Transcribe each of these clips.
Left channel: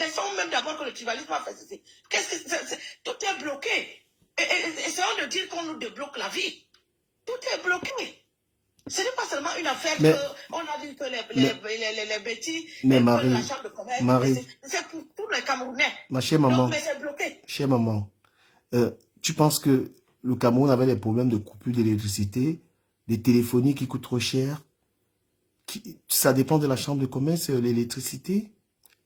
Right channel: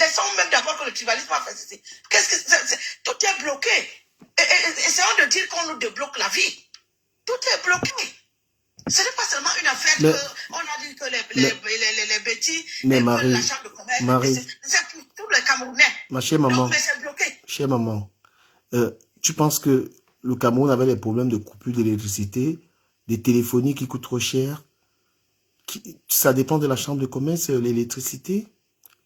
Laissons même d'abord que le tribalisme a fait ceci. Qu'est-ce que tout est bloqué. Essayons de dire qu'on nous débloque la vie. Tout est bloqué. Ce n'est pas seulement une affaire qu'on a dit que les bêtises, mais Marie, la chambre de commerce, c'est pour tous les Camerounais. Ma chère maman, donc, mais c'est bloqué. Chère maman, tu penses que le Cameroun avait des problèmes de coupure d'électricité, des téléphonies qui coûtent trop cher? Ça dépend de la chambre de commerce, l'électricité,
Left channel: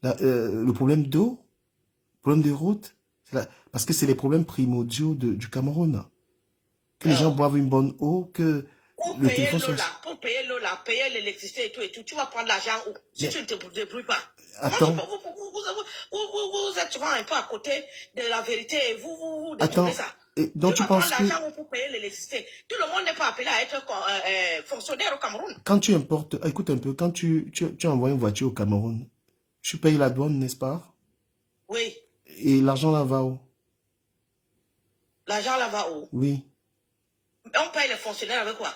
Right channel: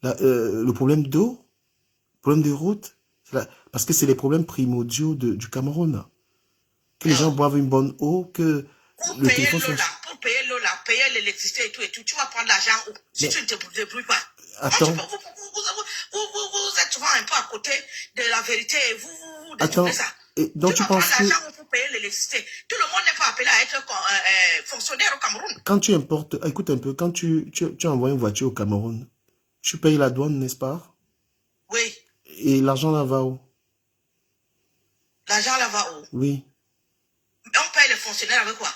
le problème d'eau, le problème de route, parce que c'est les problèmes primordiaux du Cameroun. Que les gens boivent une bonne eau, que le téléphone soit... Pour payer l'eau, payer l'électricité et tout, tu vas prendre l'argent où? Si tu ne te débrouilles pas. Attends. Vous êtes souvent un peu à côté de la vérité et vous attends. Ça. Et donc tu penses que... pour payer l'électricité. Tout le monde n'est pas appelé à être fonctionnaire au Cameroun. Quand tu importes, écoute un peu, quand tu envoies une voiture au Cameroun, tu payes la douane, n'est-ce pas? Oui. Et l'argent là va où? L'argent là va où? Oui. On paye les fonctionnaires avec quoi?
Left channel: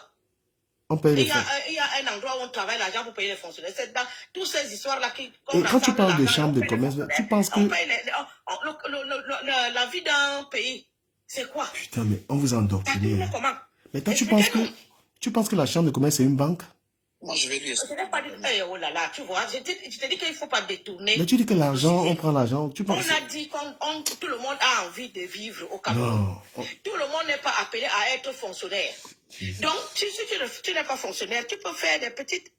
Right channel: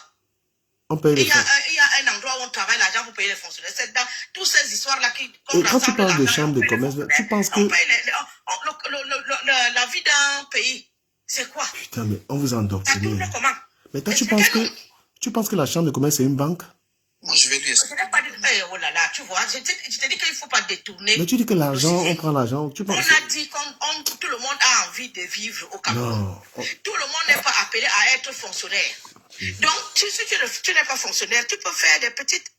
On paye les fonctionnaires. Il y a un endroit où on travaille l'argent pour payer les fonctionnaires. C'est dans toutes ces histoires-là qui... Et quand tu parles de chambre de commerce, tu penses que... La vie d'un pays, c'est quoi? Putain, mais on vous a endoctriné. Mais toi, tu penses que la chambre de commerce, c'est une banque? Moi, je vais lui expliquer. Oh là là, tu vois, je te dis qu'il ne faut pas détourner. Mais tu dis que l'argent, on prend l'argent. On a dit que tout le monde a envie de vivre au Cameroun. Non. Tout le monde n'est pas appelé à être fonctionnaire. Donc, si tu n'es pas fonctionnaire, tu peux faire des petites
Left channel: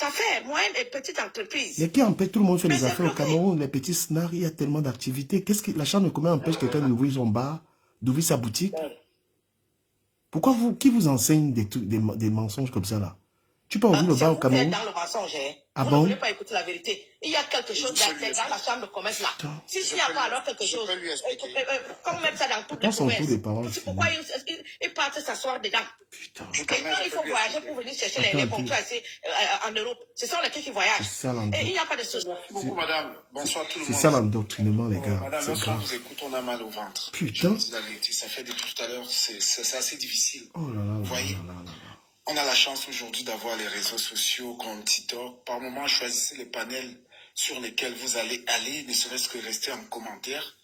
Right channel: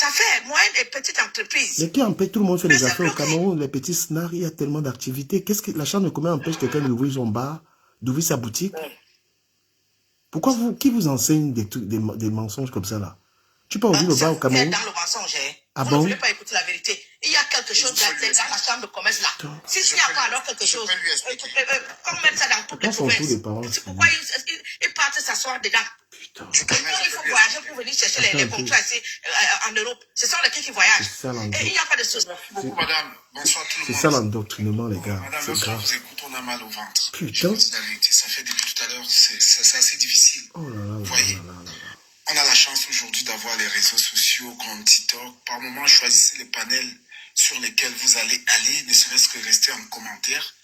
affaires, moyennes et petites entreprises. Mais qui empêche? Tout le monde fait des affaires au Cameroun. Les petits snars, il y a tellement d'activités. Qu'est-ce que la chambre de commerce empêche quelqu'un d'ouvrir son bar, d'ouvrir sa boutique? Pourquoi qui vous enseigne des mensonges comme ça là? Tu peux ouvrir le bar au Cameroun? Dans le mensonge, hein? Ah bon? Je ne vais pas écouter la vérité. Il y a quelque chose dans la chambre de commerce là. S'il n'y a pas alors quelque chose, qu'on mette ça dans toutes les commerces. C'est pourquoi ils partent s'asseoir dedans. Putain. Il faut voyager pour venir chercher les contrats ici en Europe. Ce sont les qui voyagent. Et il n'y a pas de souci. Madame, bonsoir tout le monde. C'est ça l'endoctrinement, les gars. Madame, lorsqu'on vous écoute, on a mal au ventre. Putain. Ça fait depuis tout à l'heure, c'est assez difficile. Oh là là. Vous voyez, on a la chance aujourd'hui d'avoir les réseaux sociaux comme TikTok. Par moment, choisissez les panels sur lesquels vous allez aller, ne serait-ce que rester en commentaire.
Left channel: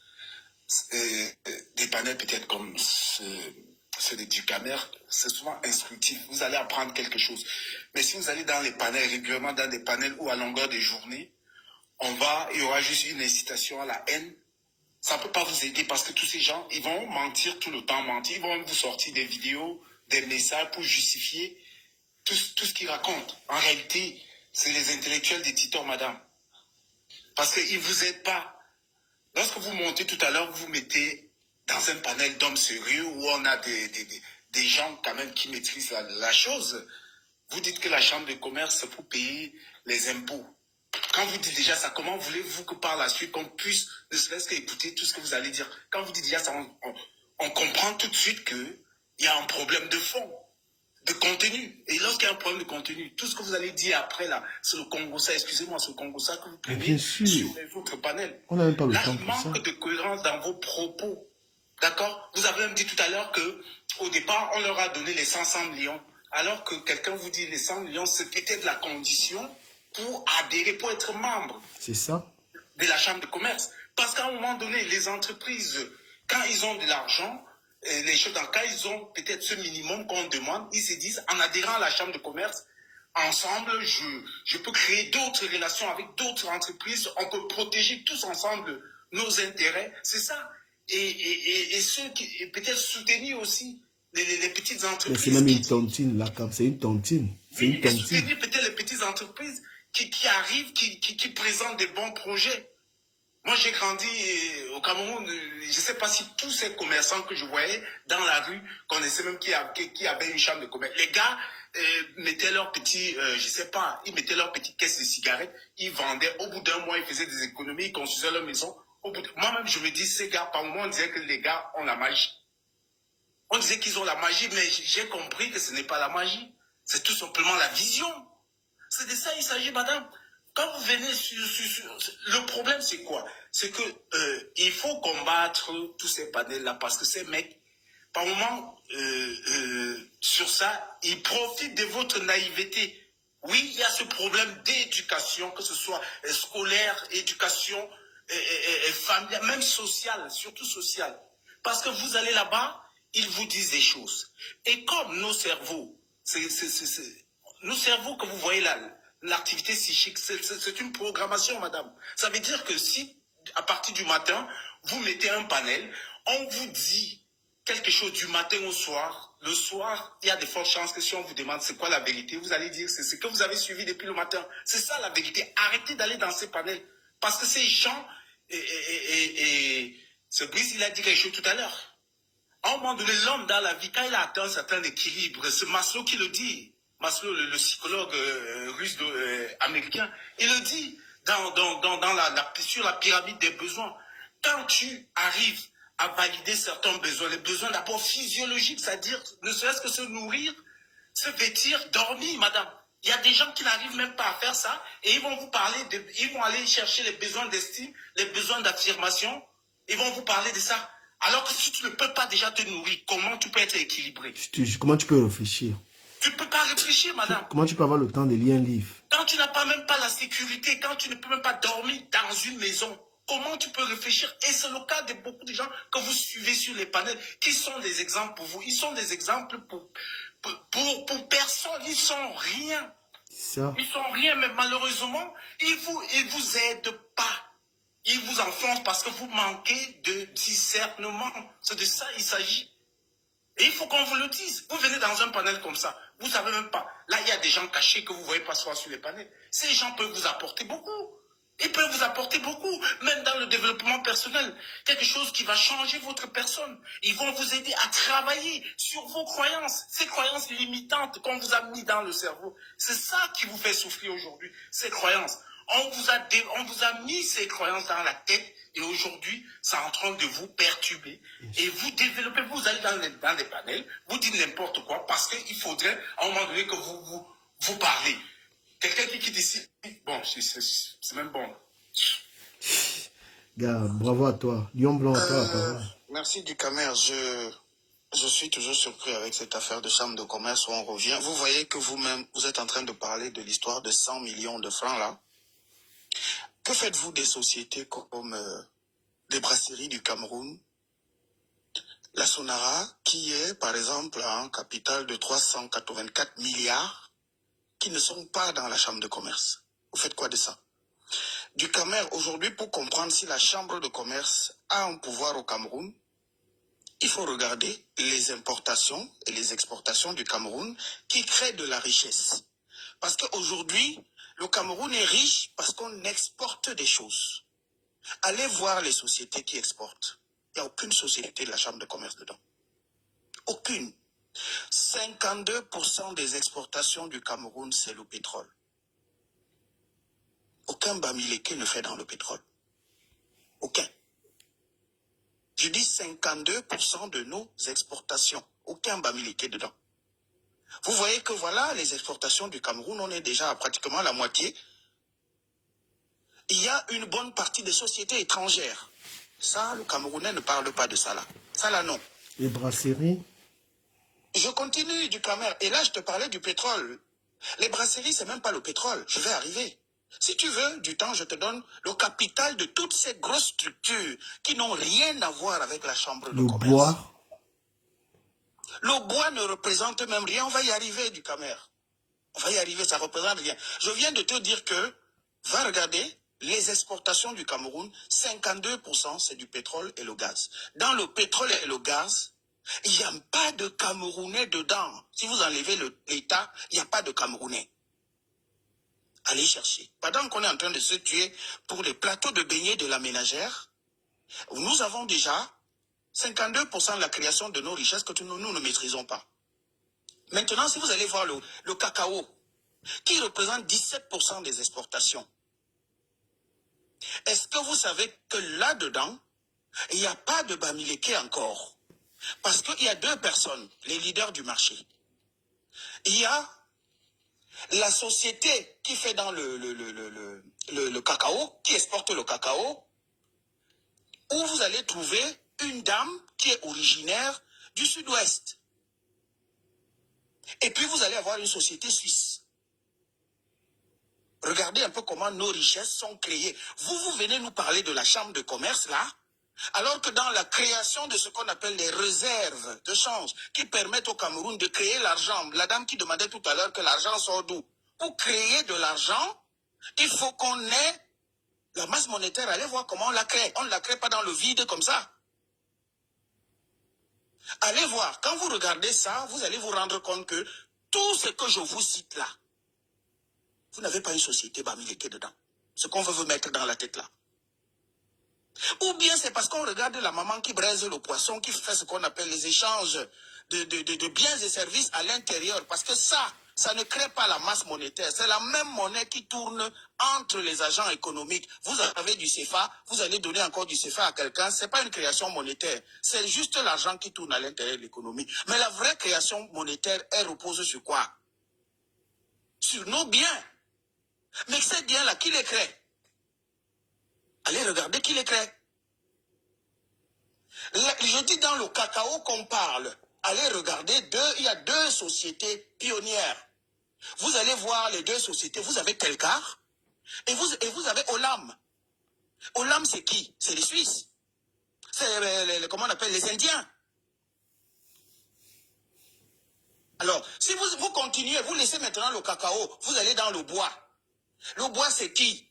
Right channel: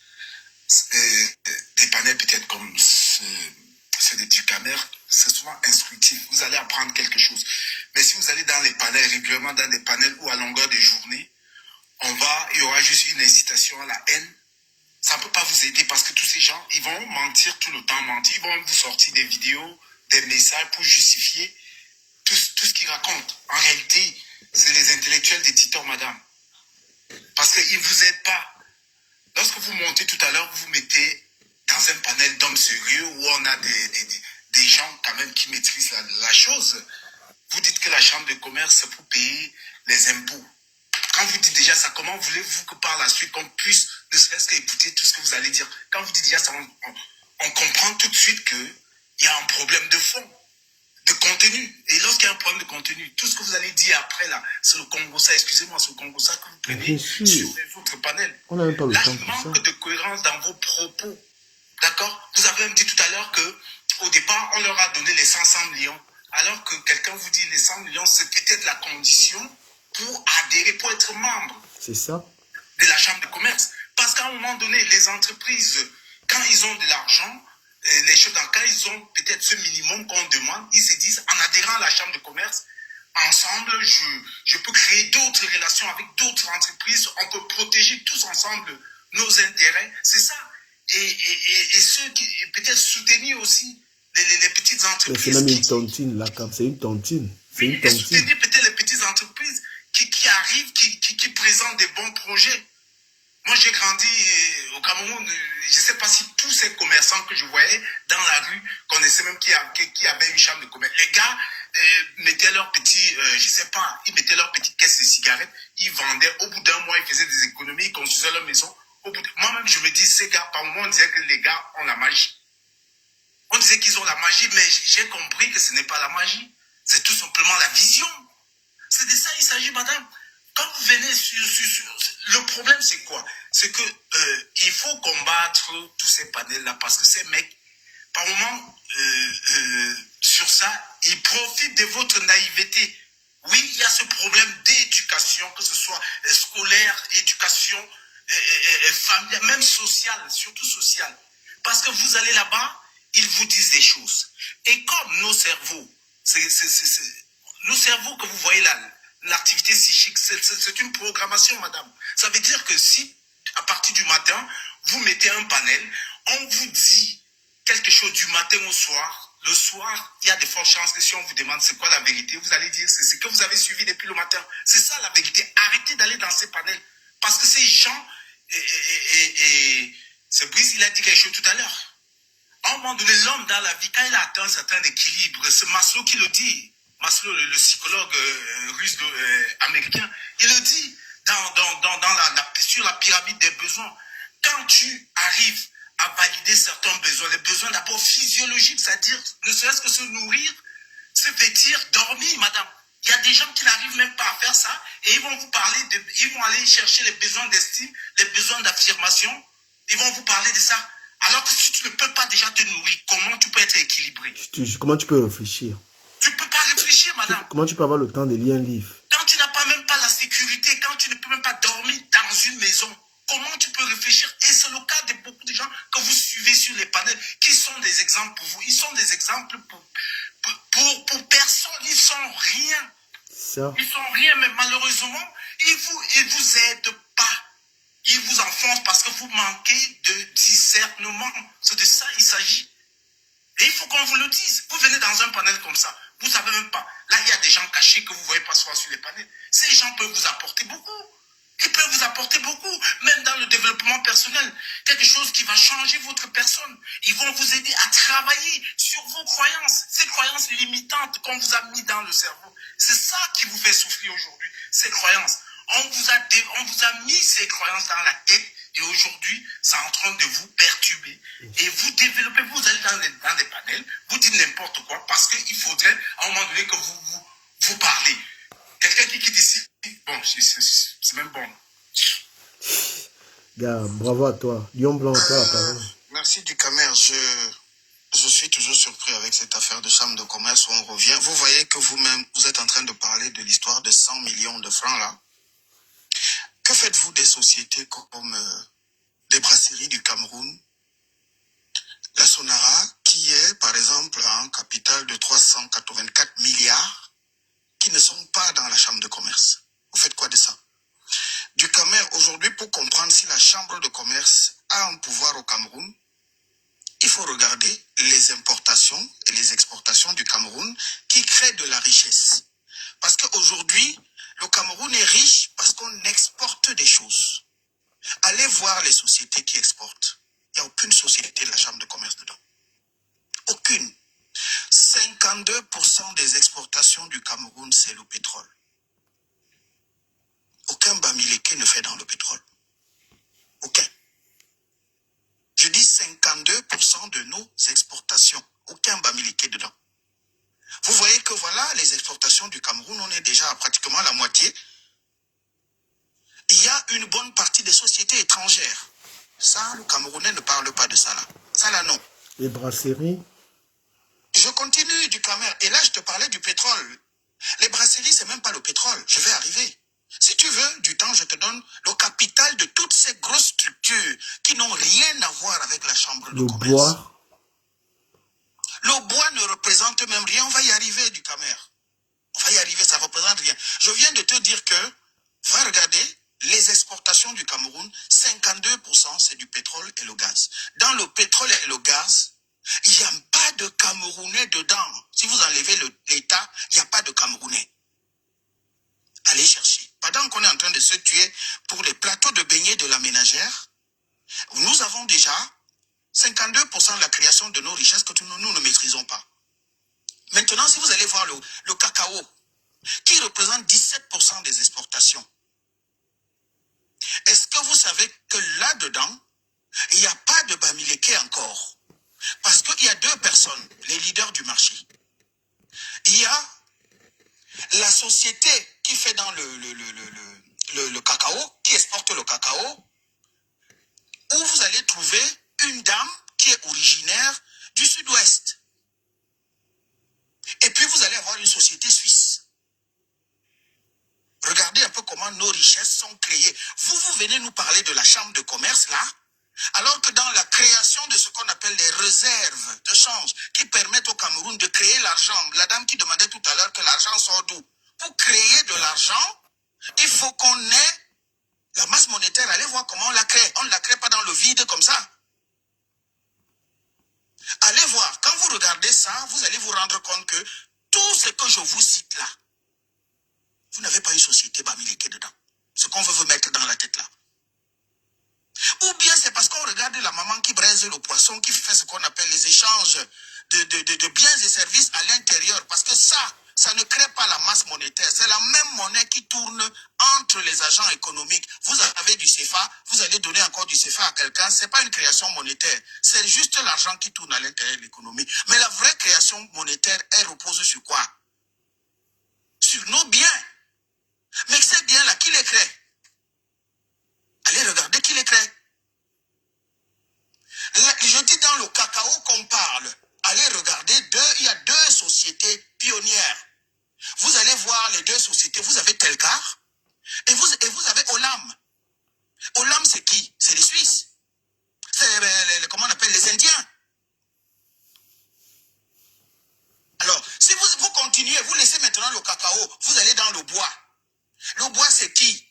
Des panels peut-être comme ceux de Ducamer, c'est souvent instructif. Vous allez apprendre quelque chose. Mais si vous allez dans les panels, régulièrement dans des panels ou à longueur de journée, il y aura juste une incitation à la haine. Ça ne peut pas vous aider parce que tous ces gens, ils vont mentir tout le temps, mentir. Ils vont vous sortir des vidéos, des messages pour justifier tout ce qu'ils racontent. En réalité, c'est les intellectuels des TikTok, madame. Parce qu'ils ne vous aident pas. Lorsque vous montez tout à l'heure, vous mettez dans un panel d'hommes sérieux où on a des gens quand même qui maîtrisent la chose. Vous dites que la chambre de commerce, c'est pour payer les impôts. Quand vous dites déjà ça, comment voulez-vous que par la suite, qu'on puisse ne serait-ce qu'écouter tout ce que vous allez dire? Quand vous dites déjà ça, on comprend tout de suite qu'il y a un problème de fond, de contenu. Et lorsqu'il y a un problème de contenu, tout ce que vous allez dire après, là, c'est le Congo-ça, excusez-moi, c'est le Congo-ça que vous prenez sur votre panel. On n'a même pas le là, temps il pour ça. manque de cohérence dans vos propos. D'accord? Vous avez même dit tout à l'heure qu'au départ, on leur a donné les 500 millions. Alors que quelqu'un vous dit les 100 millions, c'est peut-être la condition pour adhérer, pour être membre. C'est ça. De la chambre de commerce. Parce qu'à un moment donné, les entreprises, quand ils ont de l'argent, les choses, quand ils ont peut-être ce minimum qu'on demande, ils se disent, en adhérant à la chambre de commerce, ensemble, je peux créer d'autres relations avec d'autres entreprises, on peut protéger tous ensemble nos intérêts. C'est ça. Et ceux qui, peut-être soutenir aussi les petites entreprises. Mais c'est même une tontine, là, c'est une tontine. C'est une tontine. Soutenir peut-être les petites entreprises qui arrivent, qui présentent des bons projets. Moi, j'ai grandi au Cameroun. Je ne sais pas si tous ces commerçants que je voyais dans la rue connaissaient même qui avait une chambre de commerce. Les gars mettaient leurs petits, je ne sais pas, ils mettaient leurs petites caisses de cigarettes, ils vendaient. Au bout d'un mois, ils faisaient des économies, ils construisaient leur maison. Moi-même, je me dis, ces gars, par moment, on disait que les gars ont la magie. On disait qu'ils ont la magie, mais j'ai compris que ce n'est pas la magie. C'est tout simplement la vision. C'est de ça il s'agit, madame. Quand vous venez le problème, c'est quoi? C'est que il faut combattre tous ces panels-là parce que ces mecs, par moment, sur ça, ils profitent de votre naïveté. Oui, il y a ce problème d'éducation, que ce soit scolaire, éducation, familiale, même sociale, surtout sociale. Parce que vous allez là-bas, ils vous disent des choses. Et comme nos cerveaux, nos cerveaux que vous voyez là, l'activité psychique, c'est une programmation, madame. Ça veut dire que si, à partir du matin, vous mettez un panel, on vous dit quelque chose du matin au soir. Le soir, il y a de fortes chances que si on vous demande c'est quoi la vérité, vous allez dire c'est ce que vous avez suivi depuis le matin. C'est ça la vérité. Arrêtez d'aller dans ces panels. Parce que ces gens, ce Brice, il a dit quelque chose tout à l'heure. À un moment donné, l'homme dans la vie, quand il a atteint un certain équilibre, c'est Maslow qui le dit. Maslow, le psychologue russe américain, il le dit sur la pyramide des besoins. Quand tu arrives à valider certains besoins, les besoins d'abord physiologiques, c'est-à-dire ne serait-ce que se nourrir, se vêtir, dormir, madame. Il y a des gens qui n'arrivent même pas à faire ça et ils vont vous parler ils vont aller chercher les besoins d'estime, les besoins d'affirmation. Ils vont vous parler de ça. Alors que si tu ne peux pas déjà te nourrir, comment tu peux être équilibré? Comment tu peux réfléchir? Tu ne peux pas réfléchir, madame. Comment tu peux avoir le temps de lire un livre? Quand tu n'as pas même pas la sécurité, quand tu ne peux même pas dormir dans une maison, comment tu peux réfléchir? Et c'est le cas de beaucoup de gens que vous suivez sur les panels, qui sont des exemples pour vous. Ils sont des exemples pour personne. Ils sont rien. Ça. Ils sont rien, mais malheureusement, ils vous aident pas. Ils vous enfoncent parce que vous manquez de discernement. C'est de ça il s'agit. Et il faut qu'on vous le dise. Vous venez dans un panel comme ça, vous ne savez même pas. Là, il y a des gens cachés que vous ne voyez pas souvent sur les panels. Ces gens peuvent vous apporter beaucoup. Ils peuvent vous apporter beaucoup, même dans le développement personnel. Quelque chose qui va changer votre personne. Ils vont vous aider à travailler sur vos croyances. Ces croyances limitantes qu'on vous a mis dans le cerveau. C'est ça qui vous fait souffrir aujourd'hui, ces croyances. On vous a mis ces croyances dans la tête et aujourd'hui, c'est en train de vous perturber. Et vous développez, vous allez dans des panels, vous dites n'importe quoi parce qu'il faudrait à un moment donné que vous parlez. Quelqu'un qui quitte ici, bon, c'est même bon. Gars, bravo à toi. Lion Blanc, à toi la parole. Merci Ducamer. Je suis toujours surpris avec cette affaire de chambre de commerce où on revient. Vous voyez que vous-même, vous êtes en train de parler de l'histoire de 100 millions de francs là. Que faites-vous des sociétés comme les brasseries du Cameroun, la Sonara, qui est par exemple un capital de 384 milliards, qui ne sont pas dans la chambre de commerce? Vous faites quoi de ça? Ducamer, aujourd'hui, pour comprendre si la chambre de commerce a un pouvoir au Cameroun, il faut regarder les importations et les exportations du Cameroun qui créent de la richesse. Parce qu'aujourd'hui, le Cameroun est riche parce qu'on exporte des choses. Allez voir les sociétés qui exportent. Il n'y a aucune société de la chambre de commerce dedans. Aucune. 52% des exportations du Cameroun, c'est le pétrole. Aucun Bamileke ne fait dans le pétrole. Aucun. Je dis 52% de nos exportations. Aucun Bamileke dedans. Vous voyez que voilà, les exportations du Cameroun, on est déjà à pratiquement la moitié. Il y a une bonne partie des sociétés étrangères. Ça, le Camerounais ne parle pas de ça là. Ça là, non. Les brasseries? Je continue du Cameroun. Et là, je te parlais du pétrole. Les brasseries, c'est même pas le pétrole. Je vais arriver. Si tu veux du temps, je te donne le capital de toutes ces grosses structures qui n'ont rien à voir avec la chambre de commerce. Le bois? Le bois ne représente même rien. On va y arriver du Cameroun. On va y arriver, ça ne représente rien. Je viens de te dire que, va regarder les exportations du Cameroun, 52% c'est du pétrole et le gaz. Dans le pétrole et le gaz, il n'y a pas de Camerounais dedans. Si vous enlevez l'État, il n'y a pas de Camerounais. Allez chercher. Pendant qu'on est en train de se tuer pour les plateaux de beignets de la ménagère, nous avons déjà 52% de la création de nos richesses que nous ne maîtrisons pas. Maintenant, si vous allez voir le cacao, qui représente 17% des exportations, est-ce que vous savez que là-dedans, il n'y a pas de Bamileke encore? Parce qu'il y a deux personnes, les leaders du marché. Il y a la société qui fait dans le cacao, qui exporte le cacao, où vous allez trouver une dame qui est originaire du sud-ouest. Et puis vous allez avoir une société suisse. Regardez un peu comment nos richesses sont créées. Vous venez nous parler de la chambre de commerce, là, alors que dans la création de ce qu'on appelle les réserves de change, qui permettent au Cameroun de créer l'argent, la dame qui demandait tout à l'heure que l'argent sort d'où? Pour créer de l'argent, il faut qu'on ait la masse monétaire. Allez voir comment on la crée. On ne la crée pas dans le vide comme ça. Allez voir, quand vous regardez ça, vous allez vous rendre compte que tout ce que je vous cite là, vous n'avez pas une société Bamileke dedans. Ce qu'on veut vous mettre dans la tête là. Ou bien c'est parce qu'on regarde la maman qui braise le poisson, qui fait ce qu'on appelle les échanges de biens et services à l'intérieur. Parce que ça ne crée pas la masse monétaire. C'est la même monnaie qui tourne entre les agents économiques. Vous avez du CFA, vous allez donner encore du CFA à quelqu'un. Ce n'est pas une création monétaire. C'est juste l'argent qui tourne à l'intérieur de l'économie. Mais la vraie création monétaire, elle repose sur quoi? Sur nos biens. Mais ces biens-là, qui les crée? Allez regarder qui les crée. Je dis dans le cacao qu'on parle. Allez regarder, il y a deux sociétés pionnières. Vous allez voir les deux sociétés. Vous avez Telcar et vous avez Olam. Olam, c'est qui? C'est les Suisses. C'est comment on appelle les Indiens. Alors, si vous continuez, vous laissez maintenant le cacao, vous allez dans le bois. Le bois, c'est qui?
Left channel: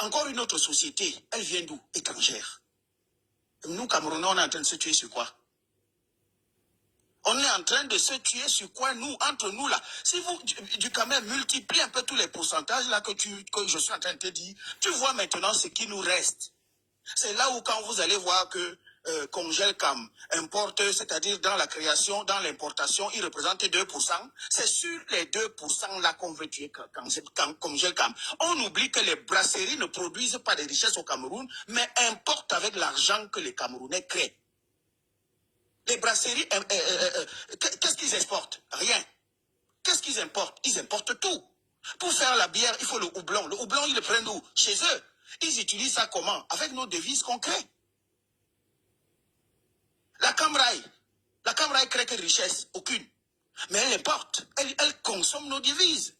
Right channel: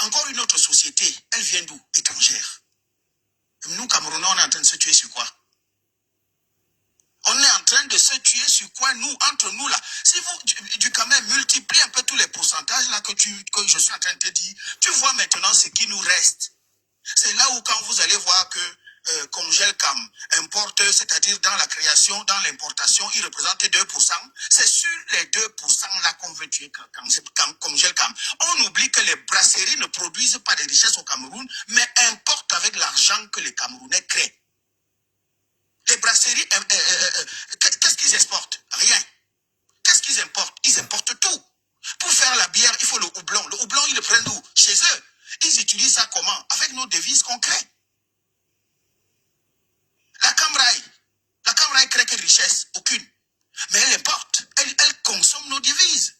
Encore une autre société. Elle vient d'où? Étrangère. Nous, Camerounais, on est en train de se tuer sur quoi? On est en train de se tuer sur quoi, nous, entre nous, là? Si vous, du quand même, multiplie un peu tous les pourcentages, là, que je suis en train de te dire, tu vois maintenant ce qui nous reste. C'est là où, quand vous allez voir que Congelcam importe, c'est-à-dire dans la création, dans l'importation, il représente 2%. C'est sur les 2% là qu'on veut tuer Congelcam. On oublie que les brasseries ne produisent pas de richesses au Cameroun, mais importent avec l'argent que les Camerounais créent. Les brasseries, qu'est-ce qu'ils exportent? Rien. Qu'est-ce qu'ils importent? Ils importent tout. Pour faire la bière, il faut le houblon. Le houblon, ils le prennent d'où? Chez eux. Ils utilisent ça comment? Avec nos devises qu'on crée. La Camraï crée quelle richesse? Aucune. Mais elle importe. Elle consomme nos devises.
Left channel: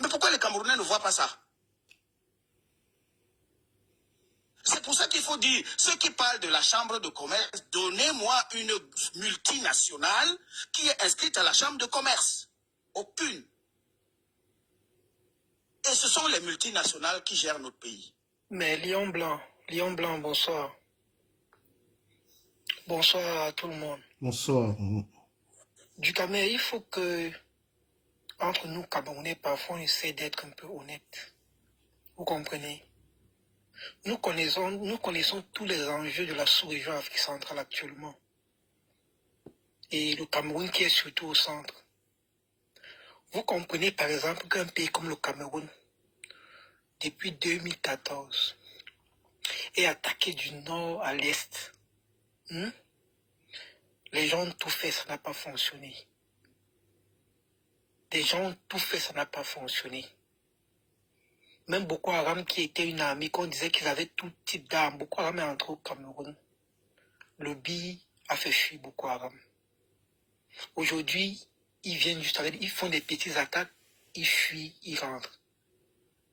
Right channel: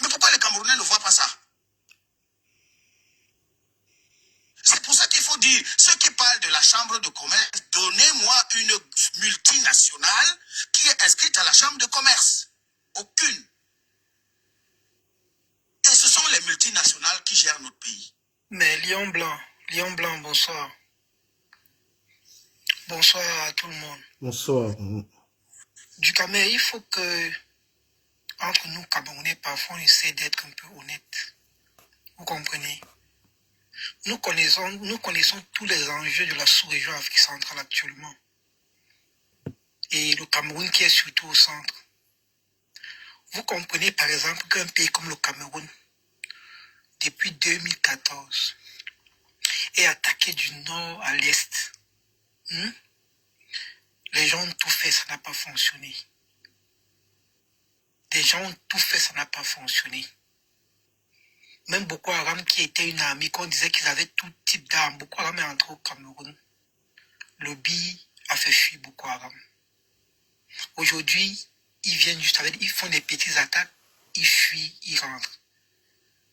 Mais pourquoi les Camerounais ne voient pas ça? C'est pour ça qu'il faut dire, ceux qui parlent de la chambre de commerce, donnez-moi une multinationale qui est inscrite à la chambre de commerce. Aucune. Et ce sont les multinationales qui gèrent notre pays. Mais Lion Blanc, bonsoir. Bonsoir à tout le monde. Bonsoir. Du Cameroun, il faut que, entre nous Camerounais, parfois on essaie d'être un peu honnête. Vous comprenez? Nous connaissons tous les enjeux de la sous-région Afrique centrale actuellement. Et le Cameroun qui est surtout au centre. Vous comprenez par exemple qu'un pays comme le Cameroun, depuis 2014, est attaqué du nord à l'est. Les gens ont tout fait, ça n'a pas fonctionné. Les gens ont tout fait, ça n'a pas fonctionné. Même Boko Haram, qui était une armée, qu'on disait qu'ils avaient tout type d'armes. Boko Haram est entré au Cameroun. Le BI a fait fuir Boko Haram. Aujourd'hui, ils viennent juste avec, ils font des petites attaques, ils fuient, ils rentrent.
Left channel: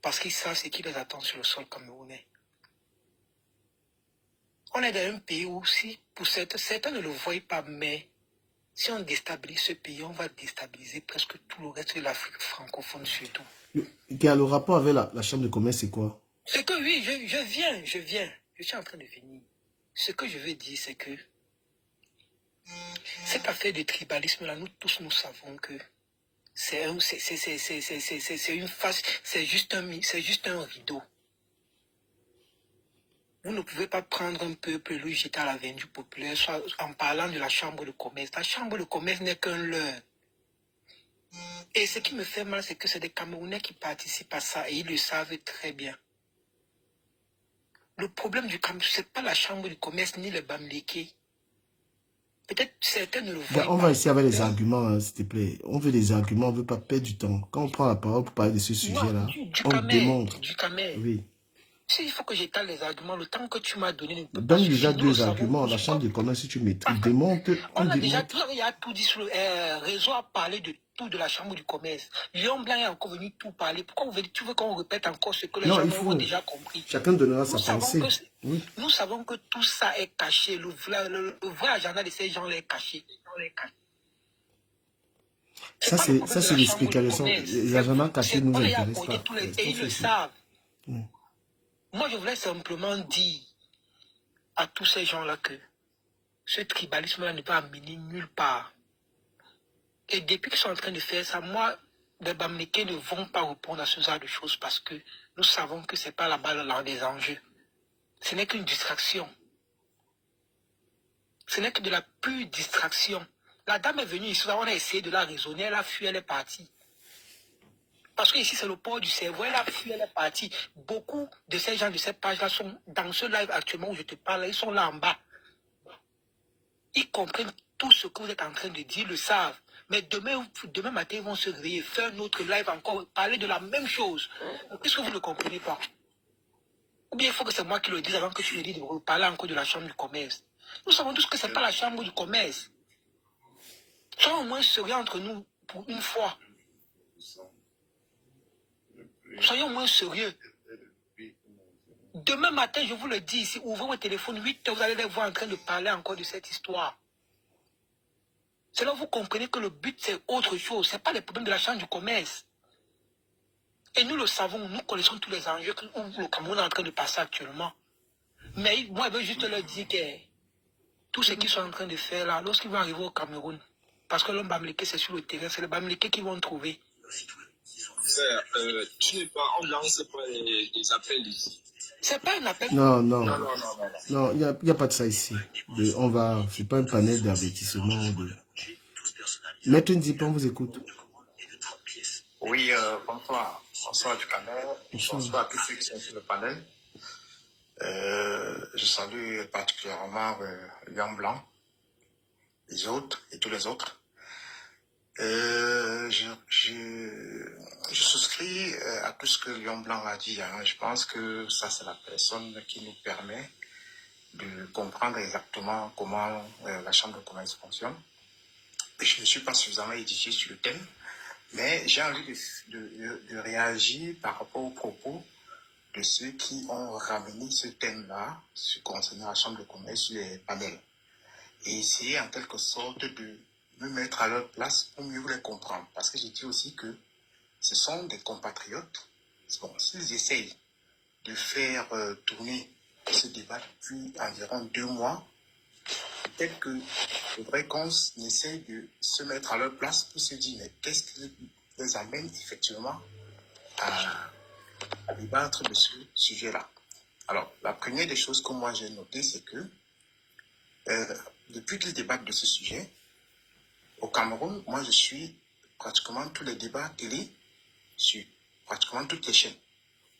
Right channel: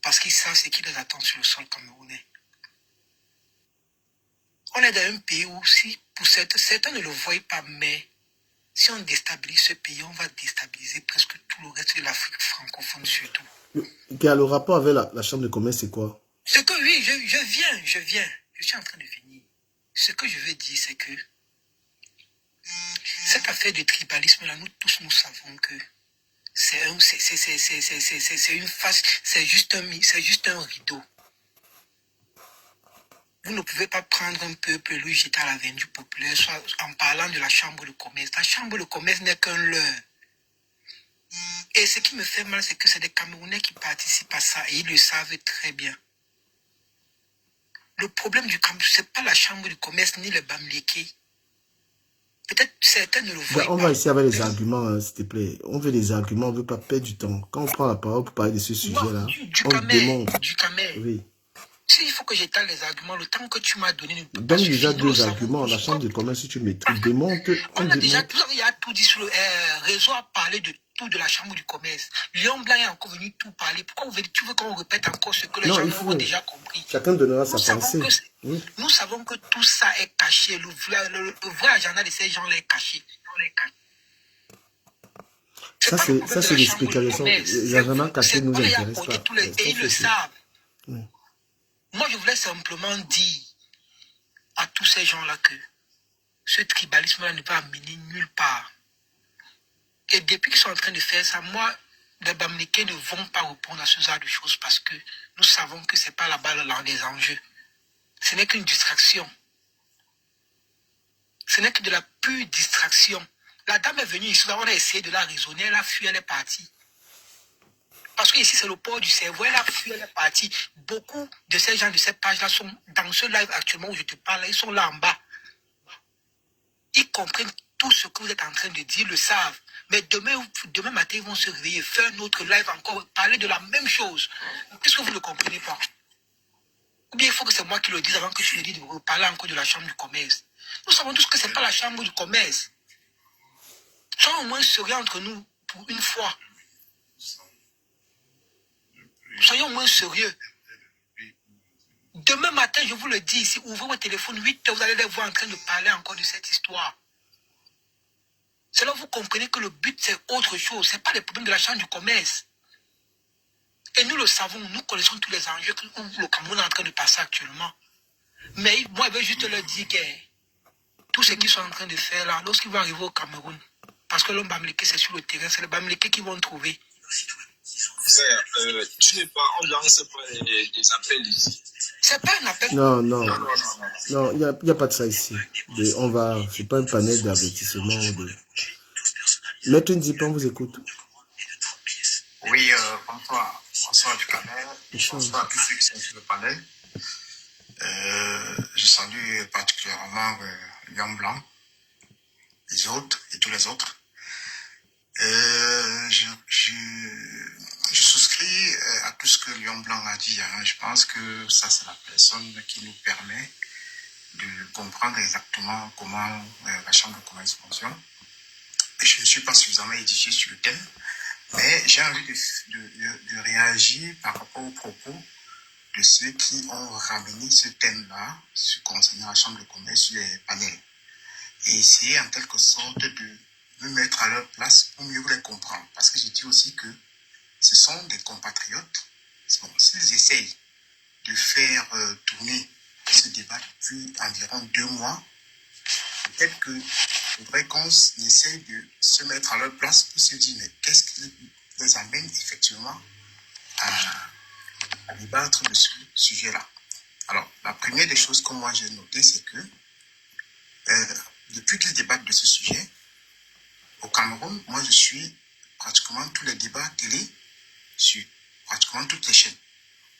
Parce qu'ils savent ce qui les attend sur le sol camerounais. On est dans un pays où, si pour certains ne le voient pas, mais si on déstabilise ce pays, on va déstabiliser presque tout le reste de l'Afrique francophone surtout. Le rapport avec la chambre de commerce, c'est quoi? C'est que oui, je viens. Je suis en train de venir. Ce que je veux dire, c'est que cette affaire de tribalisme-là, nous tous, nous savons que c'est une face, c'est juste un rideau. Vous ne pouvez pas prendre un peuple et le jeter à la vendue populaire, soit en parlant de la chambre de commerce. La chambre de commerce n'est qu'un leurre. Et ce qui me fait mal, c'est que c'est des Camerounais qui participent à ça et ils le savent très bien. Le problème du Cameroun, ce n'est pas la chambre de commerce ni le Bamileke. Peut-être certains ne le voient pas. On va essayer avec les arguments, s'il te plaît. On veut des arguments, on ne veut pas perdre du temps. Quand on prend la parole pour parler de ce sujet-là, on le démontre. Oui. S'il faut que j'étale les arguments, le temps que tu m'as donné... Donne déjà deux arguments. La chambre de commerce, si tu maîtrises, démontre. On a déjà tout, il y a tout dit sur le réseau, a parlé de tout de la chambre du commerce. Lion Blanc est encore venu tout parler. Pourquoi tu veux qu'on répète encore ce que les gens ont déjà compris? Chacun donnera sa pensée. Oui. Nous savons que tout ça est caché. Le vrai agenda de ces gens est caché. Ça, c'est l'explication. Les agendas cachés ne nous intéressent pas. Ils le savent. Oui. Moi, je voulais simplement dire à tous ces gens-là que ce tribalisme-là ne va amener nulle part. Et depuis qu'ils sont en train de faire ça, moi, les Bamileke ne vont pas répondre à ce genre de choses parce que nous savons que ce n'est pas là-bas dans les enjeux. Ce n'est qu'une distraction. Ce n'est que de la pure distraction. La dame est venue ici, on a essayé de la raisonner, elle a fui, elle est partie. Parce que ici, c'est le port du cerveau, elle a fui, elle est partie. Beaucoup de ces gens de cette page-là sont dans ce live actuellement où je te parle, ils sont là en bas. Ils comprennent tout ce que vous êtes en train de dire, le savent. Mais demain matin, ils vont se réveiller, faire un autre live encore, parler de la même chose. Qu'est-ce que vous ne comprenez pas? Ou bien il faut que c'est moi qui le dise avant que tu le dises de reparler encore de la chambre du commerce. Nous savons tous que ce n'est pas la chambre du commerce. Soyons au moins sérieux entre nous pour une fois. Soyons au moins sérieux. Demain matin, je vous le dis ici, ouvrez votre téléphone, 8 heures, vous allez les voir en train de parler encore de cette histoire. C'est là que vous comprenez que le but, c'est autre chose. Ce n'est pas les problèmes de la chambre du commerce. Et nous le savons, nous connaissons tous les enjeux que le Cameroun est en train de passer actuellement. Mais moi, je veux juste leur dire que tout ce qu'ils sont en train de faire là, lorsqu'ils vont arriver au Cameroun, parce que l'homme Bamileke, c'est sur le terrain, c'est le Bamileke qu'ils vont trouver. Tu n'es pas, on lance pas les appels ici. C'est pas un appel. Non, il n'y a pas de ça ici. C'est pas un panel d'avertissement. Maître Nzipan vous écoute. Oui, bonsoir du Cameroun. Bonsoir à tous ceux qui sont sur le panel. Je salue particulièrement Lion Blanc, les autres et tous les autres. Je souscris à tout ce que Lion Blanc a dit. Hein. Je pense que ça, c'est la personne qui nous permet de comprendre exactement comment la Chambre de commerce fonctionne. Et je ne suis pas suffisamment édifié sur le thème, mais j'ai envie de réagir par rapport aux propos de ceux qui ont ramené ce thème-là concernant la Chambre de commerce sur les panels. Et essayer en quelque sorte de me mettre à leur place pour mieux les comprendre. Parce que je dis aussi que ce sont des compatriotes. Bon, s'ils essayent de faire tourner ce débat depuis environ 2 mois, peut-être qu'il faudrait qu'on essaye de se mettre à leur place pour se dire, mais qu'est-ce qui les amène effectivement à débattre de ce sujet-là. Alors, la première des choses que moi j'ai notées, c'est que depuis qu'ils débattent de ce sujet, au Cameroun, moi je suis pratiquement tous les débats télé sur pratiquement toutes les chaînes.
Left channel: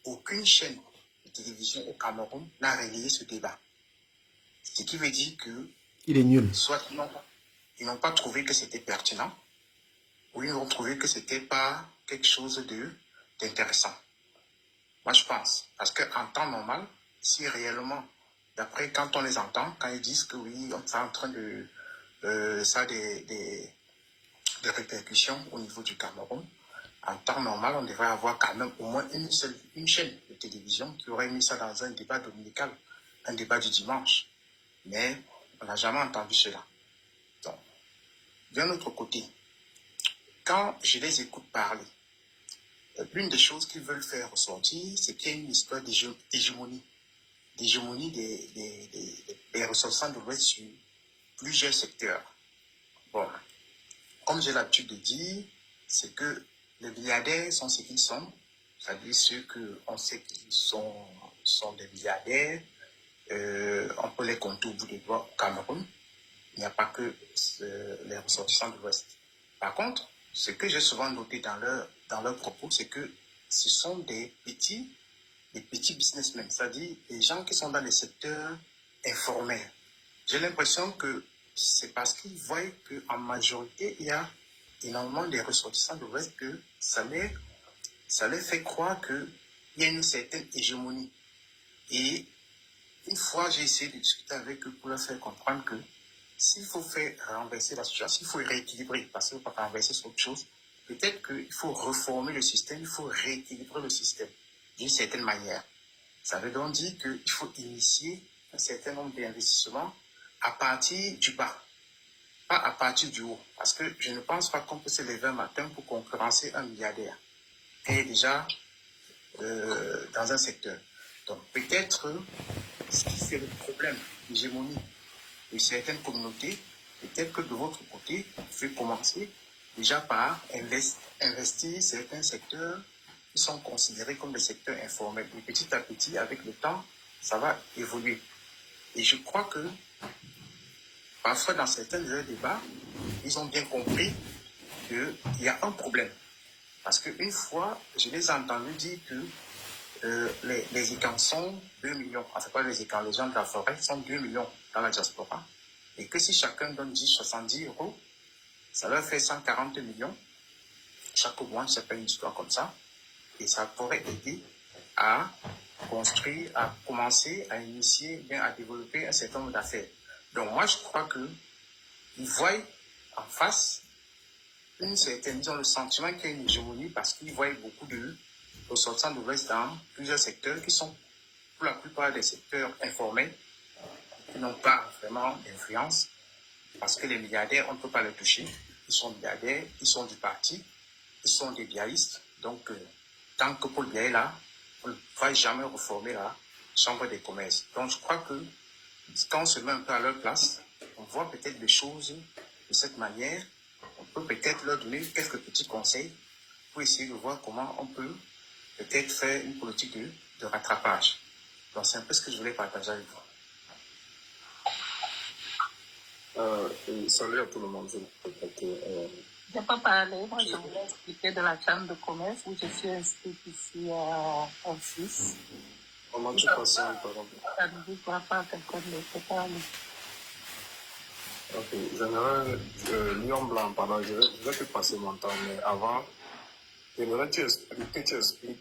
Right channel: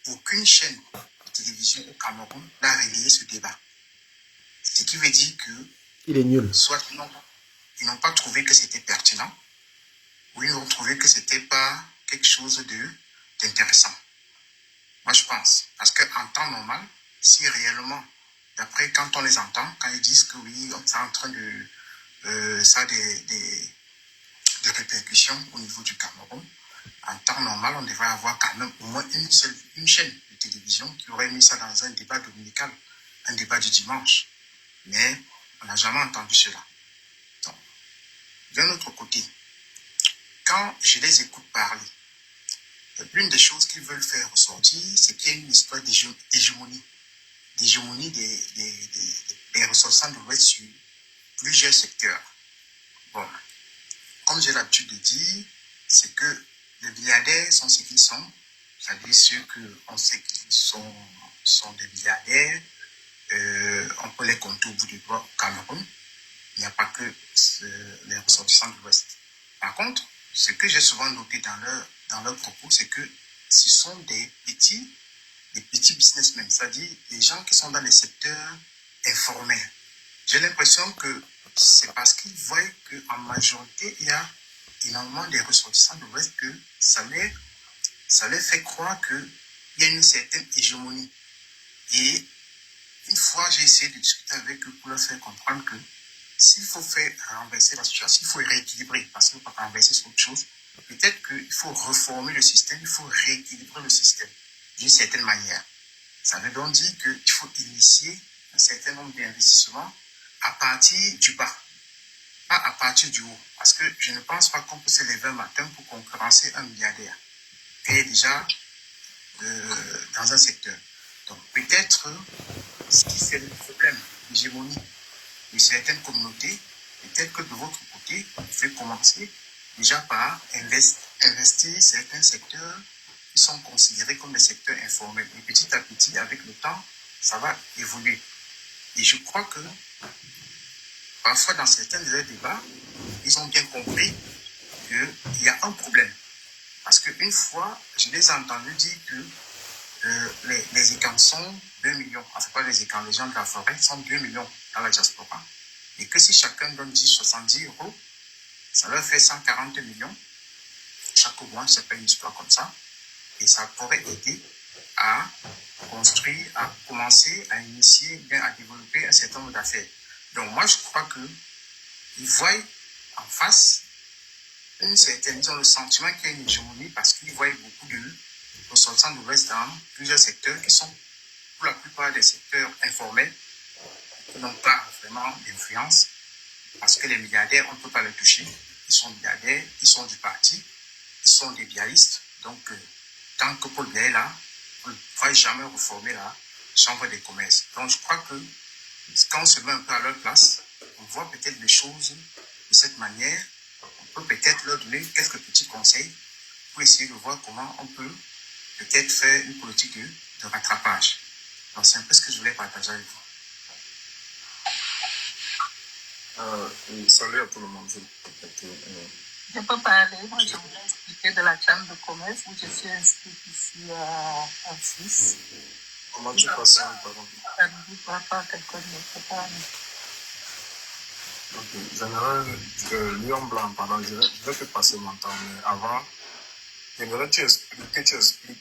Aucune chaîne de télévision au Cameroun n'a relayé ce débat. Ce qui veut dire que il est nul. Soit ils n'ont pas trouvé que c'était pertinent, ou ils ont trouvé que c'était pas quelque chose d'intéressant. Moi je pense, parce qu'en temps normal, si réellement, d'après quand on les entend, quand ils disent que oui, c'est en train de ça a des répercussions au niveau du Cameroun, en temps normal, on devrait avoir quand même au moins une chaîne de télévision qui aurait mis ça dans un débat dominical, un débat du dimanche. Mais on n'a jamais entendu cela. Donc, d'un autre côté, quand je les écoute parler, l'une des choses qu'ils veulent faire ressortir, c'est qu'il y a une histoire d'hégémonie des ressortissants de l'Ouest sur plusieurs secteurs. Voilà. Comme j'ai l'habitude de dire, c'est que les milliardaires sont ce qu'ils sont, c'est-à-dire ceux qu'on sait qu'ils sont des milliardaires, on peut les compter au bout des doigts au Cameroun. Il n'y a pas que les ressortissants de l'Ouest. Par contre, ce que j'ai souvent noté dans leurs propos, c'est que ce sont des petits businessmen, c'est-à-dire des gens qui sont dans les secteurs informels. J'ai l'impression que c'est parce qu'ils voient qu'en majorité, il y a énormément de ressortissants de l'Ouest que ça les fait croire qu'il y a une certaine hégémonie. Et une fois, j'ai essayé de discuter avec eux pour leur faire comprendre que s'il faut faire renverser la situation, il faut rééquilibrer, parce que pas renverser c'est autre chose. Peut-être qu'il faut reformer le système, il faut rééquilibrer le système d'une certaine manière. Ça veut donc dire qu'il faut initier un certain nombre d'investissements à partir du bas, pas à partir du haut. Parce que je ne pense pas qu'on peut se lever un matin pour concurrencer un milliardaire qui est déjà dans un secteur. Donc peut-être, si c'est le problème d'hégémonie de certaines communautés, peut-être que de votre côté, vous pouvez commencer déjà par investir certains secteurs qui sont considérés comme des secteurs informels. Et petit à petit, avec le temps, ça va évoluer. Et je crois que parfois, dans certains débats, ils ont bien compris qu'il y a un problème. Parce qu'une fois, je les ai entendus dire que les Icans sont 2 millions. Enfin, pas les Icans, les gens de la forêt sont 2 millions dans la diaspora. Et que si chacun donne 70 euros, ça leur fait 140 millions. Chaque mois, c'est pas une histoire comme ça. Et ça pourrait aider à construire, à commencer, à initier, bien à développer un certain nombre d'affaires. Donc moi, je crois qu'ils voient en face une certaine, ils ont le sentiment qu'il y a une hégémonie parce qu'ils voient beaucoup de ressortissants de l'Ouest dans plusieurs secteurs qui sont pour la plupart des secteurs informels, qui n'ont pas vraiment d'influence parce que les milliardaires, on ne peut pas les toucher. Ils sont milliardaires, ils sont du parti, ils sont des bialistes. Donc, tant que Paul Biya est là, on ne va jamais reformer la Chambre des commerces. Donc, je crois que quand on se met un peu à leur place, on voit peut-être les choses de cette manière. On peut peut-être leur donner quelques petits conseils pour essayer de voir comment on peut peut-être faire une politique de rattrapage. Donc, c'est un peu ce que je voulais partager avec vous. Salut à tout le monde. Je peux parler, moi je voulais expliquer de la chambre de commerce où je suis inscrite ici à Suisse. Comment tu passes la parole? Ça ne vous voit pas quelqu'un d'autre parler. Ok, j'aimerais Lion Blanc, pardon, je vais te passer mon temps, mais avant, j'aimerais que tu expliques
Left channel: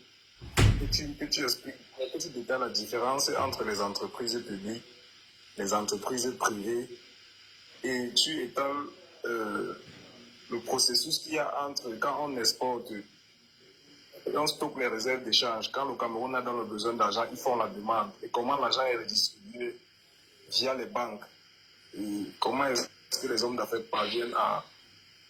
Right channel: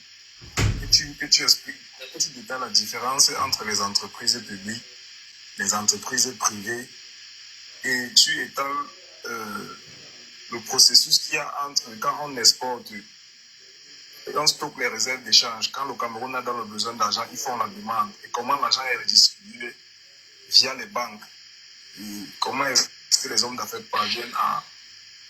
la différence entre les entreprises publiques, les entreprises privées, et tu étales le processus qu'il y a entre quand on exporte, on stocke les réserves d'échange, quand le Cameroun a dans le besoin d'argent, ils font la demande, et comment l'argent est redistribué via les banques, et comment est-ce que les hommes d'affaires parviennent à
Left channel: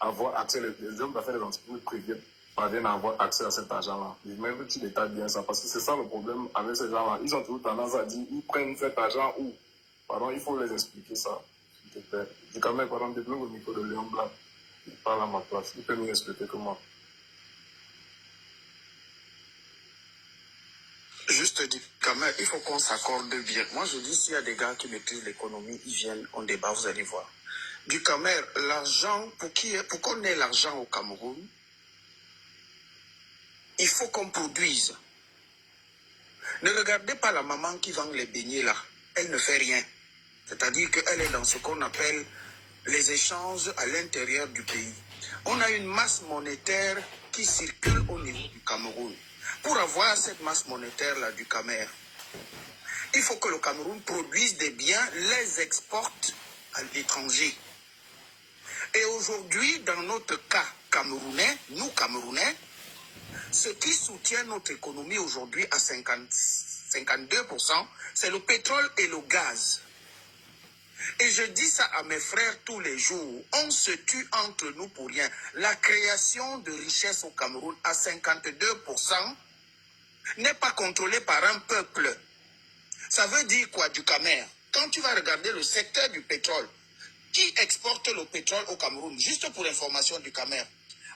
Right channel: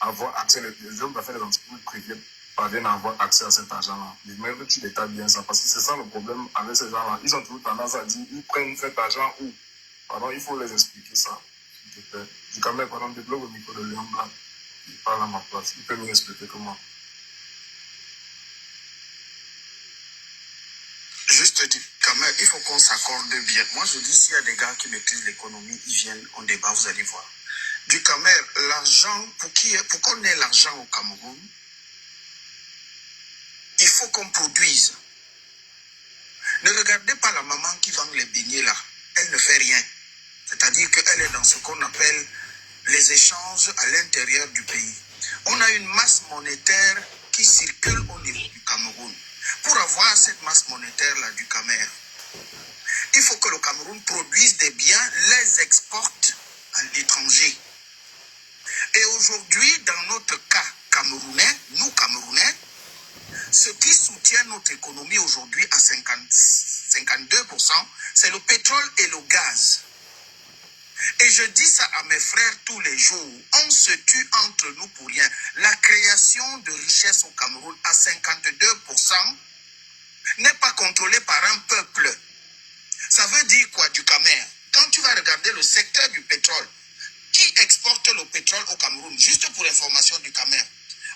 avoir accès, les hommes d'affaires des entreprises privées parviennent à avoir accès à cet argent-là. Et même que tu détalles bien ça, parce que c'est ça le problème avec ces gens-là. Ils ont toujours tendance à dire, ils prennent cet argent où? Pardon, il faut les expliquer ça, s'il te plaît. Je quand même, pardon, débloque au micro de Lion Blanc. Il parle à ma place. Il peut mieux expliquer que moi. Juste dire, quand même, il faut qu'on s'accorde bien. Moi, je dis, s'il y a des gars qui maîtrisent l'économie, ils viennent, on débat, vous allez voir. Du Camer, l'argent, pour qu'on ait l'argent au Cameroun, il faut qu'on produise. Ne regardez pas la maman qui vend les beignets là. Elle ne fait rien. C'est-à-dire qu'elle est dans ce qu'on appelle les échanges à l'intérieur du pays. On a une masse monétaire qui circule au niveau du Cameroun. Pour avoir cette masse monétaire-là du Camer, il faut que le Cameroun produise des biens, les exporte à l'étranger. Et aujourd'hui, dans notre cas camerounais, nous Camerounais, ce qui soutient notre économie aujourd'hui à 52%, c'est le pétrole et le gaz. Et je dis ça à mes frères tous les jours, on se tue entre nous pour rien. La création de richesse au Cameroun à 52% n'est pas contrôlée par un peuple. Ça veut dire quoi du Camer? Quand tu vas regarder le secteur du pétrole, qui exporte le pétrole au Cameroun? Juste pour information du Camer.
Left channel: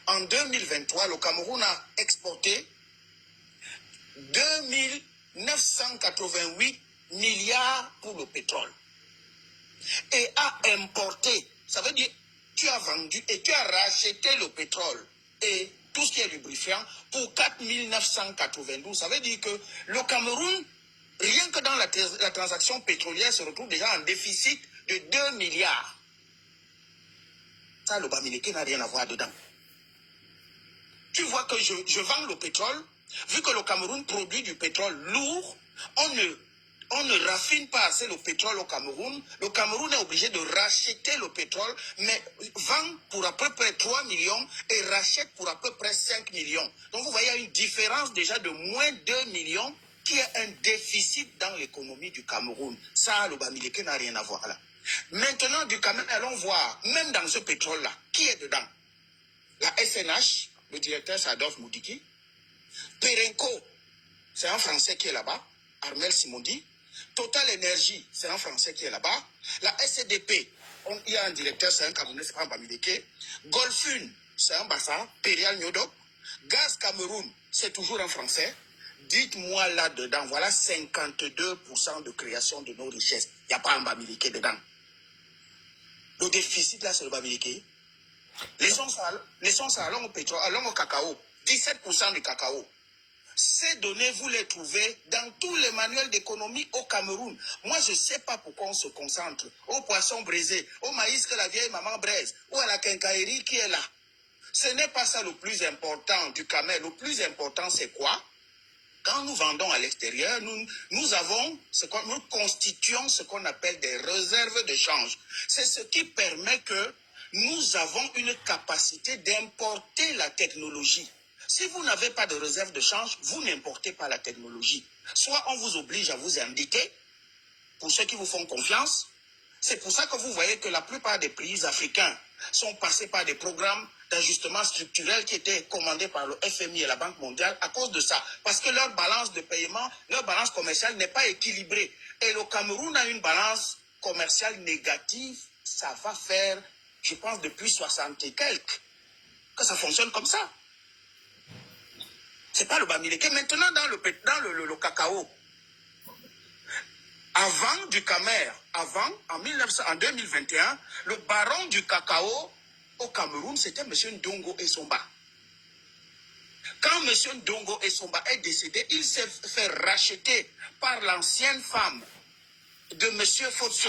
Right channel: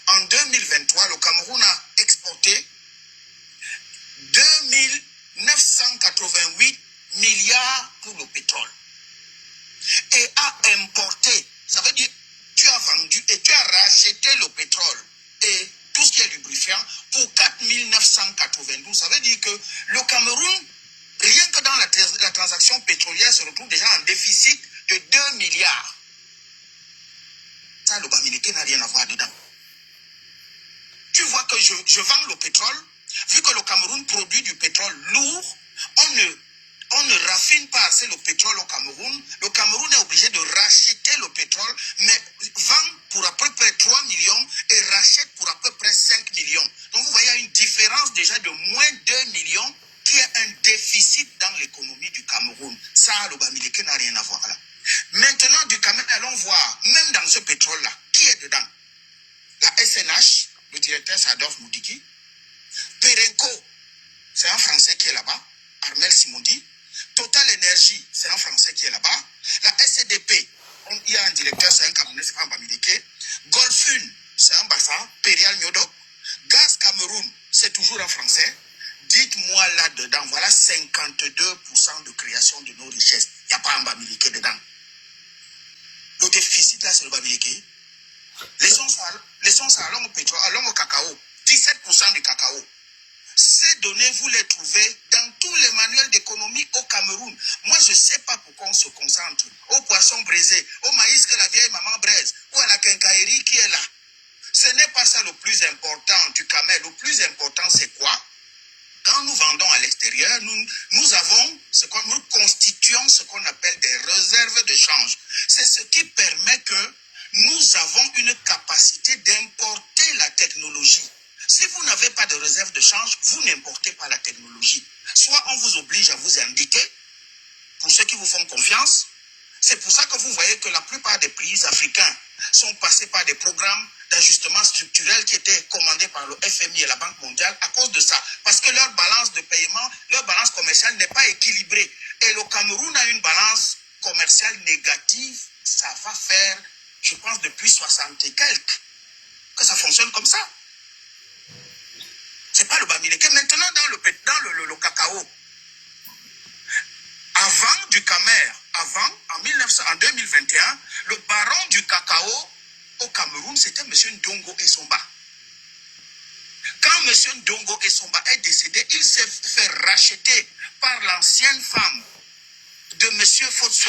En 2023, le Cameroun a exporté 2988 milliards pour le pétrole. Et a importé, ça veut dire tu as vendu et tu as racheté le pétrole et tout ce qui est lubrifiant pour 4992. Ça veut dire que le Cameroun, rien que dans la transaction pétrolière, se retrouve déjà en déficit de 2 milliards. Ça, le Bamileke n'a rien à voir dedans. Tu vois que je vends le pétrole, vu que le Cameroun produit du pétrole lourd, on ne rafine fine part, c'est le pétrole au Cameroun. Le Cameroun est obligé de racheter le pétrole, mais vend pour à peu près 3 millions et rachète pour à peu près 5 millions. Donc vous voyez, il y a une différence déjà de moins 2 millions qui est un déficit dans l'économie du Cameroun. Ça, le Bamileke n'a rien à voir là. Maintenant, du Cameroun, allons voir, même dans ce pétrole-là, qui est dedans? La SNH, le directeur Sadov Moudiki. Perenco, c'est un Français qui est là-bas. Armel Simondi. Total Energy, c'est un Français qui est là-bas. La SCDP, il y a un directeur, c'est un Camerounais, c'est pas un Bamileke. Golfune, c'est un Bassa, Perial Miodo. Gaz Cameroun, c'est toujours un Français. Dites-moi là-dedans, voilà 52% de création de nos richesses. Il n'y a pas un Bamileke dedans. Le déficit là, c'est le Bamileke. Laissons ça, allons au pétrole, allons au cacao. 17% du cacao. Ces données, vous les trouvez dans tous les manuels d'économie au Cameroun. Moi, je ne sais pas pourquoi on se concentre au poisson braisé, au maïs que la vieille maman braise, ou à la quincaillerie qui est là. Ce n'est pas ça le plus important du Cameroun. Le plus important, c'est quoi? Quand nous vendons à l'extérieur, nous constituons ce qu'on appelle des réserves de change. C'est ce qui permet que nous avons une capacité d'importer la technologie. Si vous n'avez pas de réserve de change, vous n'importez pas la technologie. Soit on vous oblige à vous indiquer, pour ceux qui vous font confiance. C'est pour ça que vous voyez que la plupart des pays africains sont passés par des programmes d'ajustement structurel qui étaient commandés par le FMI et la Banque mondiale à cause de ça. Parce que leur balance de paiement, leur balance commerciale n'est pas équilibrée. Et le Cameroun a une balance commerciale négative. Ça va faire, je pense, depuis 60 et quelques, que ça fonctionne comme ça. C'est pas le Bamileke. Maintenant, dans le cacao, avant du Camer, en 2021, le baron du cacao au Cameroun, c'était M. Ndongo Essomba. Quand M. Ndongo Essomba est décédé, il s'est fait racheter par l'ancienne femme de M. Fotso,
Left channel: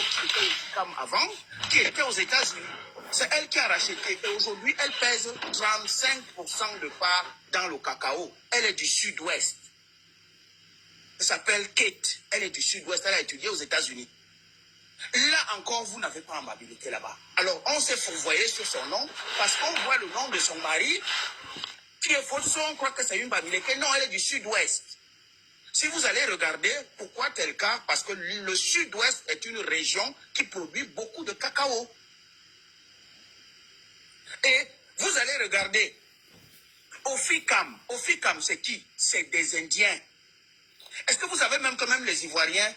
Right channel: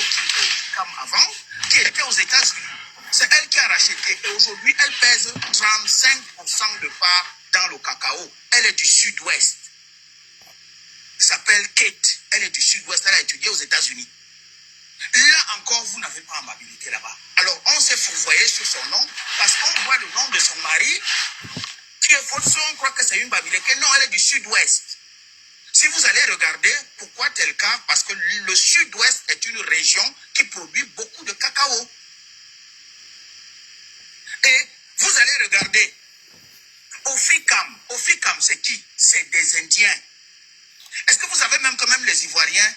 comme avant, qui était aux États-Unis. C'est elle qui a racheté. Aujourd'hui, elle pèse 35% de part dans le cacao. Elle est du sud-ouest. Elle s'appelle Kate. Elle est du sud-ouest. Elle a étudié aux États-Unis. Là encore, vous n'avez pas un Bamileke là-bas. Alors, on s'est fourvoyé sur son nom parce qu'on voit le nom de son mari qui est Fotso. On croit que c'est une Bamileke. Non, elle est du sud-ouest. Si vous allez regarder, pourquoi tel cas? Parce que le sud-ouest est une région qui produit beaucoup de cacao. Et vous allez regarder, Oficam, c'est qui? C'est des Indiens. Est-ce que vous savez même que même les Ivoiriens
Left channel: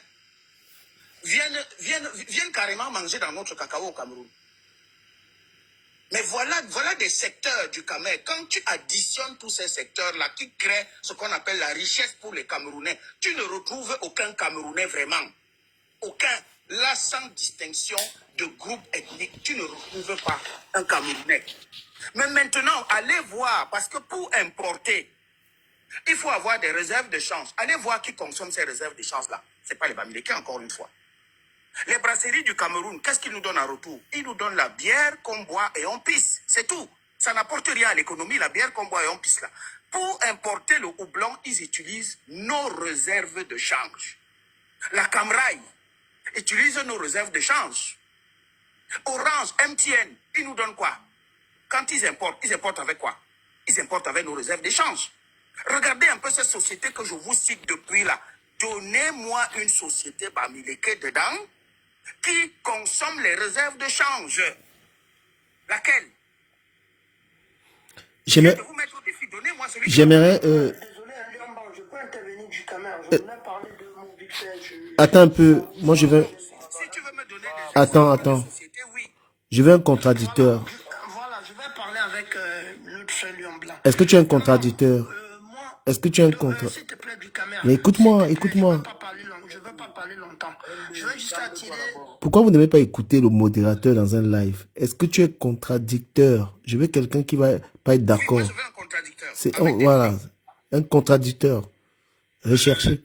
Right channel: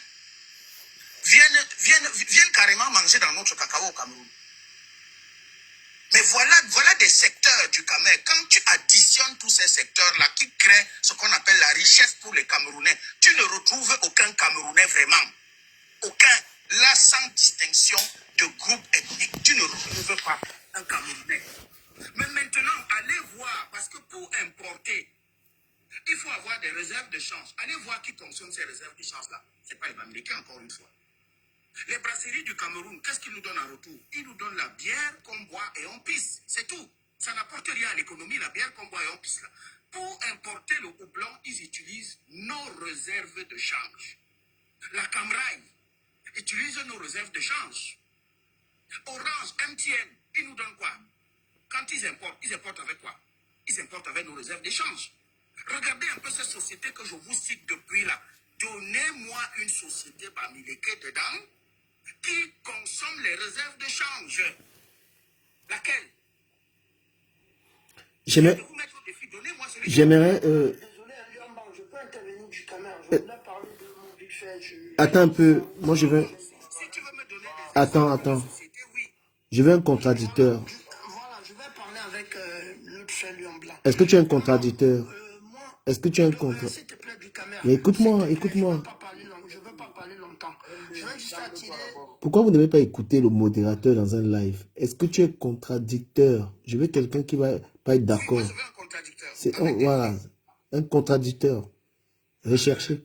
viennent carrément manger dans notre cacao au Cameroun? Mais voilà des secteurs du Cameroun. Quand tu additionnes tous ces secteurs-là qui créent ce qu'on appelle la richesse pour les Camerounais, tu ne retrouves aucun Camerounais vraiment. Aucun. Là, sans distinction de groupe ethnique, tu ne retrouves pas un Camerounais. Mais maintenant, allez voir, parce que pour importer, il faut avoir des réserves de change. Allez voir qui consomme ces réserves de change-là. Ce n'est pas les Bamileke, encore une fois. Les brasseries du Cameroun, qu'est-ce qu'ils nous donnent en retour? Ils nous donnent la bière qu'on boit et on pisse. C'est tout. Ça n'apporte rien à l'économie, la bière qu'on boit et on pisse là. Pour importer le houblon, ils utilisent nos réserves de change. La Camraï utilise nos réserves de change. Orange, MTN, ils nous donnent quoi? Quand ils importent avec quoi? Ils importent avec nos réserves d'échange. Regardez un peu cette société que je vous cite depuis là. Donnez-moi une société Bamileke dedans qui consomme les réserves de change. Laquelle? J'aimerais... Désolé, Liamban, je peux intervenir du Cameroun. Je voulais parler de mon vite fait. Attends un peu. Moi, je veux... Si tu veux me donner des Attends. sociétés, oui. Je veux un contradicteur. Voilà, je vais parler avec notre frère Lion Blanc. Est-ce que tu es un contradicteur? Est-ce que tu es un contradicteur? S'il te plaît, du Cameroun. Mais écoute-moi. Je ne veux pas parler longtemps. Je veux juste attirer... Pourquoi vous n'aimez pas écouter le modérateur dans un live? Est-ce que tu es contradicteur? Je veux quelqu'un qui va pas être d'accord. Moi, je veux un contradicteur. C'est voilà, un contradicteur. Recherchez.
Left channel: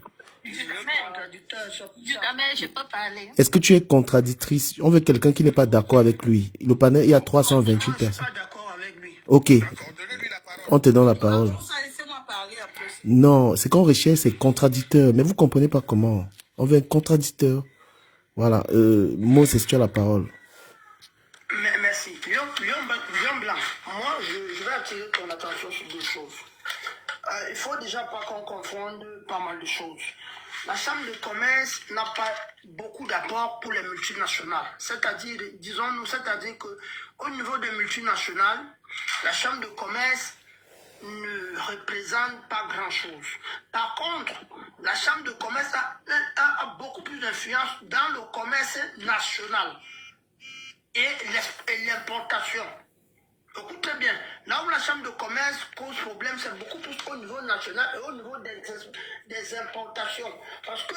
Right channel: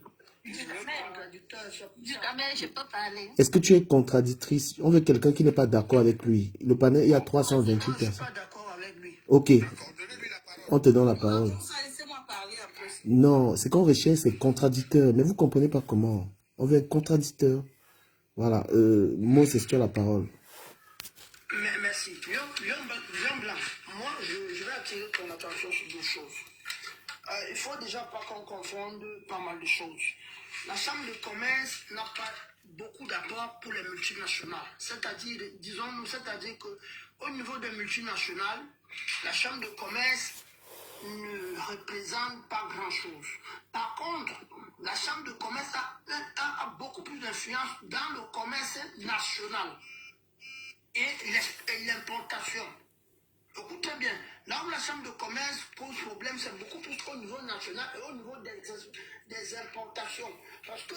Je peux parler. Est-ce que tu es contradictrice? On veut quelqu'un qui n'est pas d'accord avec lui. Le panel, il y a 328 Je ne suis personnes. pas d'accord avec lui. Ok, Donnez-lui la parole. on te donne la parole. Laissez-moi parler après. Non, ce qu'on recherche, c'est contradicteur. Mais vous comprenez pas comment. On veut un contradicteur. Voilà. Moses, tu as la parole. Merci. Lion Blanc, moi, je vais attirer ton attention sur deux choses. Il faut déjà pas qu'on confonde pas mal de choses. La Chambre de commerce n'a pas beaucoup d'apport pour les multinationales. C'est-à-dire, disons-nous, c'est-à-dire qu'au niveau des multinationales, la Chambre de commerce ne représente pas grand-chose. Par contre, la Chambre de commerce a beaucoup plus d'influence dans le commerce national et l'importation. Écoutez bien, là où la Chambre de commerce pose problème, c'est beaucoup plus au niveau national et au niveau des importations. Parce que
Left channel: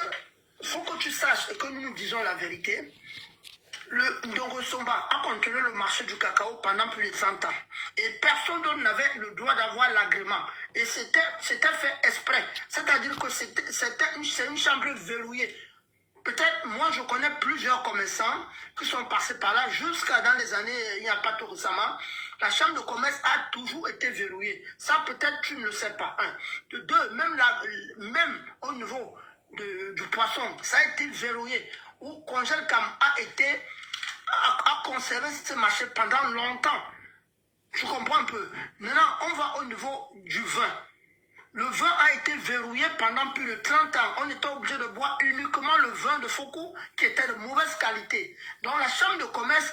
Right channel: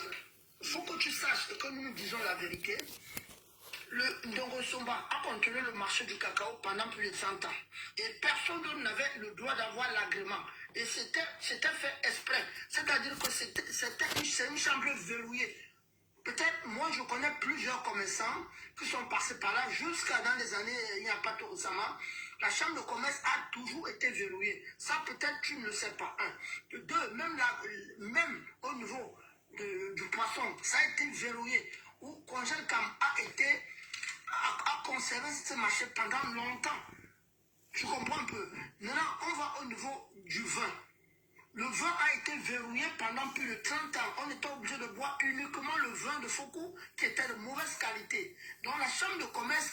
il faut que tu saches et que nous disons la vérité. Le Ndongo Somba a contrôlé le marché du cacao pendant plus de 100 ans. Et personne d'autre n'avait le droit d'avoir l'agrément. Et c'était fait exprès. C'est-à-dire que c'est une chambre verrouillée. Peut-être, moi, je connais plusieurs commerçants qui sont passés par là jusqu'à dans les années, il n'y a pas tout récemment. La chambre de commerce a toujours été verrouillée. Ça, peut-être, tu ne le sais pas. Un. De deux, même au niveau du poisson, ça a été verrouillé. Où Congelcam a conservé ce marché pendant longtemps. Je comprends un peu. Maintenant, on va au niveau du vin. Le vin a été verrouillé pendant plus de 30 ans. On était obligé de boire uniquement le vin de Foucault qui était de mauvaise qualité. Donc la chambre de commerce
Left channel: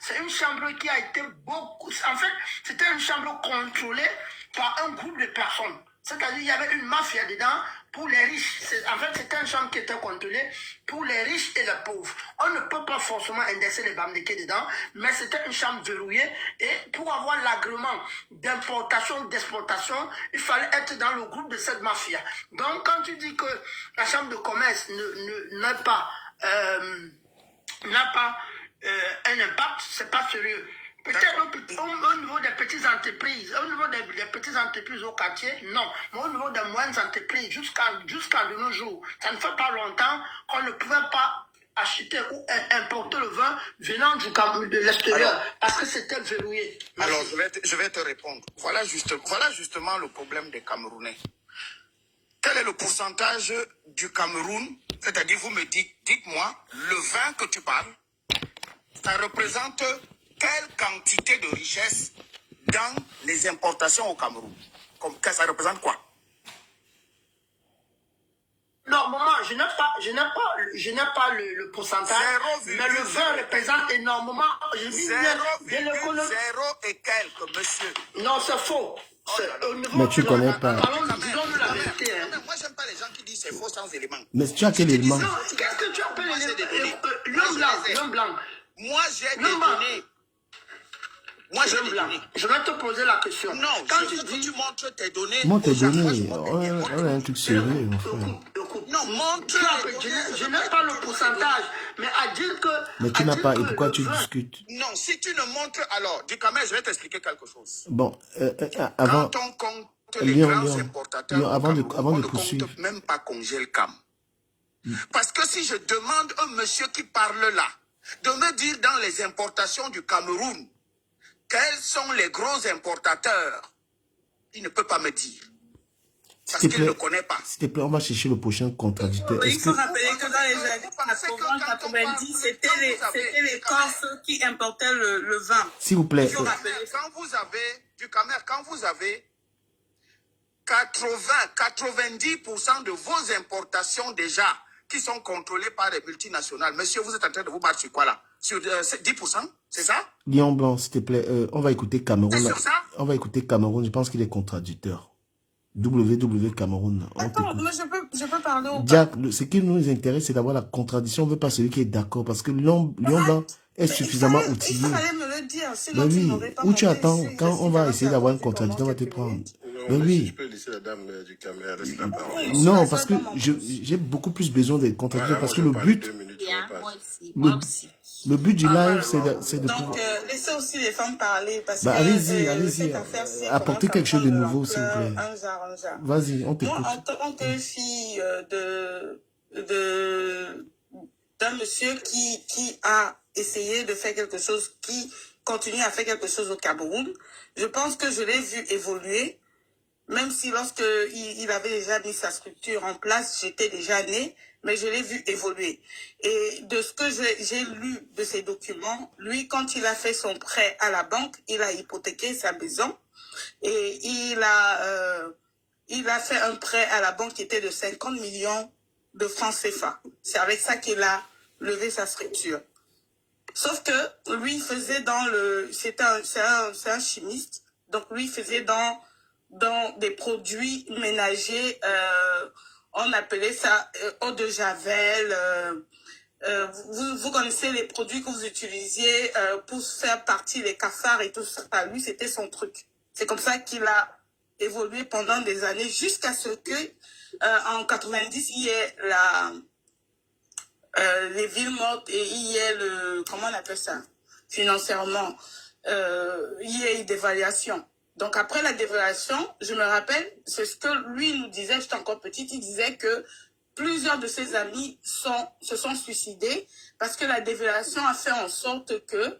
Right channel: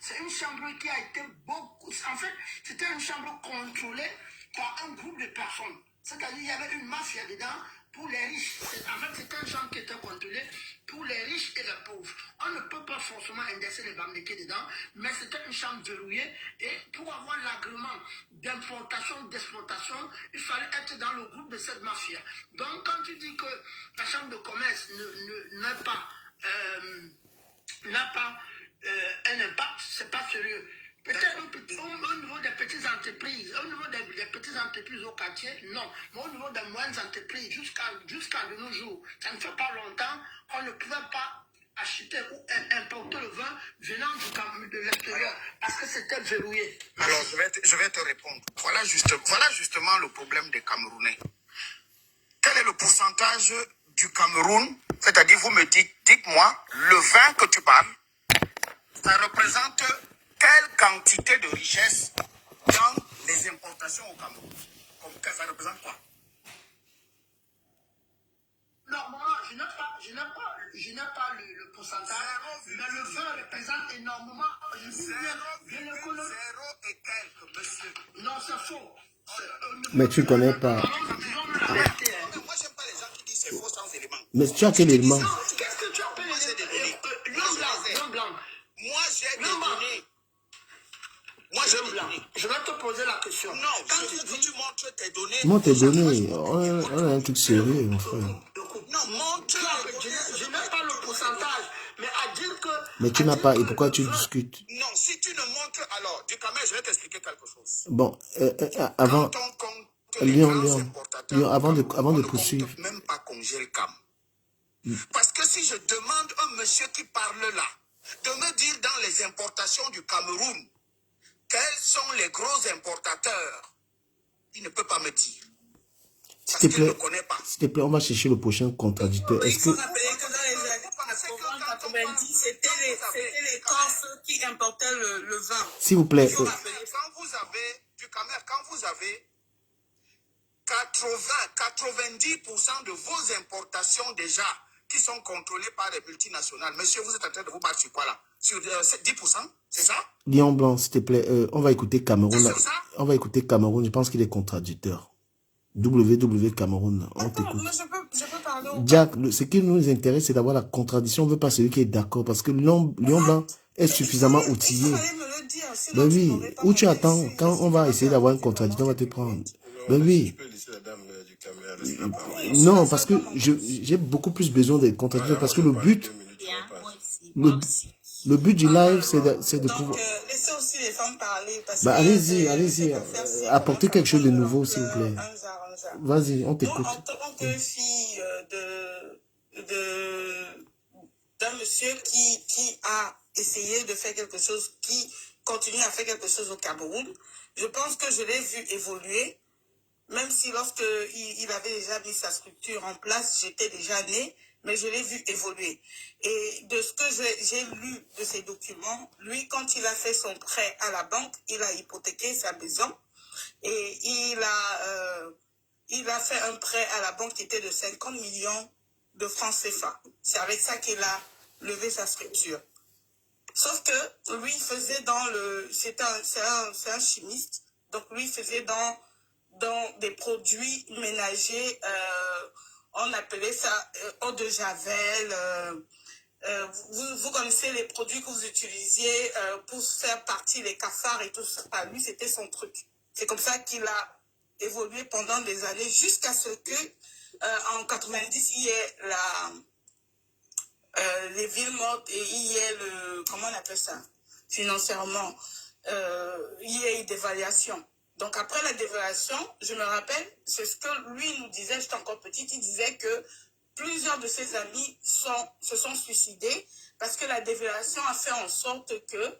c'est une chambre qui a été beaucoup... En fait, c'était une chambre contrôlée par un groupe de personnes. C'est-à-dire qu'il y avait une mafia dedans pour les riches. En fait, c'était une chambre qui était contrôlée pour les riches et les pauvres. On ne peut pas forcément indexer les Bamdeke dedans, mais c'était une chambre verrouillée. Et pour avoir l'agrément d'importation, d'exportation, il fallait être dans le groupe de cette mafia. Donc, quand tu dis que la chambre de commerce n'a pas un impact, c'est pas sérieux. Peut-être au niveau des petites entreprises, au niveau des petites entreprises au quartier, non. Mais au niveau des moyennes entreprises, jusqu'à de nos jours, ça ne fait pas longtemps qu'on ne pouvait pas acheter ou importer le vin venant du Cameroun, de l'extérieur, parce que c'était verrouillé. Alors, je vais te répondre. Voilà justement le problème des Camerounais. Quel est le pourcentage du Cameroun? C'est-à-dire, vous me dites-moi, le vin que tu parles, ça représente quelle quantité de richesse dans les importations au Cameroun? Ça représente quoi? Normalement, je n'ai pas le pourcentage, mais le vin représente énormément. Je dis bien l'économie. Zéro et quelques, monsieur. Non, c'est faux. Mais tu ne connais pas. Alors, disons-nous la vérité. Moi, j'aime pas les gens qui disent c'est faux sans éléments. Mais tu as quel élément? Qu'est-ce que tu appelles Lion Blanc? Moi, j'ai des données. Moi, j'ai des données. Je vais te poser la question. Non, quand je veux que tu montres tes données. Montre tes données. On a un truc sérieux, mon frère. Non, montre. Je n'ai pas le pourcentage, mais à dire que... Mais tu n'as pas, et pourquoi tu discutes? Non, si tu ne montres, alors, du Cameroun, je vais t'expliquer quelque chose. Bon, avant... Quand on compte Léon, les grands importateurs, Léon, avant de on poursuivre. ne compte même pas Congelcam. Parce que si je demande à un monsieur qui parle là, de me dire dans les importations du Cameroun, quels sont les gros importateurs, il ne peut pas me dire. Parce qu'il ne connaît pas. S'il te plaît, on va chercher le prochain contradicteur. Il faut rappeler que dans les années 80-90, c'était les Corses qui importaient le vin. S'il vous plaît. Quand vous avez, du Cameroun, quand vous avez 90% de vos importations déjà qui sont contrôlées par les multinationales. Monsieur, vous êtes en train de vous battre sur quoi là? Sur 10%? C'est ça? Lion Blanc, s'il te plaît, on va écouter Cameroun. Là. On va écouter Cameroun, je pense qu'il est contradicteur. WW Cameroun, on t'écoute. Je peux parler ou pas? Jack, ce qui nous intéresse, c'est d'avoir la contradiction. On ne veut pas celui qui est d'accord, parce que Lion Blanc est suffisamment outillé. Il fallait me le dire. Ben oui, où tu attends, quand on va essayer d'avoir une contradiction, on va te prendre. Ben oui. Non, parce que j'ai beaucoup plus besoin des contradictions, parce que le but... Le but du live, c'est de pouvoir... laissez aussi les femmes parler. Allez-y. Apportez quelque chose de nouveau, s'il vous plaît. Vas-y, on t'écoute. Moi, en tant que fille d'un monsieur qui a essayé de faire quelque chose, qui continue à faire quelque chose au Cameroun, je pense que je l'ai vu évoluer, même si lorsque il avait déjà mis sa structure en place, j'étais déjà née. mais je l'ai vu évoluer. Et de ce que j'ai lu de ces documents, lui, quand il a fait son prêt à la banque, il a hypothéqué sa maison et il a fait un prêt à la banque qui était de 50 millions de francs CFA. C'est avec ça qu'il a levé sa structure. Sauf que lui, il faisait dans le... C'est un chimiste. Donc, lui, il faisait dans des produits ménagers. On appelait ça eau de javel. Vous connaissez les produits que vous utilisiez pour faire partie des cafards et tout ça. Lui, c'était son truc. C'est comme ça qu'il a évolué pendant des années jusqu'à ce que, en 90, il y ait les villes mortes et il y ait le... Comment on appelle ça? Financièrement. Il y ait une dévaluation. Donc, après la dévaluation, je me rappelle, c'est ce que lui nous disait, j'étais encore petite, il disait que plusieurs de ses amis se sont suicidés parce que la dévaluation a fait en sorte que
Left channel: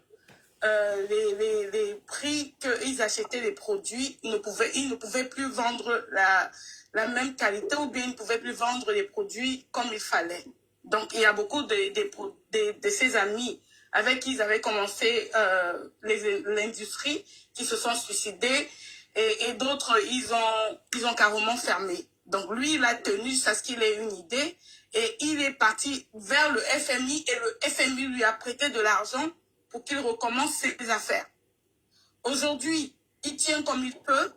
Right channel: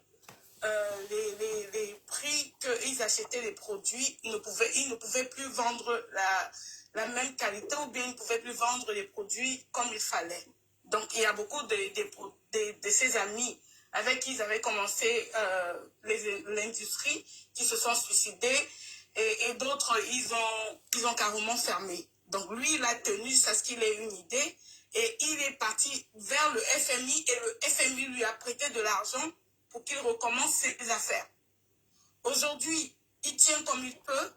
les prix qu'ils achetaient les produits, ils ne pouvaient plus vendre la même qualité ou bien ils ne pouvaient plus vendre les produits comme il fallait. Donc, il y a beaucoup de ses amis avec qui ils avaient commencé l'industrie qui se sont suicidés et d'autres, ils ont carrément fermé. Donc, lui, il a tenu jusqu'à ce qu'il ait une idée et il est parti vers le FMI et le FMI lui a prêté de l'argent pour qu'il recommence ses affaires. Aujourd'hui, il tient comme il peut.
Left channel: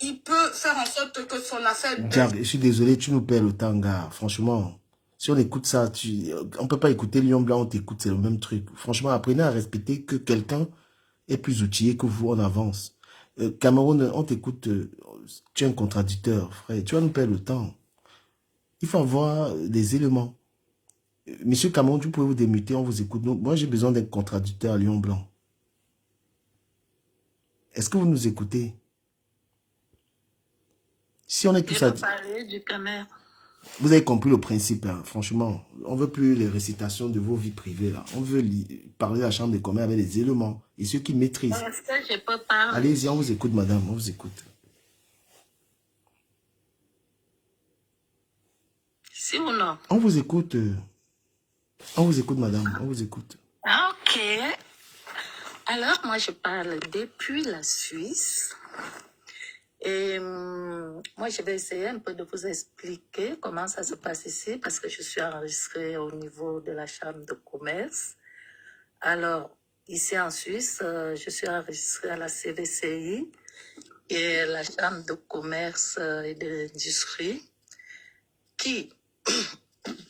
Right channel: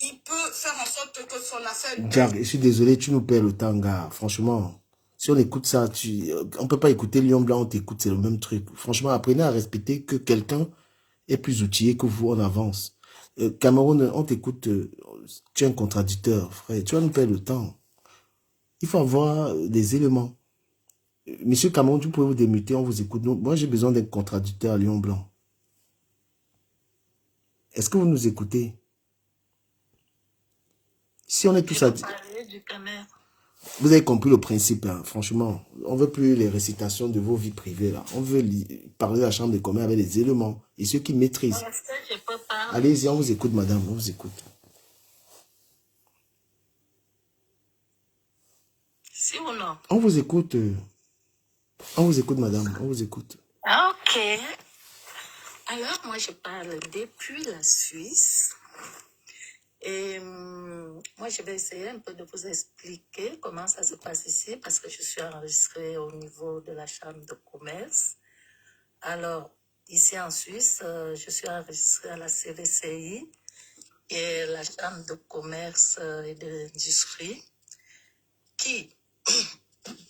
Il peut faire en sorte que son affaire... Je suis désolé, tu nous perds le temps, gars. Franchement, si on écoute ça, on ne peut pas écouter Lion Blanc, on t'écoute, c'est le même truc. Franchement, apprenez à respecter que quelqu'un est plus outillé que vous, on avance. Cameroun, on t'écoute, tu es un contradicteur, frère. Tu vas nous perdre le temps. Il faut avoir des éléments. Monsieur Cameroun, vous pouvez vous démuter, on vous écoute. Moi, j'ai besoin d'un contradicteur à Lion Blanc. Est-ce que vous nous écoutez? Si on est tous à... Vous avez compris le principe, hein, franchement. On ne veut plus les récitations de vos vies privées, là. On veut parler de la chambre des communs avec des éléments. Et ceux qui maîtrisent. Allez-y, on vous écoute, madame, on vous écoute. Si ou non? On vous écoute. On vous écoute, madame, on vous écoute. Ok. Alors, moi, je parle depuis la Suisse. Et moi, je vais essayer un peu de vous expliquer comment ça se passe ici, parce que je suis enregistrée au niveau de la Chambre de commerce. Alors, ici en Suisse, je suis enregistrée à la CVCI, qui est la Chambre de commerce et de l'industrie, qui,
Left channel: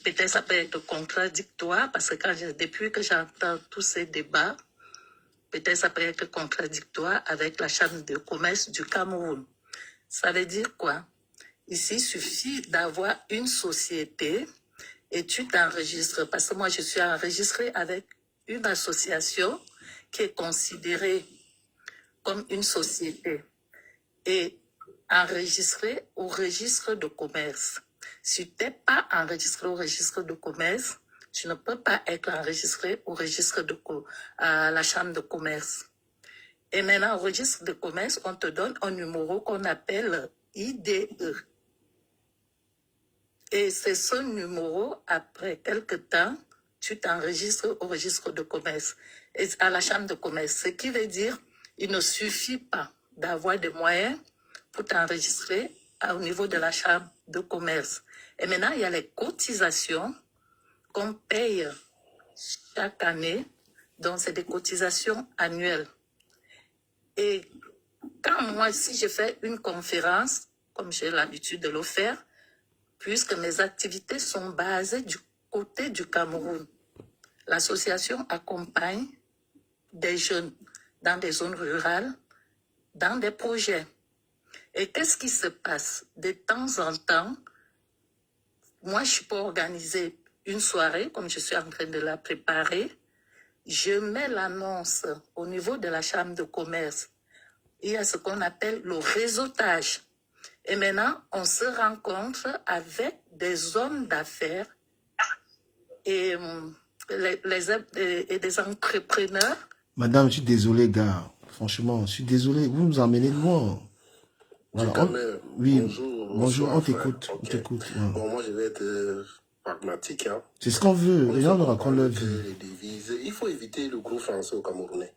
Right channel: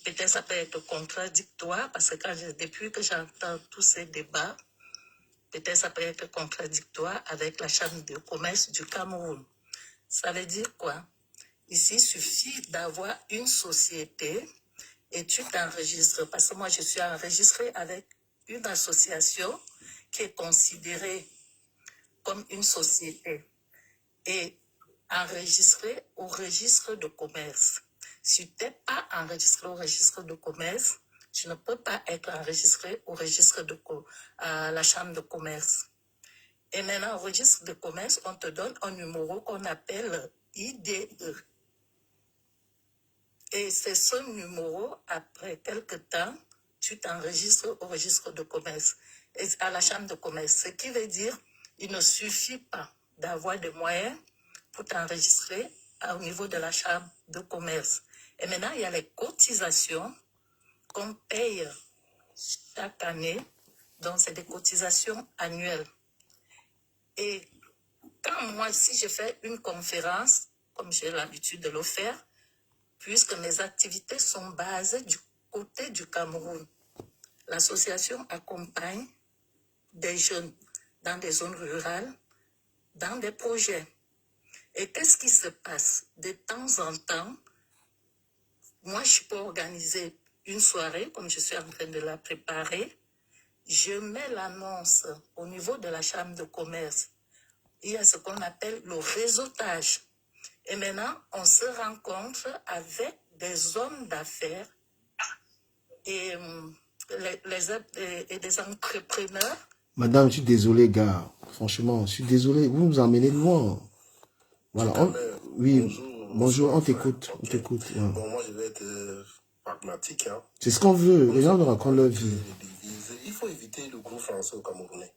peut-être ça peut être contradictoire, parce que depuis que j'entends tous ces débats, peut-être ça peut être contradictoire avec la Chambre de commerce du Cameroun. Ça veut dire quoi? Ici, il suffit d'avoir une société et tu t'enregistres. Parce que moi, je suis enregistrée avec une association qui est considérée comme une société et enregistrée au registre de commerce. Si tu n'es pas enregistré au registre de commerce, tu ne peux pas être enregistré au registre à la chambre de commerce. Et maintenant, au registre de commerce, on te donne un numéro qu'on appelle IDE. Et c'est ce numéro, après quelques temps, tu t'enregistres au registre de commerce, et à la chambre de commerce. Ce qui veut dire, il ne suffit pas d'avoir des moyens pour t'enregistrer au niveau de la chambre de commerce. Et maintenant, il y a les cotisations qu'on paye chaque année. Donc, c'est des cotisations annuelles. Et quand moi, si je fais une conférence, comme j'ai l'habitude de le faire, puisque mes activités sont basées du côté du Cameroun, l'association accompagne des jeunes dans des zones rurales, dans des projets. Et qu'est-ce qui se passe? De temps en temps, moi, je peux organiser une soirée, comme je suis en train de la préparer. Je mets l'annonce au niveau de la chambre de commerce. Il y a ce qu'on appelle le réseautage. Et maintenant, on se rencontre avec des hommes d'affaires et des entrepreneurs. Madame, je suis désolé, gars. Franchement, je suis désolé. Vous nous emmenez loin. Voilà. Oui, bonjour, on t'écoute. Okay. On t'écoute. Ouais. Bon, moi, je vais être pragmatique. Hein. C'est ce qu'on veut. Les gens nous racontent leur vie. Les devises. Il faut éviter le gros français au Camerounais.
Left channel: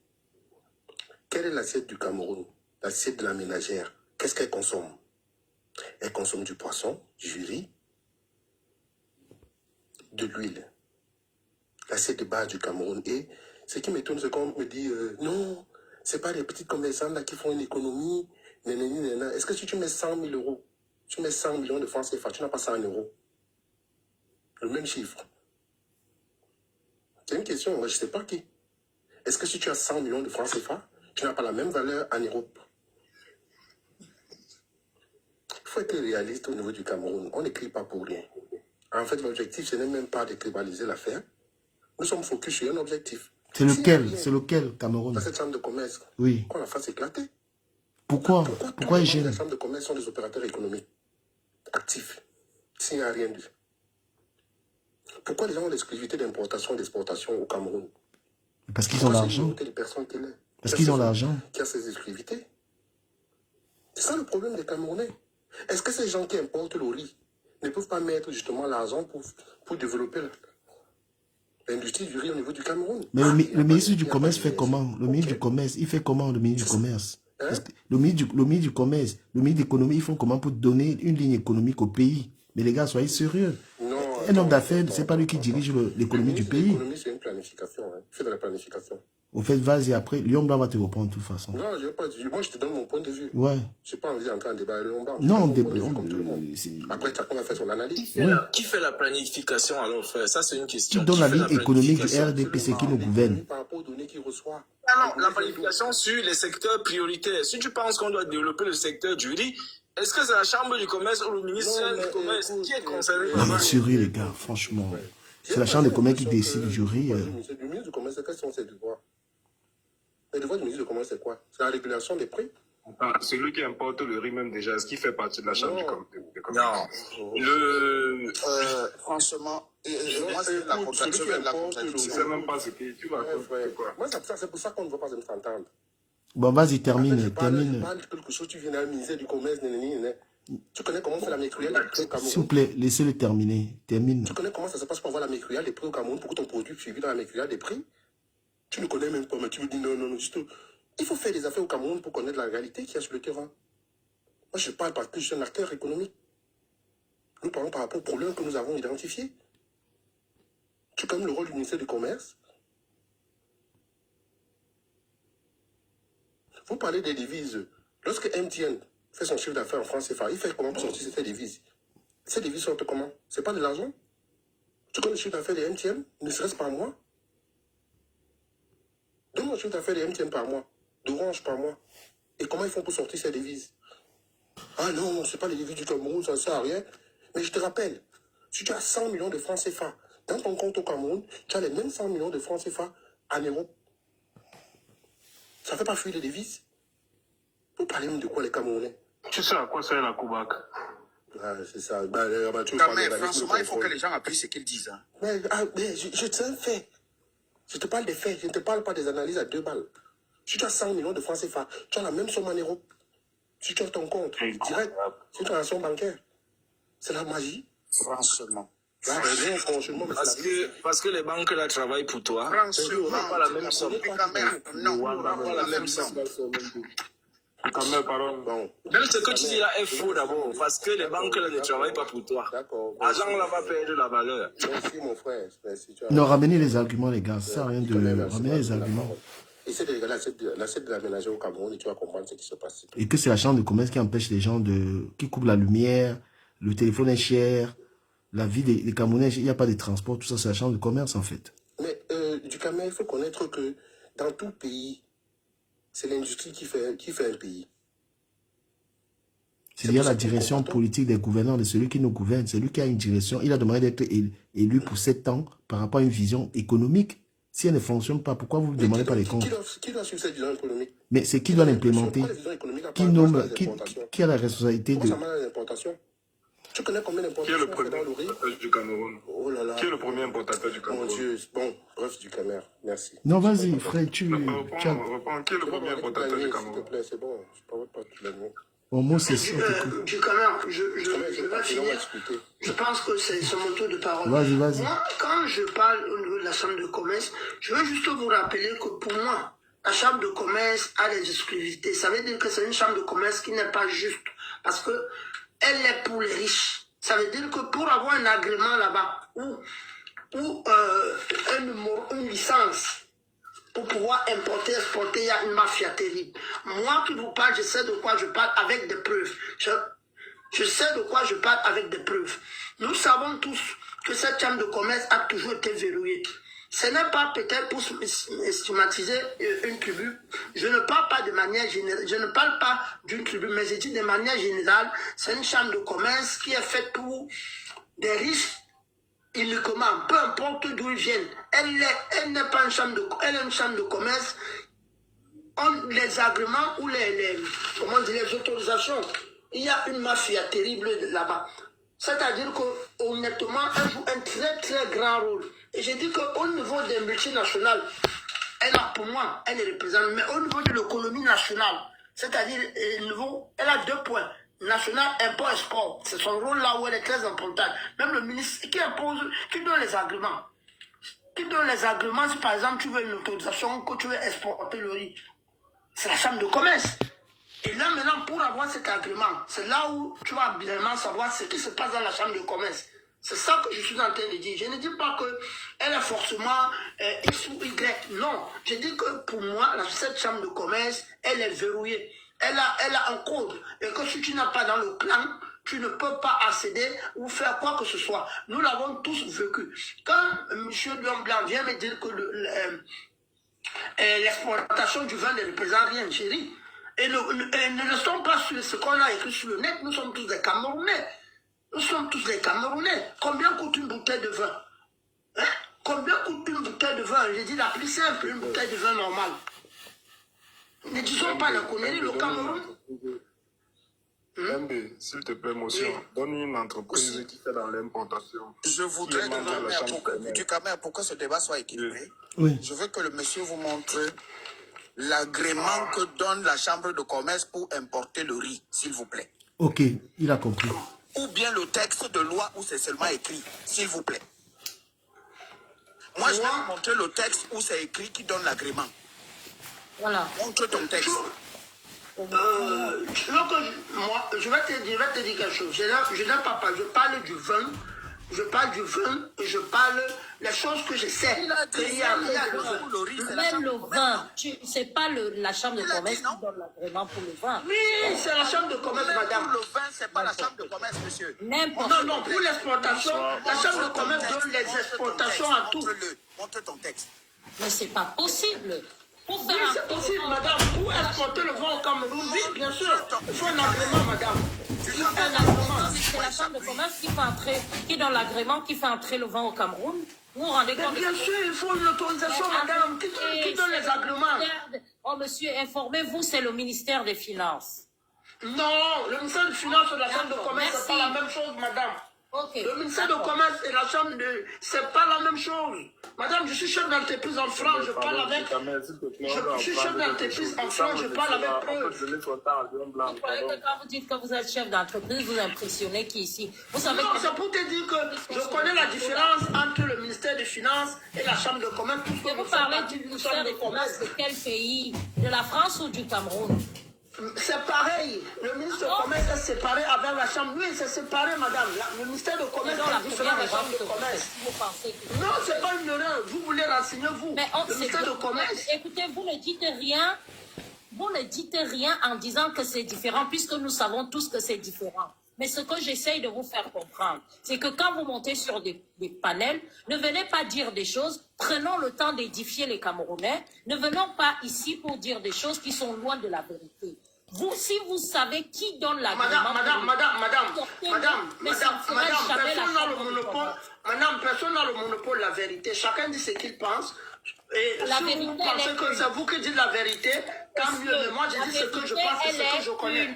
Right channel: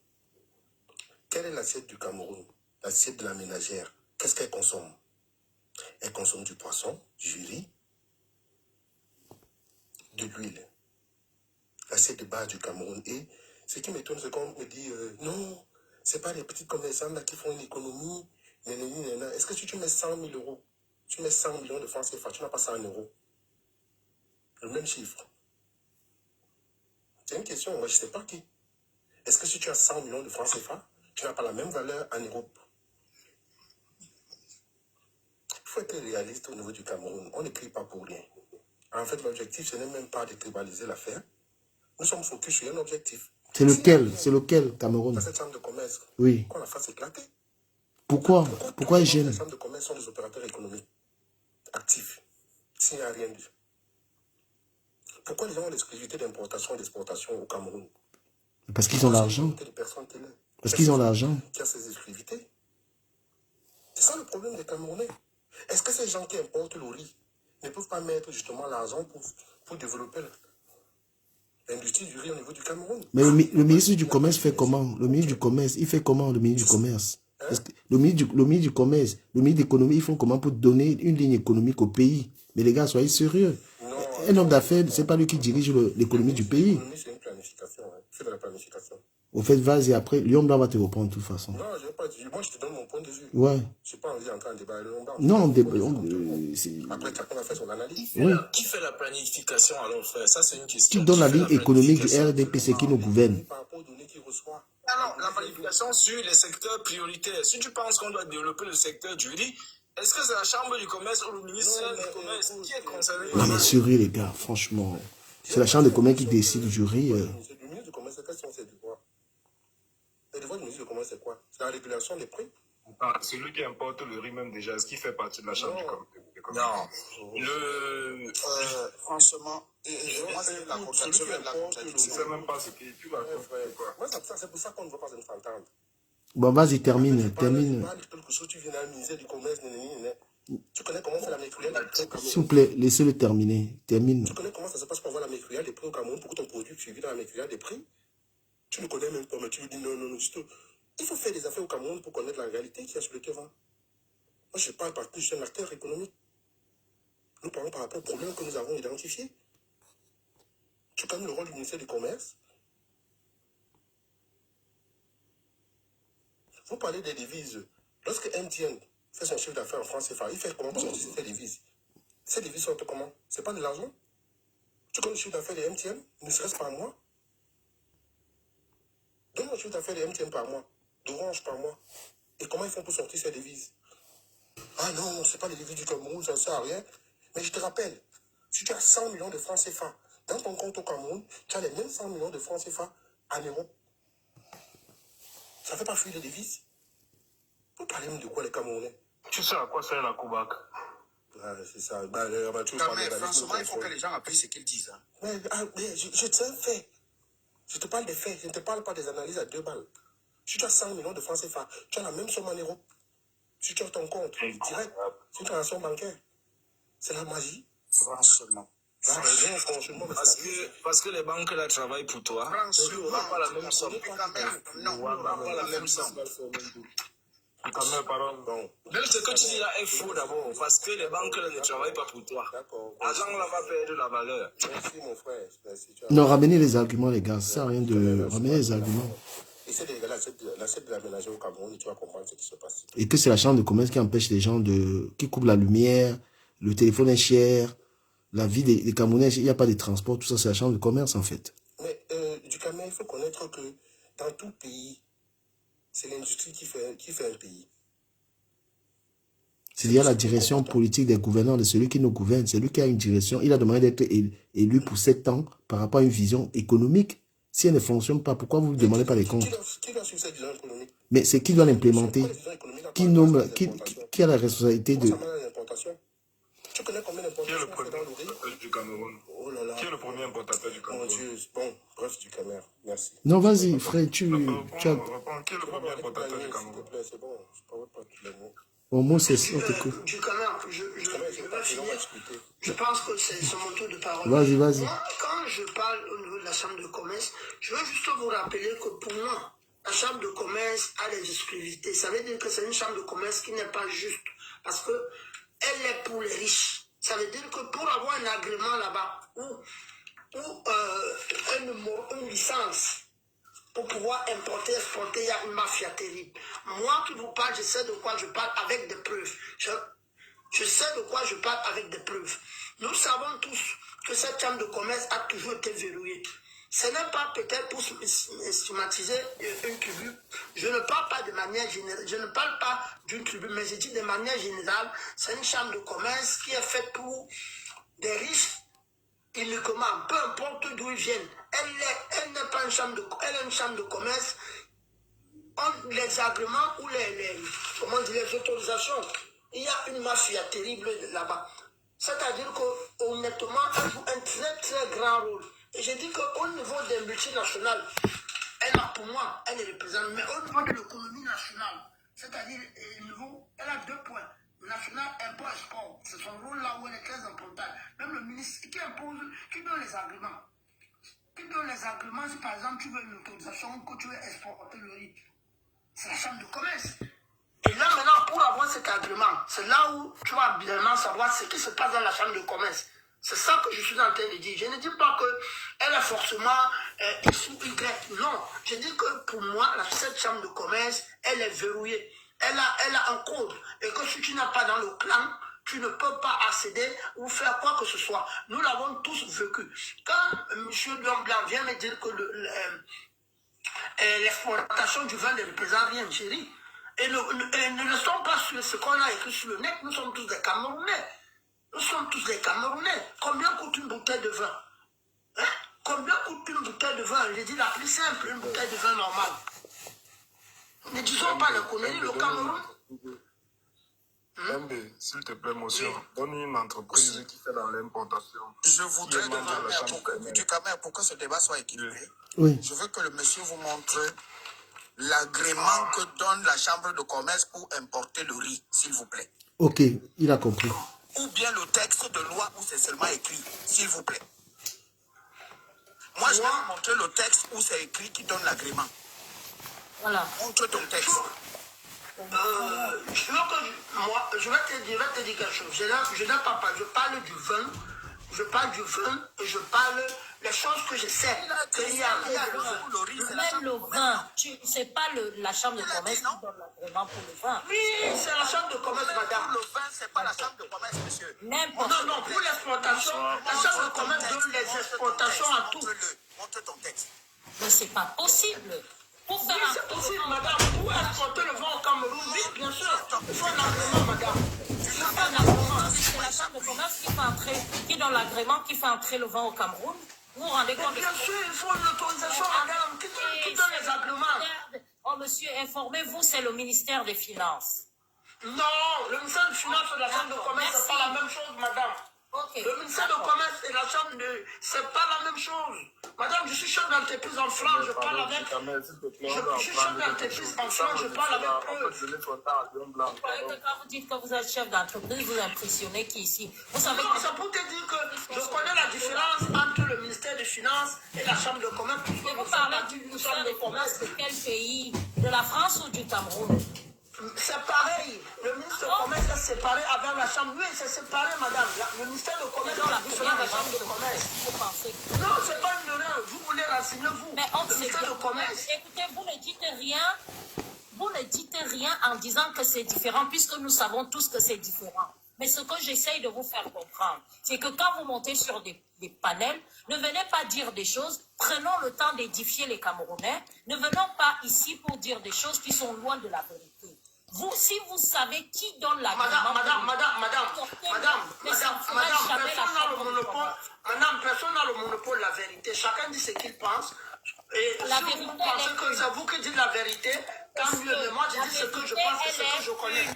Quelle est l'assiette du Cameroun? L'assiette de la ménagère. Qu'est-ce qu'elle consomme? Elle consomme du poisson, du riz, de l'huile. L'assiette de base du Cameroun. Et ce qui m'étonne, c'est qu'on me dit non, c'est pas les petits commerçants là qui font une économie. Est-ce que si tu mets 100 000 euros, tu mets 100 millions de francs CFA, tu n'as pas 100 euros? Le même chiffre. C'est une question, moi je ne sais pas qui. Est-ce que si tu as 100 millions de francs CFA, tu n'as pas la même valeur en Europe? Il faut être réaliste au niveau du Cameroun. On n'écrit pas pour rien. En fait, l'objectif, ce n'est même pas de tribaliser l'affaire. Nous sommes focus sur un objectif. C'est lequel? C'est lequel, Cameroun? Dans cette chambre de commerce, oui. qu'on la fasse éclater. Pourquoi ils gênent? Les chambres de commerce sont des opérateurs économiques actifs, s'il n'y a rien de... Pourquoi les gens ont l'exclusivité d'importation et d'exportation au Cameroun? Parce qu'ils ont l'argent. Parce qu'ils ont l'argent. Qui a ces exclusivités. C'est ça le problème des Camerounais. Est-ce que ces gens qui importent le riz ne peuvent pas mettre justement l'argent pour développer l'industrie du riz au niveau du Cameroun? Mais le ministre du Commerce fait comment? Le ministre du Commerce, il fait comment, le ministre du Commerce? Le ministre du Commerce, le ministre de l'Économie, ils font comment pour donner une ligne économique au pays? Mais les gars, soyez sérieux. Un homme d'affaires, ce n'est pas lui qui dirige l'économie du pays. L'économie, c'est une planification. Hein. Il fait de la planification. Au fait, vas-y, après, Lyon Blanc va te reprendre de toute façon. Non, je n'ai pas dit. Moi, je te donne mon point de vue. Ouais. Je n'ai pas envie d'entrer en débat. Non, après, chacun va faire son analyse. Oui. Qui fait la planification alors, frère? Ça, c'est une question. Qui donne la ligne économique du RDP, c'est qui nous gouverne? Par rapport aux données qu'il reçoit. Non, la planification sur les secteurs prioritaires. Si tu penses qu'on doit développer le secteur du riz, est-ce que c'est la chambre du commerce ou le ministère du commerce qui est concerné? Non, mais sur riz, les gars, franchement. C'est la chambre de commerce qui décide du riz. Le ministre du commerce, quels sont ses devoirs? Les devoirs du ministre du commerce, c'est quoi? C'est la régulation des prix? Celui qui importe le riz même déjà, est-ce qu'il fait partie de la chambre du commerce? Non. Franchement, moi, c'est la contradiction. Je ne sais même pas ce que tu vas faire. Moi, c'est pour ça qu'on ne va pas s'entendre. Bon, vas-y, termine. Tu parles de quelque chose, tu viens à ministère du commerce, tu connais comment c'est la mécruelle des prix au Cameroun? S'il vous plaît, laissez-le terminer. Termine. Tu connais comment ça se passe pour avoir la mécruelle des prix au Cameroun, pour que ton produit suivi dans la mécruelle des prix? Tu ne connais même pas, mais tu me dis non, juste... Il faut faire des affaires au Cameroun pour connaître la réalité qu'il y a sur le terrain. Moi, je parle parce que je suis un acteur économique. Nous parlons par rapport aux problèmes que nous avons identifiés. C'est comme le rôle du ministère du Commerce. Vous parlez des devises. Lorsque MTN fait son chiffre d'affaires en France CFA, il fait comment pour sortir ces devises? Ces devises sortent comment? C'est pas de l'argent? Tu connais le chiffre d'affaires de MTN? Ne serait-ce par mois? Donne-moi le chiffre d'affaires de MTN par mois, d'Orange par mois. Et comment ils font pour sortir ces devises? Ah non, c'est pas les devises du Cameroun, ça ne sert à rien. Mais je te rappelle, si tu as 100 millions de francs CFA dans ton compte au Cameroun, tu as les mêmes 100 millions de francs CFA en Europe. Ça ne fait pas fuir les devises? Vous parlez même de quoi les Camerounais? Tu sais à quoi sert la COBAC? Ah, c'est ça. Franchement, il faut que les gens appuient ce qu'ils disent. Hein. Mais je te fais. Je te parle des faits, je ne te parle pas des analyses à 2 balles. Si tu as 100 millions de francs CFA, tu as la même somme en Europe. Si tu as ton compte direct, c'est une transaction bancaire. C'est la magie. Franchement. Parce que les banques là travaillent pour toi. Franchement, pas la même somme. Non, pas la même somme. Même ce que tu dis là est faux d'abord, parce que les banques là ne travaillent pas pour toi. L'argent là va perdre la valeur. Merci mon frère. Non, ramenez les arguments, les gars. Ça sert à rien de ramener les arguments. Essaie de regarder l'assiette de l'aménager au Cameroun et tu vas comprendre ce qui se passe. Et que c'est la chambre de commerce qui empêche les gens qui coupent la lumière, le téléphone est cher, la vie des Camerounais, il n'y a pas de transport, tout ça, c'est la chambre de commerce en fait. Mais du Cameroun, il faut connaître que dans tout pays, c'est l'industrie qui fait un pays. C'est-à-dire la direction politique des gouvernants, de celui qui nous gouverne. C'est lui qui a une direction. Il a demandé d'être élu pour 7 ans par rapport à une vision économique. Si elle ne fonctionne pas, pourquoi vous ne demandez pas les comptes? Qui doit suivre cette vision économique? Mais c'est qui doit l'implémenter? Qui a la responsabilité de... Tu connais combien d'importations dans le riz du Cameroun? Oh là là. Qui est le premier importateur du Cameroun? Mon Dieu, bon, bref, du Cameroun, merci. Non, vas-y, frère, tu... Reprends, qui est le premier importateur du Cameroun? S'il te plaît, c'est bon, je ne parle pas de l'année. Au moins, c'est ça, on t'écoute. Du Cameroun, je vais finir. Je pense que c'est mon tour de parole. Vas-y. Moi, quand je parle au niveau de la chambre de commerce, je veux juste vous rappeler que pour moi, la chambre de commerce a des exclusivités. Ça veut dire que c'est une chambre de commerce qui n'est pas juste. Parce que elle est pour les riches. Ça veut dire que pour avoir un agrément là-bas, ou une licence, pour pouvoir importer, exporter, il y a une mafia terrible. Moi qui vous parle, je sais de quoi je parle avec des preuves. Je sais de quoi je parle avec des preuves. Nous savons tous que cette chambre de commerce a toujours été verrouillée. Ce n'est pas peut-être pour stigmatiser une tribu. Je ne parle pas de manière générale. Je ne parle pas d'une tribu, mais je dis de manière générale. C'est une chambre de commerce qui est faite pour des riches uniquement, peu importe d'où ils viennent. Elle n'est pas une chambre de commerce. Elle est une chambre de commerce. Les agréments ou les autorisations. Il y a une mafia terrible là-bas. C'est-à-dire que honnêtement, elle joue un très très grand rôle. Et je dis qu'au niveau des multinationales, pour moi, elle les représente. Mais au niveau de l'économie nationale, c'est-à-dire elle a 2 points. National, import, export. C'est son rôle là où elle est très importante. Même le ministre qui donne les agréments. Qui donne les agréments si par exemple tu veux une autorisation que tu veux exporter le riz. C'est la chambre de commerce. Et là maintenant, pour avoir cet agrément, c'est là où tu vas bien savoir ce qui se passe dans la chambre de commerce. C'est ça que je suis en train de dire. Je ne dis pas qu'elle est forcément X ou Y. Non. Je dis que pour moi, cette chambre de commerce, elle est verrouillée. Elle a un code. Et que si tu n'as pas dans le plan, tu ne peux pas accéder ou faire quoi que ce soit. Nous l'avons tous vécu. Quand M. Lion Blanc vient me dire que l'exportation du vin ne représente rien, chérie, et ne restons pas sur ce qu'on a écrit sur le net, nous sommes tous des Camerounais. Nous sommes tous des Camerounais. Combien coûte une bouteille de vin? Hein? Combien coûte une bouteille de vin? J'ai dit la plus simple, une bouteille de vin normale. Ne disons pas la connerie, le Cameroun. S'il te plaît, monsieur, donne une entreprise qui fait dans l'importation. Je voudrais demander du Cameroun pour que ce débat soit équilibré. Oui. Je veux que le monsieur vous montre l'agrément que donne la chambre de commerce pour importer le riz, s'il vous plaît. Ok, il a compris. Ou bien le texte de loi où c'est seulement écrit, s'il vous plaît. Moi, je vais vous montrer le texte où c'est écrit qui donne l'agrément. Voilà. Montre ton texte. Je vais te dire quelque chose. Je n'ai pas parlé. Je parle du vin. Je parle du vin. Je parle les choses que je sais. Même le vin. C'est pas la chambre de commerce qui donne l'agrément pour le vin. Oui, c'est la chambre de commerce, madame. Pour le vin, c'est pas la chambre de commerce, monsieur. Non, pour l'exportation, la chambre de commerce donne les exportations à tout. Montre ton texte. Mais c'est pas possible. Oui, c'est possible, madame. Pour exporter le vin au Cameroun, oui, bien sûr. Il faut un agrément, madame. C'est la chambre de commerce qui donne l'agrément, qui fait entrer le vin au Cameroun. Vous vous rendez compte? Bien sûr, il faut une autorisation, madame. Qui donne les agréments? Oh, monsieur, informez-vous, c'est le ministère des Finances. Non, le ministère des Finances et la chambre de commerce, c'est pas la même chose, madame. Okay, le ministère de commerce et la chambre de... C'est pas la même chose. Madame, je suis chef d'entreprise en France, je parle avec... Je suis chef d'entreprise en France, je parle avec eux. Vous croyez que quand vous dites que vous êtes chef d'entreprise, vous impressionnez qui ici? Vous savez non, c'est pour te dire que je connais la différence entre le ministère des Finances et la chambre de commerce. Et vous parlez du ministère des Commerces de quel pays? De la France ou du Cameroun? C'est pareil. Le ministre de commerce est séparé avec la chambre. Oui, c'est séparé, madame. Le ministère de commerce est différent de la chambre de commerce. Vous pensez que... Non, c'est pas une erreur. Vous voulez renseigner, vous. Mais le ministère de commerce. Écoutez, vous ne dites rien. Vous ne dites rien en disant que c'est différent, puisque nous savons tous que c'est différent. Mais ce que j'essaye de vous faire comprendre, c'est que quand vous montez sur des panels, ne venez pas dire des choses, prenons le temps d'édifier les Camerounais, ne venons pas ici pour dire des choses qui sont loin de la vérité. Vous, si vous savez qui donne l'agrément... Personne n'a le monopole de la vérité. Chacun dit ce qu'il pense. Et si vous pensez que c'est vous qui dites la vérité, tant mieux. Mais moi, je dis ce que je pense et ce que je connais.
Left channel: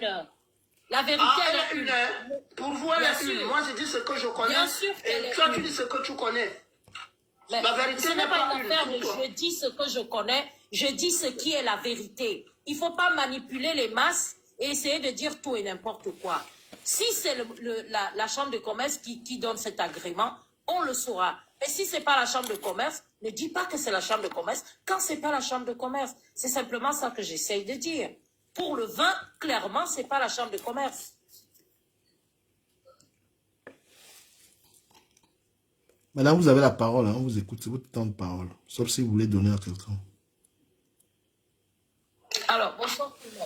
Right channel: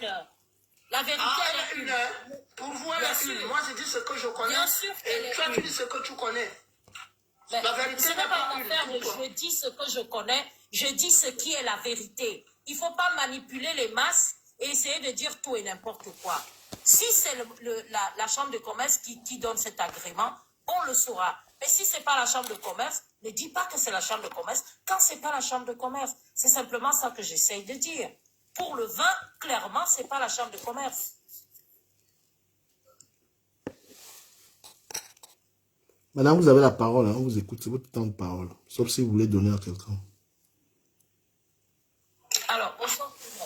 La vérité, elle est une. Pour vous, elle est une. Moi, je dis ce que je connais. Bien sûr et toi, tu dis ce que tu connais. Mais la vérité n'est pas une affaire de je dis ce que je connais, je dis ce qui est la vérité. Il ne faut pas manipuler les masses et essayer de dire tout et n'importe quoi. Si c'est la chambre de commerce qui donne cet agrément, on le saura. Mais si ce n'est pas la chambre de commerce, ne dis pas que c'est la chambre de commerce quand ce n'est pas la chambre de commerce. C'est simplement ça que j'essaye de dire. Pour le vin, clairement, ce n'est pas la chambre de commerce. Madame, vous avez la parole, hein, on vous écoute, c'est votre temps de parole. Sauf si vous voulez donner à quelqu'un. Alors,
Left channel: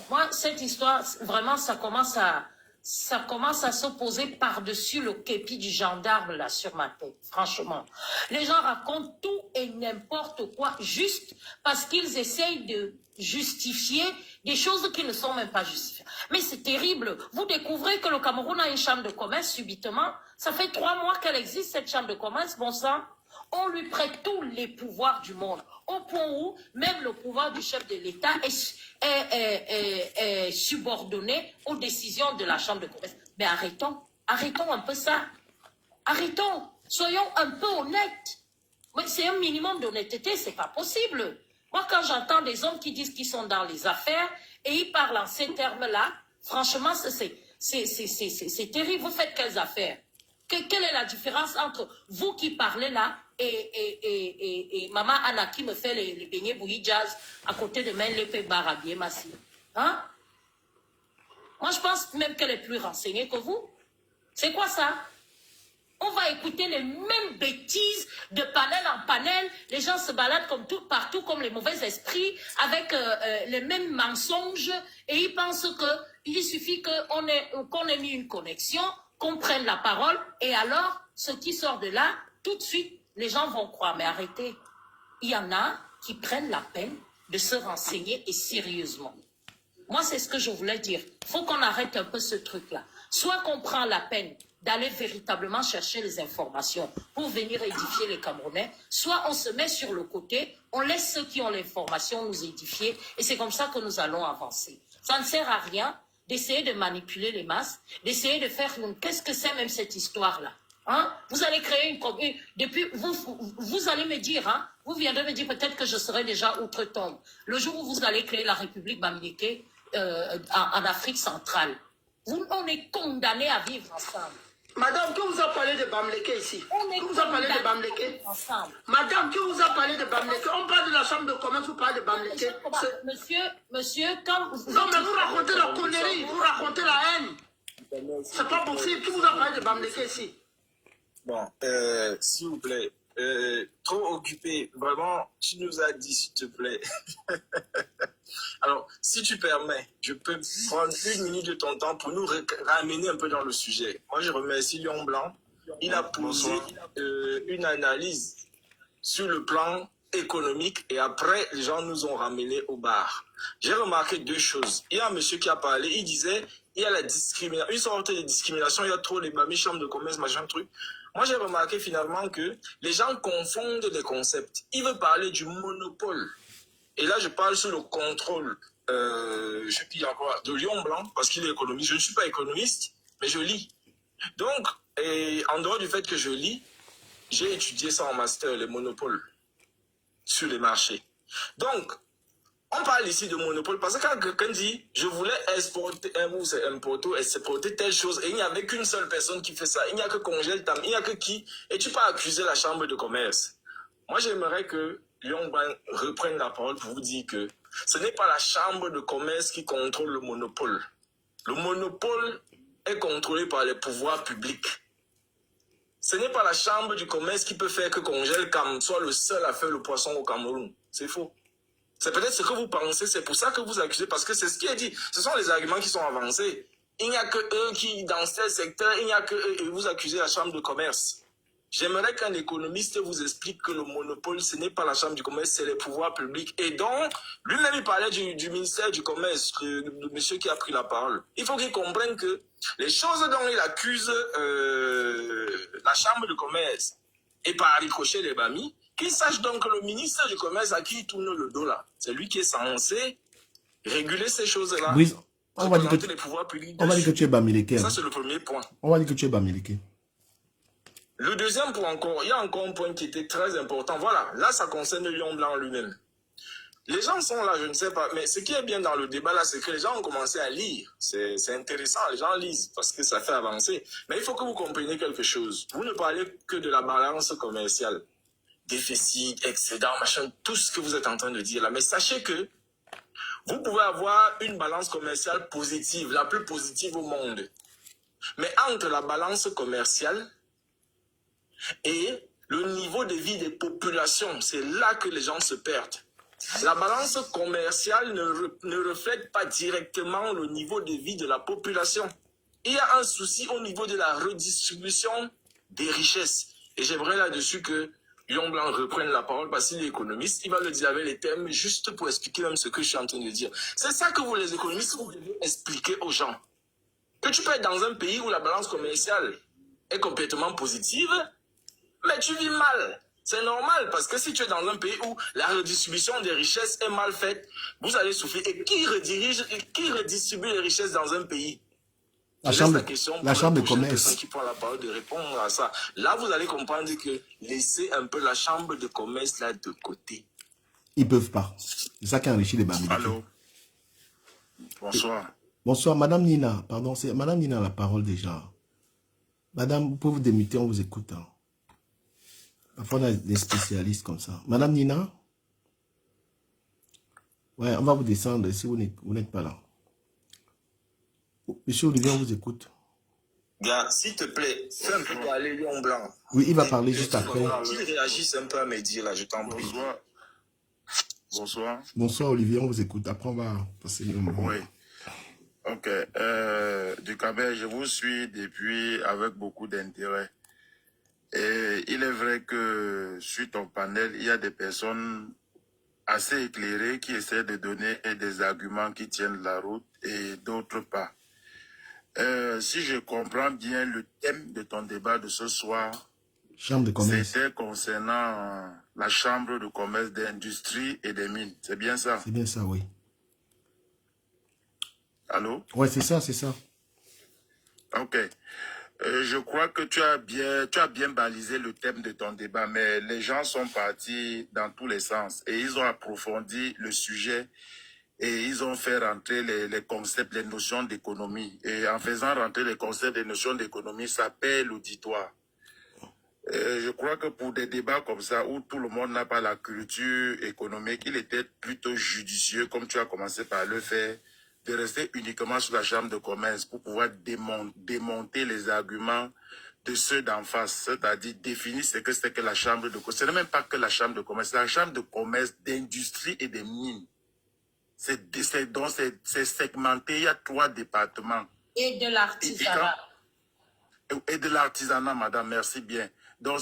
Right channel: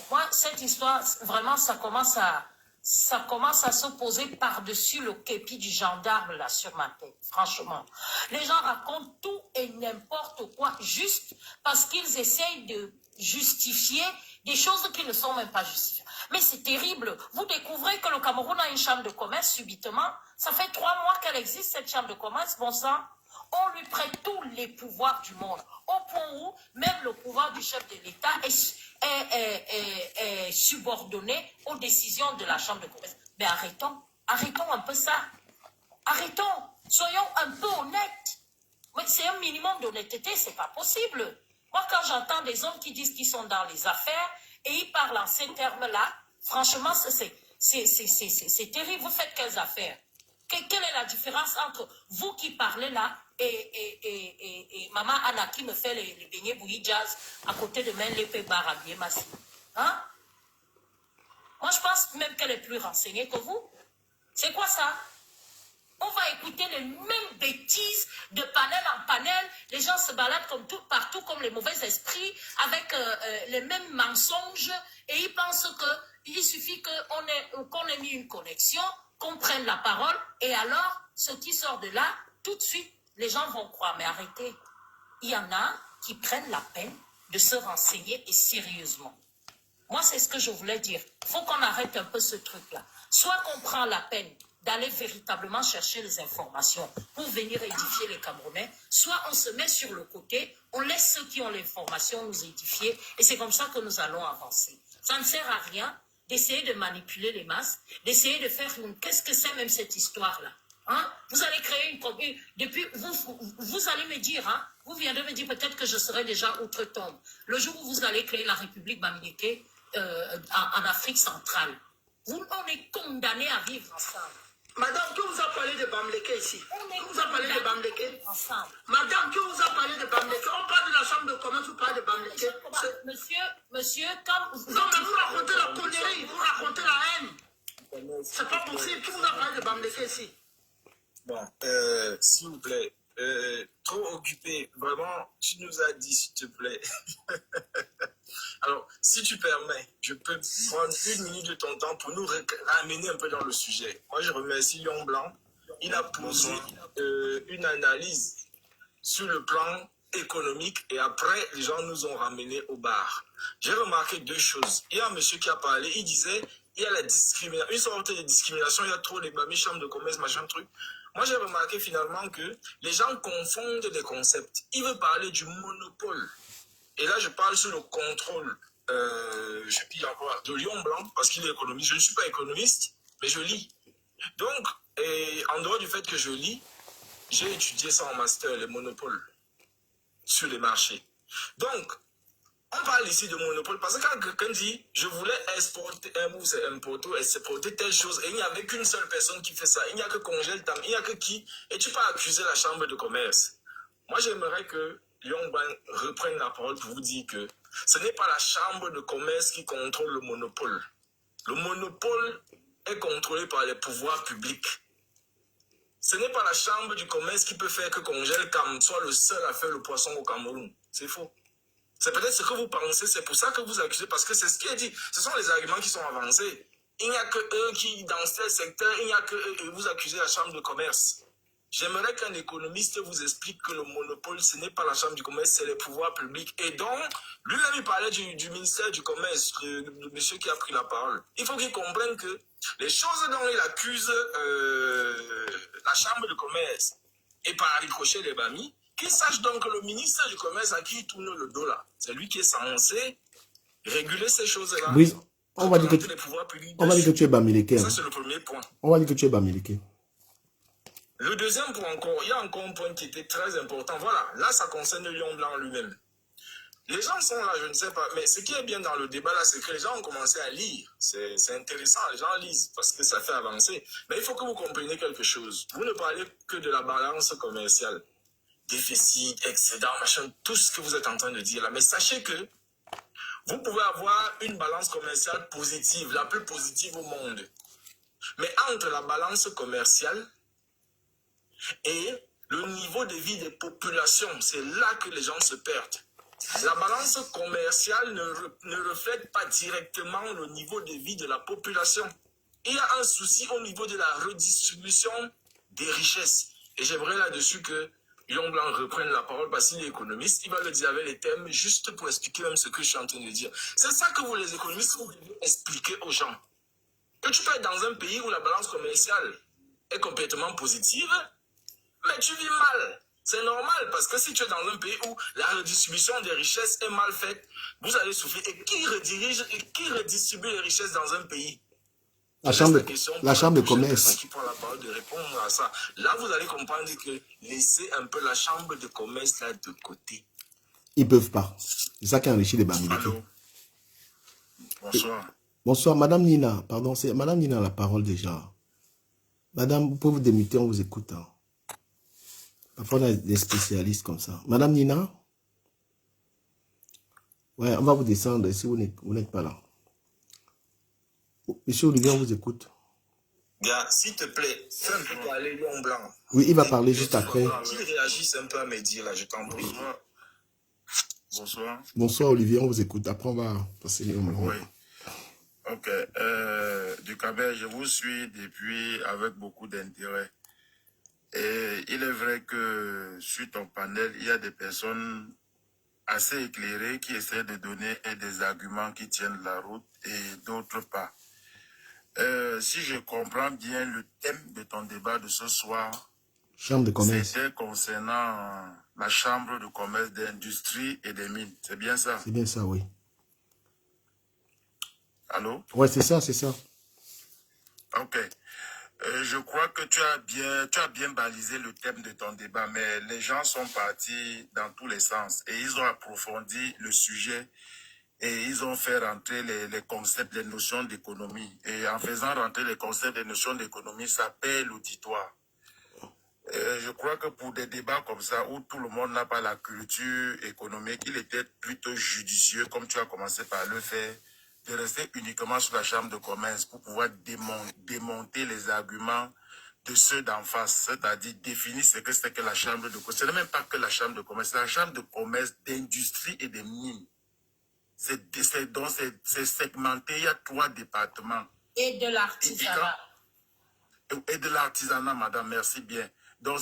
moi, cette histoire, vraiment, ça commence à se poser par-dessus le képi du gendarme, là, sur ma tête, franchement. Les gens racontent tout et n'importe quoi, juste parce qu'ils essayent de justifier des choses qui ne sont même pas justifiées. Mais c'est terrible. Vous découvrez que le Cameroun a une chambre de commerce, subitement. Ça fait 3 mois qu'elle existe, cette chambre de commerce, bon sang. On lui prête tous les pouvoirs du monde, au point où même le pouvoir du chef de l'État est subordonné aux décisions de la Chambre de commerce. Mais arrêtons un peu ça. Arrêtons, soyons un peu honnêtes. C'est un minimum d'honnêteté, c'est pas possible. Moi, quand j'entends des hommes qui disent qu'ils sont dans les affaires et ils parlent en ces termes-là, franchement, c'est terrible. Vous faites quelles affaires? Quelle est la différence entre vous qui parlez là et Maman Anna qui me fait les beignets bouillis jazz à côté de Menlepe Barabier Massi? Hein? Moi, je pense même qu'elle est plus renseignée que vous. C'est quoi ça? On va écouter les mêmes bêtises de panel en panel. Les gens se baladent comme tout, partout comme les mauvais esprits avec les mêmes mensonges et ils pensent qu'il suffit qu'on ait mis une connexion, qu'on prenne la parole et alors, ce qui sort de là, tout de suite, les gens vont croire. Mais arrêtez, il y en a qui prennent la peine de se renseigner et sérieusement. Moi, c'est ce que je voulais dire. Il faut qu'on arrête un peu ce truc-là. Soit qu'on prend la peine d'aller véritablement chercher les informations pour venir édifier les Camerounais, soit on se met sur le côté, on laisse ceux qui ont l'information nous édifier et c'est comme ça que nous allons avancer. Ça ne sert à rien d'essayer de manipuler les masses, d'essayer de faire qu'est-ce que c'est même cette histoire-là, hein? Vous allez créer une depuis vous allez me dire, hein, vous viendrez me dire peut-être que je serai déjà outre-tombe. Le jour où vous allez créer la République Bamileke en Afrique centrale, on est condamnés à vivre ensemble. Madame, qui vous a parlé de Bamileke ici? Qui vous a parlé de Bamileke? Madame, qui vous a parlé de Bamileke? On parle de la chambre de commerce, vous parlez de Bamileke. Monsieur, quand vous... Non, mais vous racontez la connerie, vous racontez la haine. C'est pas possible. Qui vous a parlé de Bamileke ici? Bon, s'il vous plaît, trop occupé, vraiment, tu nous as dit, s'il te plaît. Alors, si tu permets, je peux prendre 1 minute de ton temps pour nous ramener un peu dans le sujet. Moi, je remercie Lion Blanc. Il a posé une analyse sur le plan économique et après, les gens nous ont ramenés au bar. J'ai remarqué 2 choses. Il y a un monsieur qui a parlé, il disait, il y a la discrimination, une sorte de discrimination, il y a trop les mamies, chambres de commerce, machin truc. Moi, j'ai remarqué finalement que les gens confondent des concepts. Ils veulent parler du monopole. Et là, je parle sur le contrôle, je sais plus encore, de Lion Blanc, parce qu'il est économiste. Je ne suis pas économiste, mais je lis. Donc, en dehors du fait que je lis, j'ai étudié ça en master, les monopoles sur les marchés. Donc, on parle ici de monopole parce que quand quelqu'un dit « je voulais exporter exporter telle chose » et il n'y avait qu'une seule personne qui fait ça, il n'y a que Congel Tam, il n'y a que qui, et tu peux accuser la chambre de commerce. Moi, j'aimerais que Lion Blanc reprenne la parole pour vous dire que ce n'est pas la chambre de commerce qui contrôle le monopole. Le monopole est contrôlé par les pouvoirs publics. Ce n'est pas la chambre du commerce qui peut faire que Congel Tam soit le seul à faire le poisson au Cameroun. C'est faux. C'est peut-être ce que vous pensez, c'est pour ça que vous accusez, parce que c'est ce qui est dit. Ce sont les arguments qui sont avancés. Il n'y a que eux qui, dans tel secteur, il n'y a que eux, et vous accusez la chambre de commerce. J'aimerais qu'un économiste vous explique que le monopole, ce n'est pas la chambre du commerce, c'est les pouvoirs publics. Et donc, lui-même, il parlait du ministère du commerce, de monsieur qui a pris la parole. Il faut qu'il comprenne que les choses dont il accuse la chambre de commerce, et par ricochet les Bamis, qu'il sache donc que le ministère du commerce à qui il tourne le dos là, c'est lui qui est censé réguler ces choses-là. Oui, on va dire que tu es Bamileke. Ça, c'est le premier point. On va dire que tu es Bamileke. Le deuxième point encore, il y a encore un point qui était très important. Voilà, là, ça concerne Lion Blanc lui-même. Les gens sont là, je ne sais pas. Mais ce qui est bien dans le débat là, c'est que les gens ont commencé à lire. C'est intéressant, les gens lisent parce que ça fait avancer. Mais il faut que vous compreniez quelque chose. Vous ne parlez que de la balance commerciale. Déficit, excédent, machin, tout ce que vous êtes en train de dire là. Mais sachez que vous pouvez avoir une balance commerciale positive, la plus positive au monde. Mais entre la balance commerciale et le niveau de vie des populations, c'est là que les gens se perdent. La balance commerciale ne reflète pas directement le niveau de vie de la population. Il y a un souci au niveau de la redistribution des richesses. Et j'aimerais là-dessus que Lion Blanc reprenne la parole parce qu'il est économiste. Il va le dire avec les termes juste pour expliquer même ce que je suis en train de dire. C'est ça que vous, les économistes, vous devez expliquer aux gens. Que tu peux être dans un pays où la balance commerciale est complètement positive, mais tu vis mal. C'est normal, parce que si tu es dans un pays où la redistribution des richesses est mal faite, vous allez souffrir. Et qui redistribue les richesses dans un pays? La chambre de commerce. Qui prend la parole de répondre à ça. Là, vous allez comprendre que laissez un peu la chambre de commerce là de côté. Ils ne peuvent pas. C'est ça qui enrichit les Bamileke. Allô? Bonsoir. Bonsoir, Madame Nina. Pardon, c'est Madame Nina la parole déjà. Madame, vous pouvez vous démuter, on vous écoute. Hein. Parfois, on a des spécialistes comme ça. Madame Nina? Ouais, on va vous descendre si vous n'êtes pas là. Monsieur Olivier, on vous écoute. Gars, s'il te plaît, fais un peu parler Lion Blanc. Oui, il va parler juste après. Qu'il réagisse un peu à mes dires là, je t'en prie. Bonsoir. Bonsoir Olivier, on vous écoute. Après, on va passer au moment. Oui. Ok. Ducabel, je vous suis depuis avec beaucoup d'intérêt. Et il est vrai que sur ton panel, il y a des personnes assez éclairées qui essaient de donner des arguments qui tiennent la route et d'autres pas. Si je comprends bien, le thème de ton débat de ce soir, Chambre de commerce. C'était concernant la chambre de commerce d'industrie et des mines. C'est bien ça? C'est bien ça, oui. Allô? Oui, c'est ça, c'est ça. Ok. Je crois que tu as bien balisé le thème de ton débat, mais les gens sont partis dans tous les sens et ils ont approfondi le sujet et ils ont fait rentrer les concepts, les notions d'économie. Et en faisant rentrer les concepts, les notions d'économie, ça paie l'auditoire. Je crois que pour des débats comme ça, où tout le monde n'a pas la culture économique, il était plutôt judicieux, comme tu as commencé par le faire, de rester uniquement sur la chambre de commerce pour pouvoir démonter les arguments de ceux d'en face, c'est-à-dire définir ce que c'est que la chambre de commerce. Ce n'est même pas que la chambre de commerce, c'est la chambre de commerce d'industrie et des mines. C'est segmenté, il y a 3 départements. Et de l'artisanat. Et de l'artisanat, madame, merci bien. Donc,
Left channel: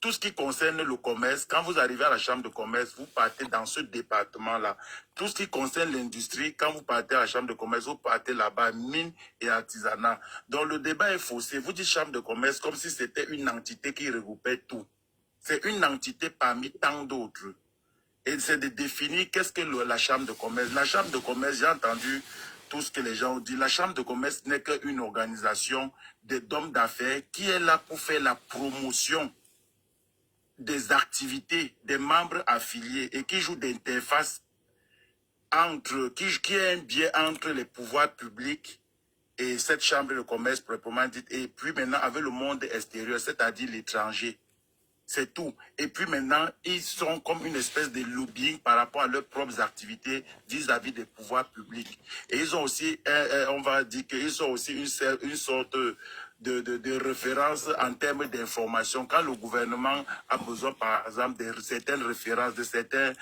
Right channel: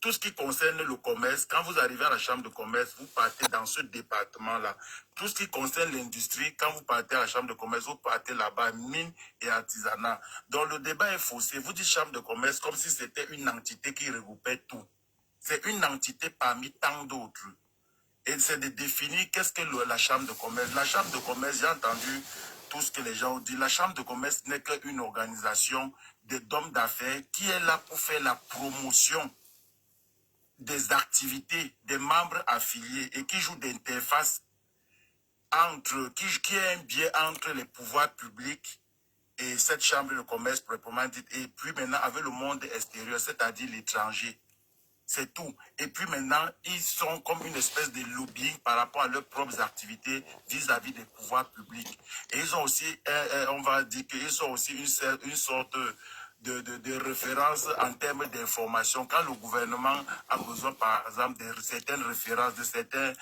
tout ce qui concerne le commerce, quand vous arrivez à la chambre de commerce, vous partez dans ce département-là. Tout ce qui concerne l'industrie, quand vous partez à la chambre de commerce, vous partez là-bas, mine et artisanat. Donc, le débat est faussé. Vous dites chambre de commerce comme si c'était une entité qui regroupait tout. C'est une entité parmi tant d'autres. Et c'est de définir qu'est-ce que la chambre de commerce. La chambre de commerce, j'ai entendu tout ce que les gens ont dit. La chambre de commerce n'est qu'une organisation d'hommes d'affaires qui est là pour faire la promotion des activités des membres affiliés et qui joue d'interface qui est un biais entre les pouvoirs publics et cette chambre de commerce proprement dite, et puis maintenant avec le monde extérieur, c'est-à-dire l'étranger. C'est tout. Et puis maintenant, ils sont comme une espèce de lobbying par rapport à leurs propres activités vis-à-vis des pouvoirs publics. Et ils ont aussi, on va dire qu'ils ont aussi une sorte de référence en termes d'information. Quand le gouvernement a besoin, par exemple, de certaines références, de certains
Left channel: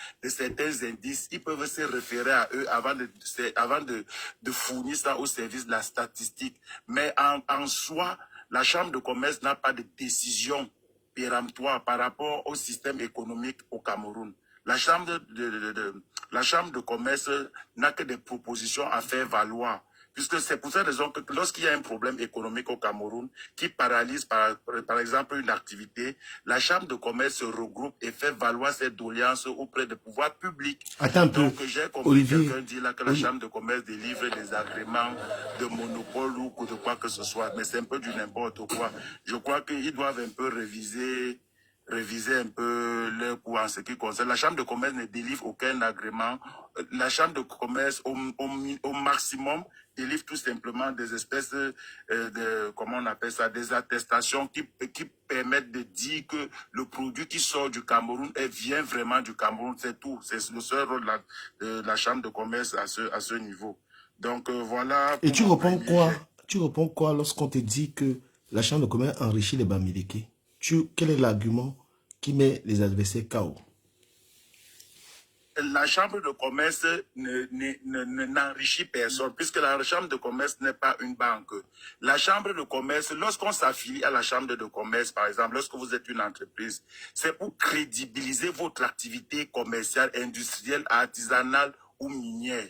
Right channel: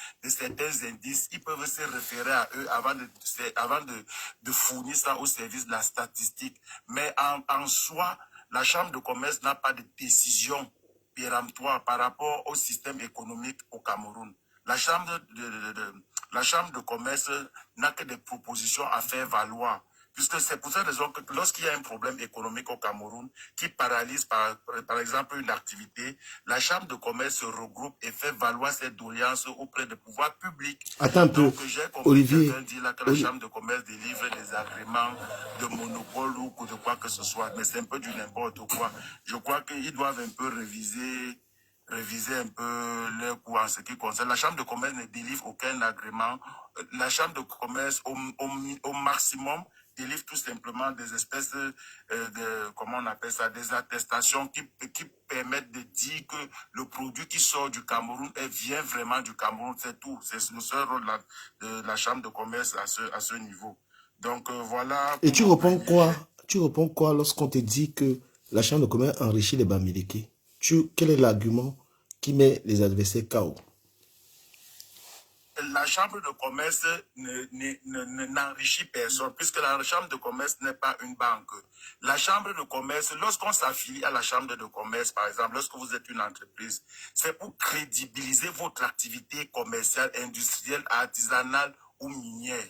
indices, ils peuvent se référer à eux avant de fournir ça au service de la statistique. Mais en soi, la Chambre de commerce n'a pas de décision péremptoire par rapport au système économique au Cameroun. La Chambre de commerce n'a que des propositions à faire valoir. Puisque c'est pour cette raison que lorsqu'il y a un problème économique au Cameroun qui paralyse par exemple une activité, la Chambre de commerce se regroupe et fait valoir ses doléances auprès des pouvoirs publics. Attends un peu, donc j'ai compris Olivier. quelqu'un dit là que la Chambre de commerce délivre des agréments de monopole ou de quoi que ce soit. Mais c'est un peu du n'importe quoi. Je crois qu'ils doivent un peu réviser réviser un peu leur coût en ce qui concerne. La Chambre de commerce ne délivre aucun agrément. La Chambre de commerce, au maximum, délivre tout simplement des espèces comment on appelle ça, des attestations qui permettent de dire que le produit qui sort du Cameroun vient vraiment du Cameroun. C'est tout. C'est le seul rôle de la Chambre de commerce à ce niveau. Donc voilà. Et tu réponds quoi? Tu réponds quoi lorsqu'on te dit que la Chambre de commerce enrichit les Bamileke? Quel est l'argument qui met les adversaires KO? La Chambre de commerce n'enrichit personne, puisque la Chambre de commerce n'est pas une banque. La Chambre de commerce, lorsqu'on s'affilie à la Chambre de commerce, par exemple, lorsque vous êtes une entreprise, c'est pour crédibiliser votre activité commerciale, industrielle, artisanale ou minière.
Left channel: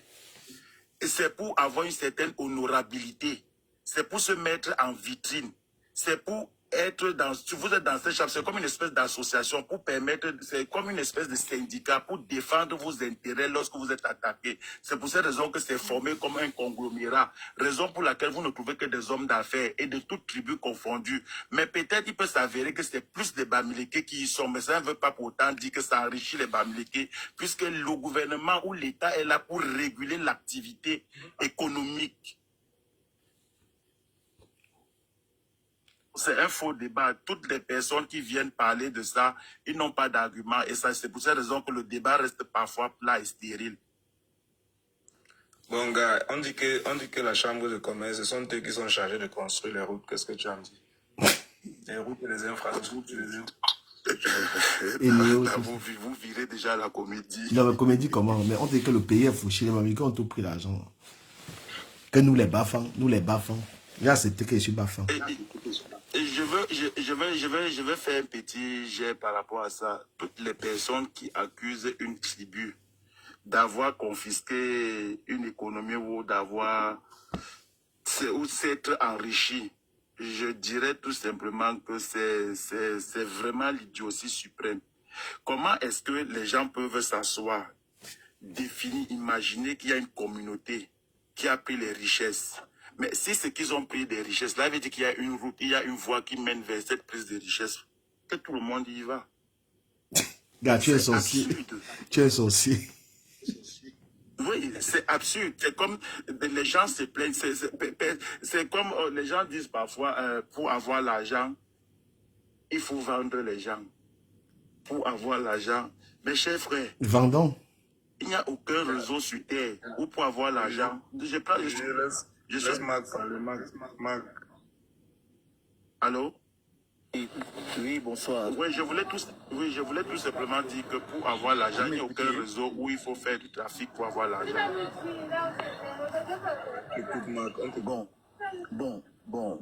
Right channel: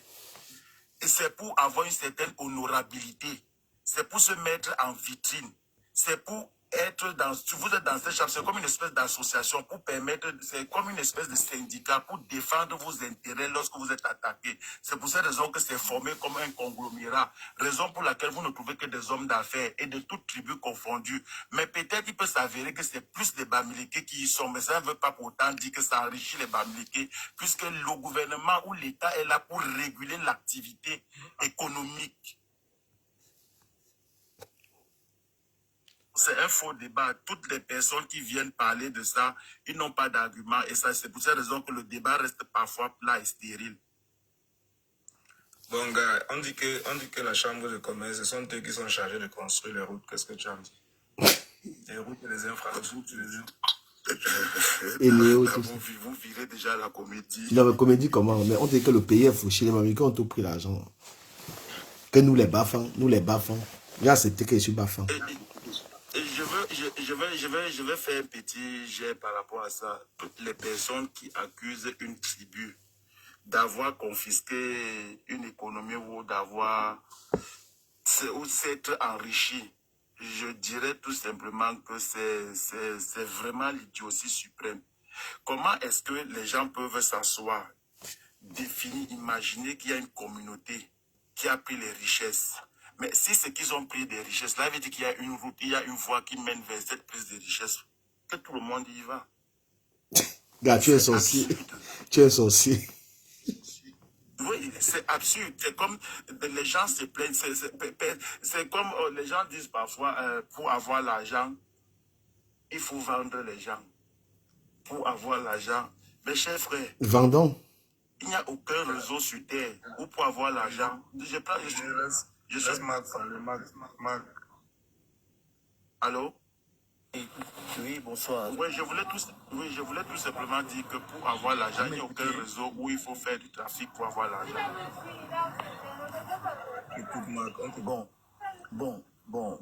Et c'est pour avoir une certaine honorabilité. C'est pour se mettre en vitrine. C'est pour être dans... Si vous êtes dans cette chambre, c'est comme une espèce d'association pour permettre... C'est comme une espèce de syndicat pour défendre vos intérêts lorsque vous êtes attaqué. C'est pour cette raison que c'est formé comme un conglomérat. Raison pour laquelle vous ne trouvez que des hommes d'affaires et de toutes tribus confondues. Mais peut-être il peut s'avérer que c'est plus des Bamileke qui y sont. Mais ça ne veut pas pour autant dire que ça enrichit les Bamileke, puisque le gouvernement ou l'État est là pour réguler l'activité économique. C'est un faux débat. Toutes les personnes qui viennent parler de ça, ils n'ont pas d'argument. Et ça, c'est pour cette raison que le débat reste parfois plat et stérile. Bon, gars, on dit que la Chambre de commerce, ce sont eux qui sont chargés de construire les routes. Qu'est-ce que tu en dis? Les routes et les infrastructures, Et Léo, vous virez déjà la comédie. Non, mais comédie comment? Mais on dit que le pays est fauché. Les Bamileke ont tout pris l'argent. Que nous les baffons. J'ai accepté que je suis baffant. Je vais faire un petit jet par rapport à ça. Toutes les personnes qui accusent une tribu d'avoir confisqué une économie ou d'avoir s'être enrichi, je dirais tout simplement que c'est vraiment l'idiotie suprême. Comment est-ce que les gens peuvent s'asseoir, définir, imaginer qu'il y a une communauté qui a pris les richesses? Mais si c'est qu'ils ont pris des richesses, là, veut dire qu'il y a une route, il y a une voie qui mène vers cette prise de richesse, que tout le monde y va. Gars, tu es sorcier. Tu es sorcier. Oui, c'est absurde. C'est comme les gens se plaignent. C'est comme les gens disent parfois, pour avoir l'argent, il faut vendre les gens. Pour avoir l'argent. Mes chers frères. Vendons. Il n'y a aucun réseau sur Terre où pour avoir l'argent. Je laisse Marc parler. Marc. Allô? Oui, bonsoir. Oui, je voulais tout simplement dire que pour avoir l'argent, il n'y a aucun réseau où il faut faire du trafic pour avoir l'argent. Bon.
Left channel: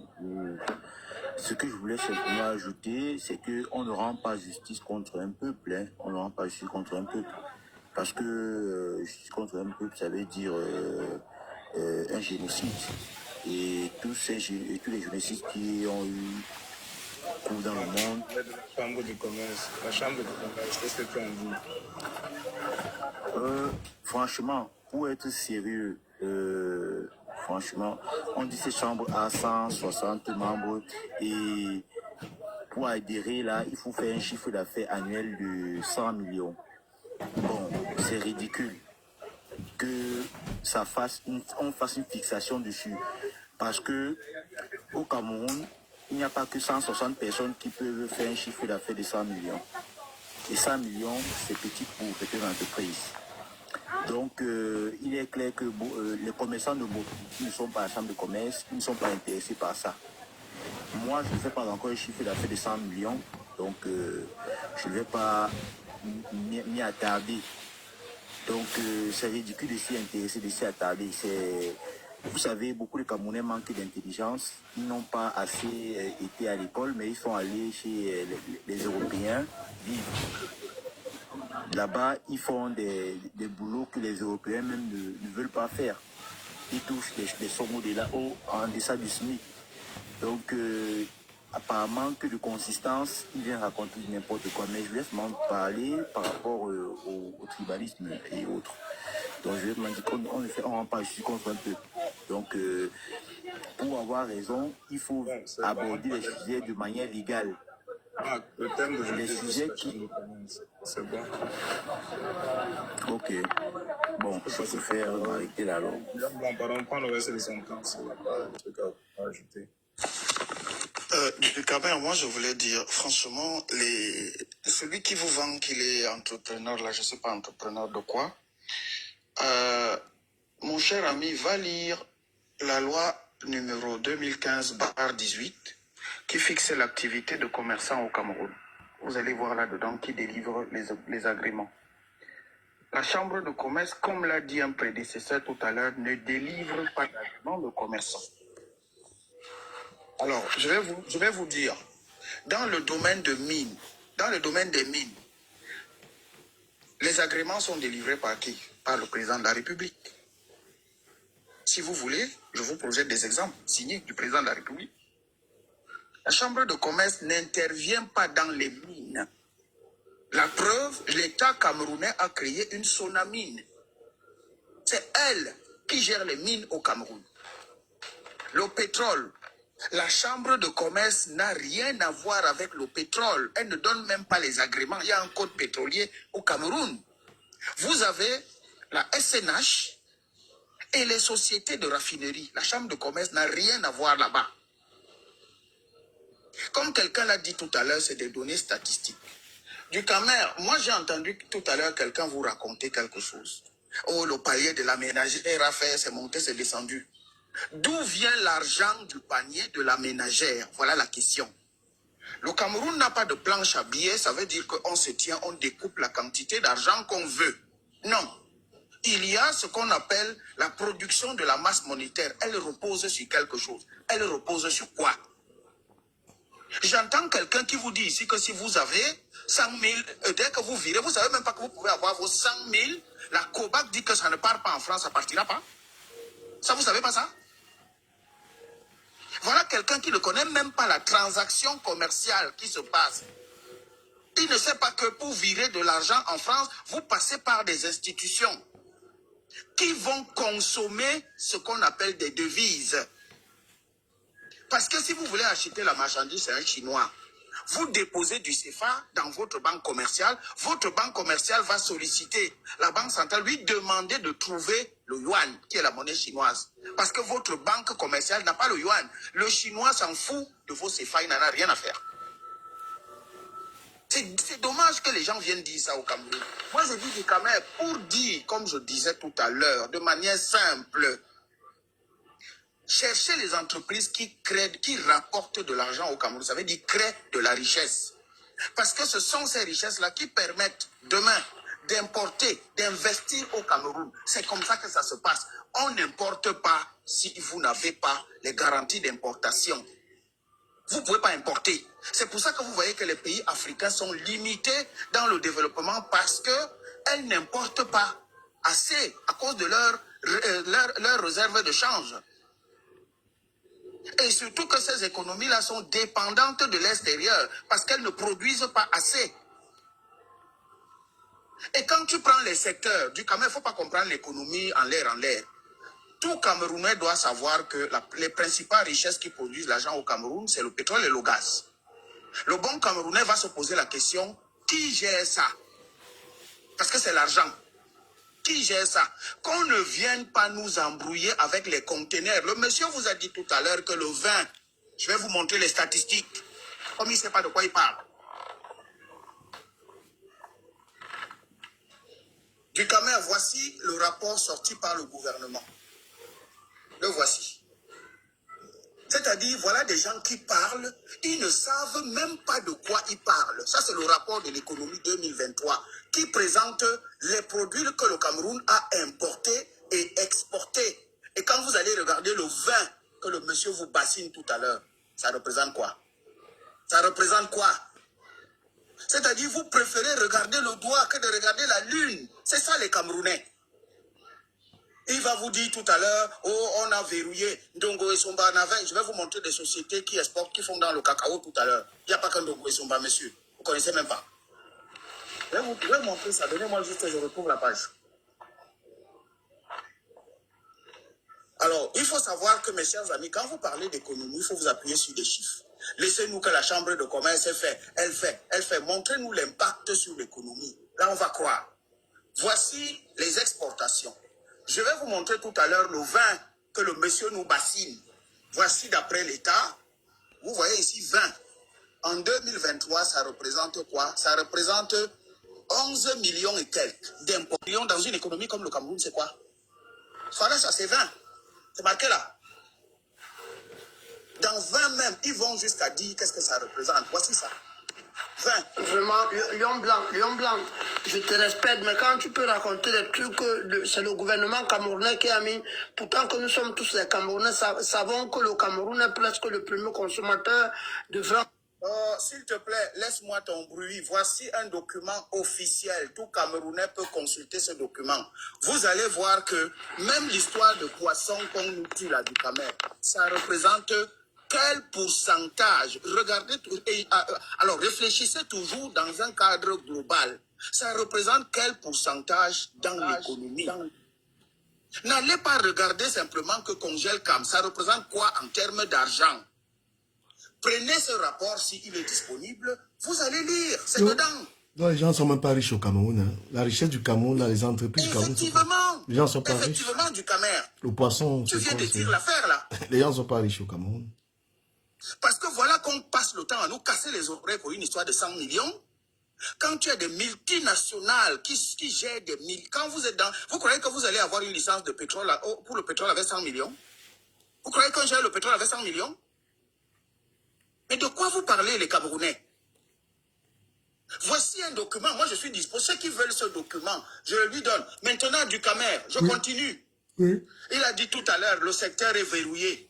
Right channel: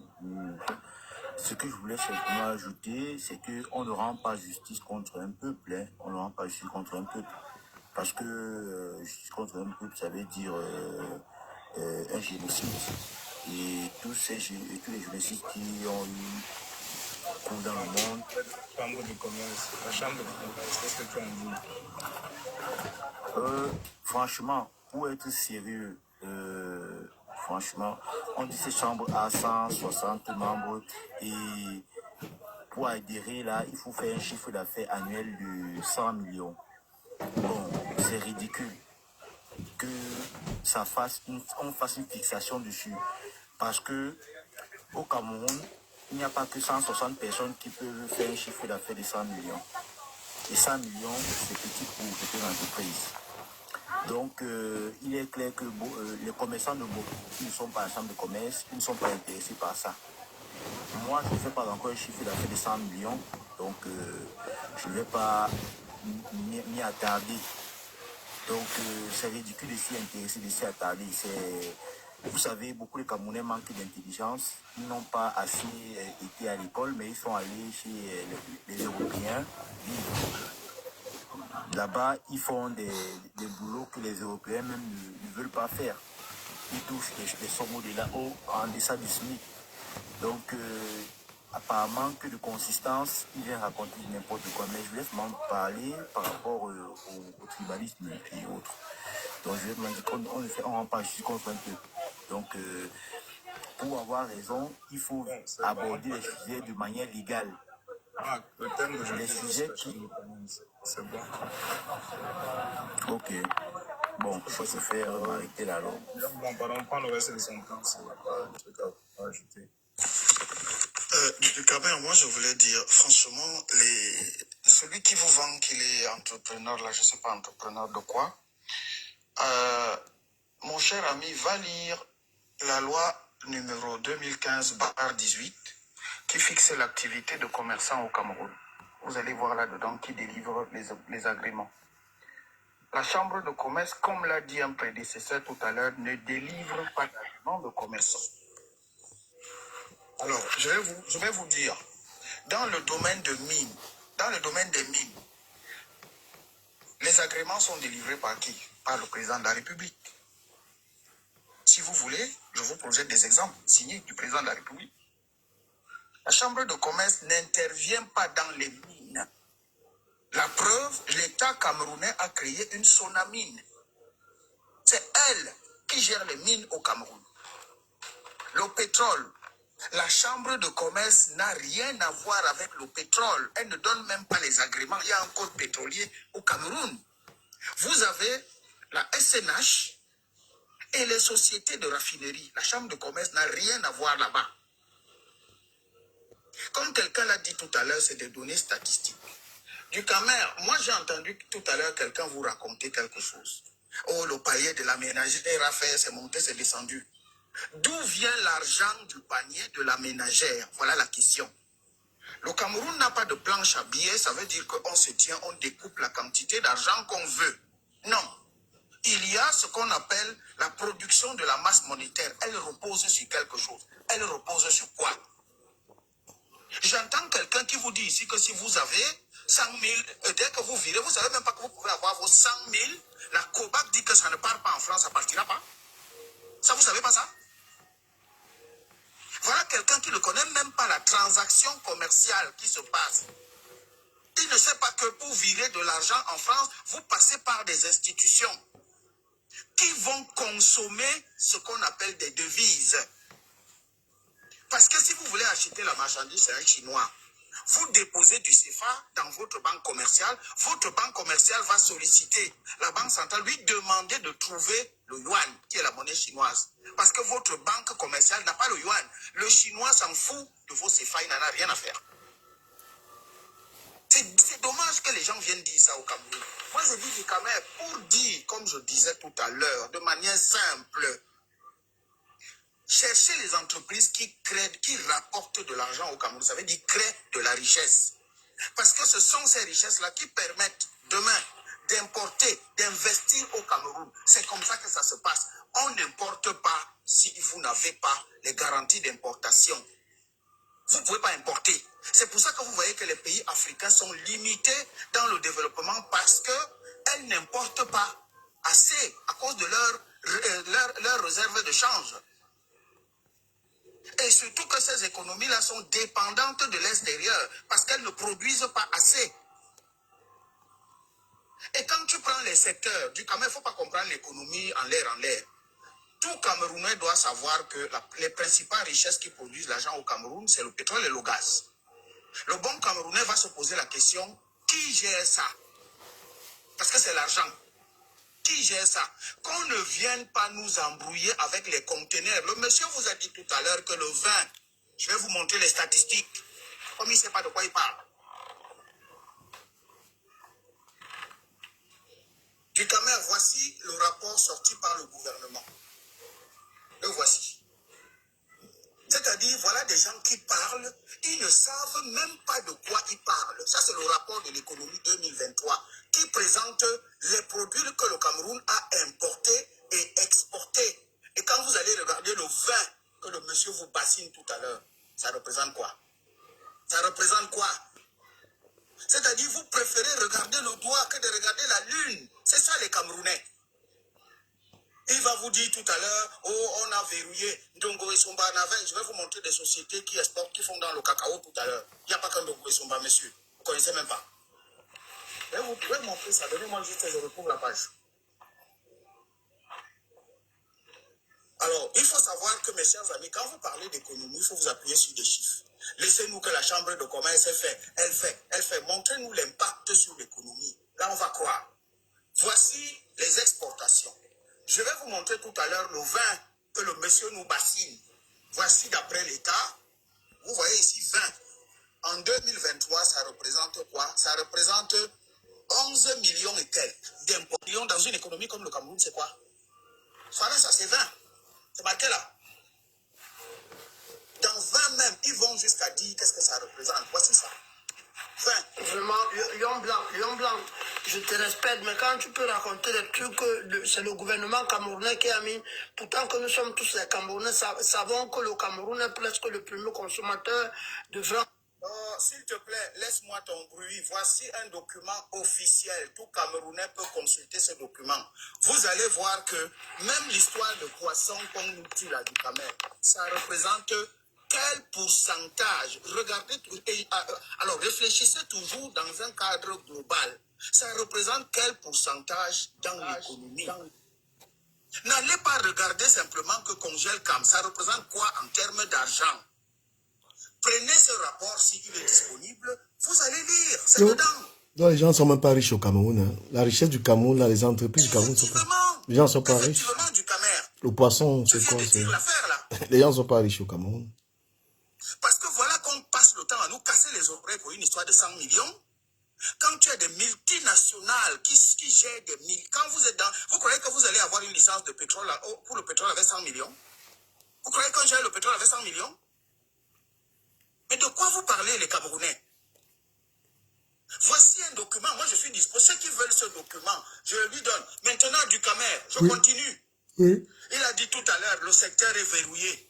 Ce que je voulais simplement ajouter, c'est qu'on ne rend pas justice contre un peuple. Hein. On ne rend pas justice contre un peuple. Parce que justice contre un peuple, ça veut dire un génocide. Et tous les génocides qui ont eu dans le monde. La Chambre de commerce, qu'est-ce que tu en dis? Franchement, pour être sérieux, franchement, on dit ces chambres à 160 membres et pour adhérer là, il faut faire un chiffre d'affaires annuel de 100 millions. Bon, c'est ridicule que on fasse une fixation dessus parce que au Cameroun, il n'y a pas que 160 personnes qui peuvent faire un chiffre d'affaires de 100 millions. Et 100 millions, c'est petit pour petites entreprises. Donc, il est clair que les commerçants qui ne sont pas à la chambre de commerce, ils ne sont pas intéressés par ça. Moi, je ne fais pas encore un chiffre d'affaires de 100 millions, donc je ne vais pas m'y attarder. Donc, c'est ridicule de s'y intéresser, de s'y attarder. Vous savez, beaucoup de Camerounais manquent d'intelligence. Ils n'ont pas assez été à l'école, mais ils sont allés chez les Européens vivre. Là-bas, ils font des boulots que les Européens même ne veulent pas faire. Ils touchent des sommes en deçà du SMIC. Donc, apparemment, que de consistance, ils viennent raconter n'importe quoi. Mais je laisse m'en parler par rapport au tribalisme et autres. Donc, je vais me dire qu'on ne rend pas justice contre un peu. Donc, pour avoir raison, il faut aborder les sujets de manière légale. Ah, le thème d'aujourd'hui, les sujets qui... c'est bon. Ok. Bon, ça se fait arrêter la langue. Bon, pardon, prends le reste des sentences. Il n'y a pas de truc à ajouter. Du Camer, moi je voulais dire, franchement, celui qui vous vend qu'il est entrepreneur, là, je ne sais pas entrepreneur de quoi, mon cher ami, va lire la loi numéro 2015/18 qui fixe l'activité de commerçant au Cameroun. Vous allez voir là-dedans qui délivre les agréments. La chambre de commerce, comme l'a dit un prédécesseur tout à l'heure, ne délivre pas d'agrément de commerçant. Alors, je vais vous dire, dans le domaine des mines, les agréments sont délivrés par qui? Par le président de la République. Si vous voulez, je vous projette des exemples signés du président de la République. La chambre de commerce n'intervient pas dans les mines. La preuve, l'État camerounais a créé une Sonamine. C'est elle qui gère les mines au Cameroun. Le pétrole, la chambre de commerce n'a rien à voir avec le pétrole. Elle ne donne même pas les agréments. Il y a un code pétrolier au Cameroun. Vous avez la SNH et les sociétés de raffinerie. La chambre de commerce n'a rien à voir là-bas. Comme quelqu'un l'a dit tout à l'heure, c'est des données statistiques. Du Camer, moi j'ai entendu tout à l'heure quelqu'un vous raconter quelque chose. Oh, le palier de la ménagère a fait, c'est monté, c'est descendu. D'où vient l'argent du panier de la ménagère? Voilà la question. Le Cameroun n'a pas de planche à billets, ça veut dire qu'on se tient, on découpe la quantité d'argent qu'on veut. Non. Il y a ce qu'on appelle la production de la masse monétaire. Elle repose sur quelque chose. Elle repose sur quoi? J'entends quelqu'un qui vous dit ici que si vous avez 100 000, dès que vous virez, vous ne savez même pas que vous pouvez avoir vos 100 000. La COBAC dit que ça ne part pas en France, ça ne partira pas. Ça, vous ne savez pas ça? Voilà quelqu'un qui ne connaît même pas la transaction commerciale qui se passe. Il ne sait pas que pour virer de l'argent en France, vous passez par des institutions qui vont consommer ce qu'on appelle des devises. Parce que si vous voulez acheter la marchandise, c'est un Chinois. Vous déposez du CFA dans votre banque commerciale va solliciter la banque centrale, lui demander de trouver le yuan, qui est la monnaie chinoise. Parce que votre banque commerciale n'a pas le yuan. Le Chinois s'en fout de vos CFA, il n'en a rien à faire. C'est dommage que les gens viennent dire ça au Cameroun. Moi, je dis du Cameroun pour dire, comme je disais tout à l'heure, de manière simple, cherchez les entreprises qui rapportent de l'argent au Cameroun. Ça veut dire créer de la richesse. Parce que ce sont ces richesses-là qui permettent demain d'importer, d'investir au Cameroun. C'est comme ça que ça se passe. On n'importe pas si vous n'avez pas les garanties d'importation. Vous ne pouvez pas importer. C'est pour ça que vous voyez que les pays africains sont limités dans le développement parce qu'elles n'importent pas assez à cause de leurs réserves de change. Et surtout que ces économies-là sont dépendantes de l'extérieur parce qu'elles ne produisent pas assez. Et quand tu prends les secteurs du Cameroun, il ne faut pas comprendre l'économie en l'air. Tout Camerounais doit savoir que les principales richesses qui produisent l'argent au Cameroun, c'est le pétrole et le gaz. Le bon Camerounais va se poser la question, qui gère ça? Parce que c'est l'argent. Qui gère ça? Qu'on ne vienne pas nous embrouiller avec les conteneurs. Le monsieur vous a dit tout à l'heure que le vin, je vais vous montrer les statistiques, comme il ne sait pas de quoi il parle. Du Cameroun, voici le rapport sorti par le gouvernement. Le voici. C'est-à-dire, voilà des gens qui parlent, ils ne savent même pas de quoi ils parlent. Ça, c'est le rapport de l'économie 2023 qui présente les produits que le Cameroun a importés et exportés. Et quand vous allez regarder le vin que le monsieur vous bassine tout à l'heure, ça représente quoi? Ça représente quoi? C'est-à-dire, vous préférez regarder le doigt que de regarder la lune. C'est ça les Camerounais. Il va vous dire tout à l'heure, oh, on a verrouillé Ndongo et Somba Navin. Je vais vous montrer des sociétés qui exportent, qui font dans le cacao tout à l'heure. Il n'y a pas qu'un Ndongo et Somba, monsieur. Vous ne connaissez même pas. Mais vous pouvez montrer ça. Donnez-moi juste que je retrouve la page. Alors, il faut savoir que, mes chers amis, quand vous parlez d'économie, il faut vous appuyer sur des chiffres. Laissez-nous que la chambre de commerce fait. Elle fait. Montrez-nous l'impact sur l'économie. Là, on va croire. Voici les exportations. Je vais vous montrer tout à l'heure le vin que le monsieur nous bassine. Voici d'après l'État. Vous voyez ici 20. En 2023, ça représente quoi? Ça représente 11 millions et quelques d'impôts. Dans une économie comme le Cameroun, c'est quoi? Ça, c'est 20. C'est marqué là. Dans 20 même, ils vont jusqu'à dire qu'est-ce que ça représente. Voici ça. 20. Vraiment, Lion Blanc, je te respecte, mais quand tu peux raconter des trucs que c'est le gouvernement camerounais qui a mis, pourtant que nous sommes tous les Camerounais, savons que le Cameroun est presque le premier consommateur de vin. S'il te plaît, laisse-moi ton bruit. Voici un document officiel. Tout Camerounais peut consulter ce document. Vous allez voir que même l'histoire de poisson qu'on nous tue là du Camer, ça représente quel pourcentage? Regardez, alors réfléchissez toujours dans un cadre global. Ça représente quel pourcentage dans l'économie? N'allez pas regarder simplement que congèle CAM. Ça représente quoi en termes d'argent? Prenez ce rapport s'il est disponible, vous allez lire, c'est dedans. Non, les gens ne sont même pas riches au Cameroun. Hein. La richesse du Cameroun, là, les entreprises du Cameroun sont pas... Les gens ne sont pas riches. Du Camer. Le poisson, c'est quoi? Les gens ne sont pas riches au Cameroun. Parce que voilà qu'on passe le temps à nous casser les oreilles pour une histoire de 100 millions. Quand tu as des multinationales qui gèrent des millions, quand vous êtes dans... Vous croyez que vous allez avoir une licence de pétrole pour le pétrole avec 100 millions? Vous croyez qu'on gère le pétrole avec 100 millions? Mais de quoi vous parlez, les Camerounais? Voici un document. Moi, je suis disposé. Ceux qui veulent ce document, je le lui donne. Maintenant, du Camer, je continue. Oui. Il a dit tout à l'heure, le secteur est verrouillé.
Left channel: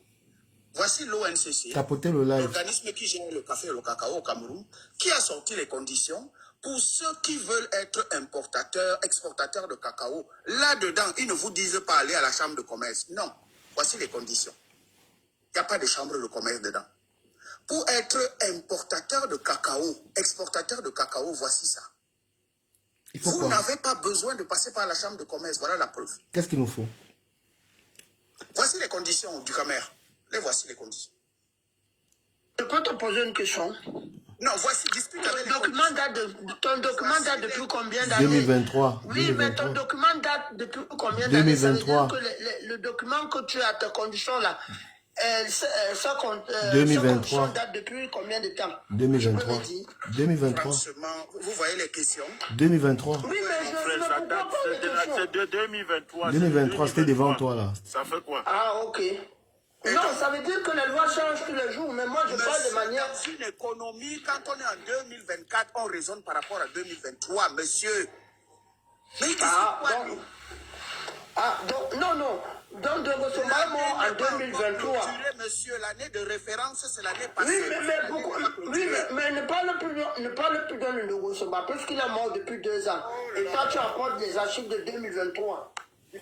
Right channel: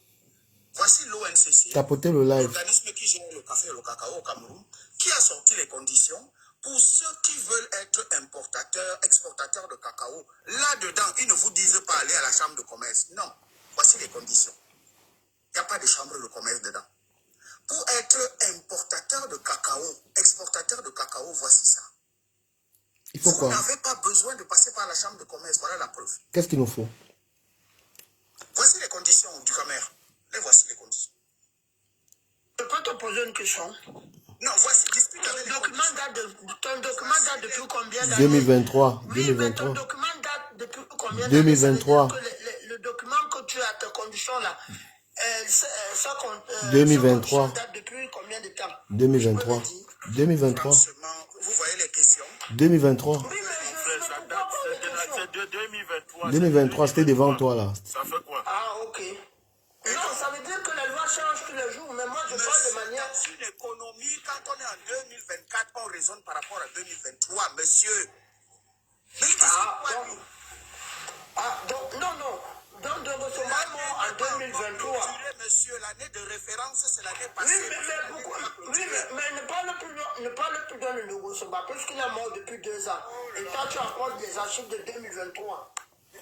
Voici l'ONCC, l'organisme qui gère le café et le cacao au Cameroun, qui a sorti les conditions pour ceux qui veulent être importateurs, exportateurs de cacao. Là-dedans, ils ne vous disent pas aller à la chambre de commerce. Non. Voici les conditions. Il n'y a pas de chambre de commerce dedans. Pour être importateur de cacao, exportateur de cacao, voici ça. Vous n'avez pas besoin de passer par la chambre de commerce. Voilà la preuve. Qu'est-ce qu'il nous faut? Voici les conditions du Camer. Les voici les conditions. Je peux te poser une question? Non, voici, discute avec ton document date depuis combien d'années? 2023. Oui, 2023. Mais ton document date depuis combien d'années? 2023. Le document que tu as, tes conditions là, 2023. Date depuis combien de temps? 2023. 2023. Vous voyez les questions? 2023. Oui, mais c'est de 2023. 2023, c'était devant toi là. Ça fait quoi? Ah, ok. Non, ça veut dire que les lois changent tous les jours, mais moi je parle de manière... Dans une économie, quand on est en 2024, on raisonne par rapport à 2023, monsieur. Mais non. Donc, de recevoir en 2023. Monsieur, l'année de référence, c'est l'année passée. Mais ne parle plus dans le Nogosomba, puisqu'il est mort depuis 2 ans. Et toi, tu apportes des archives de 2023.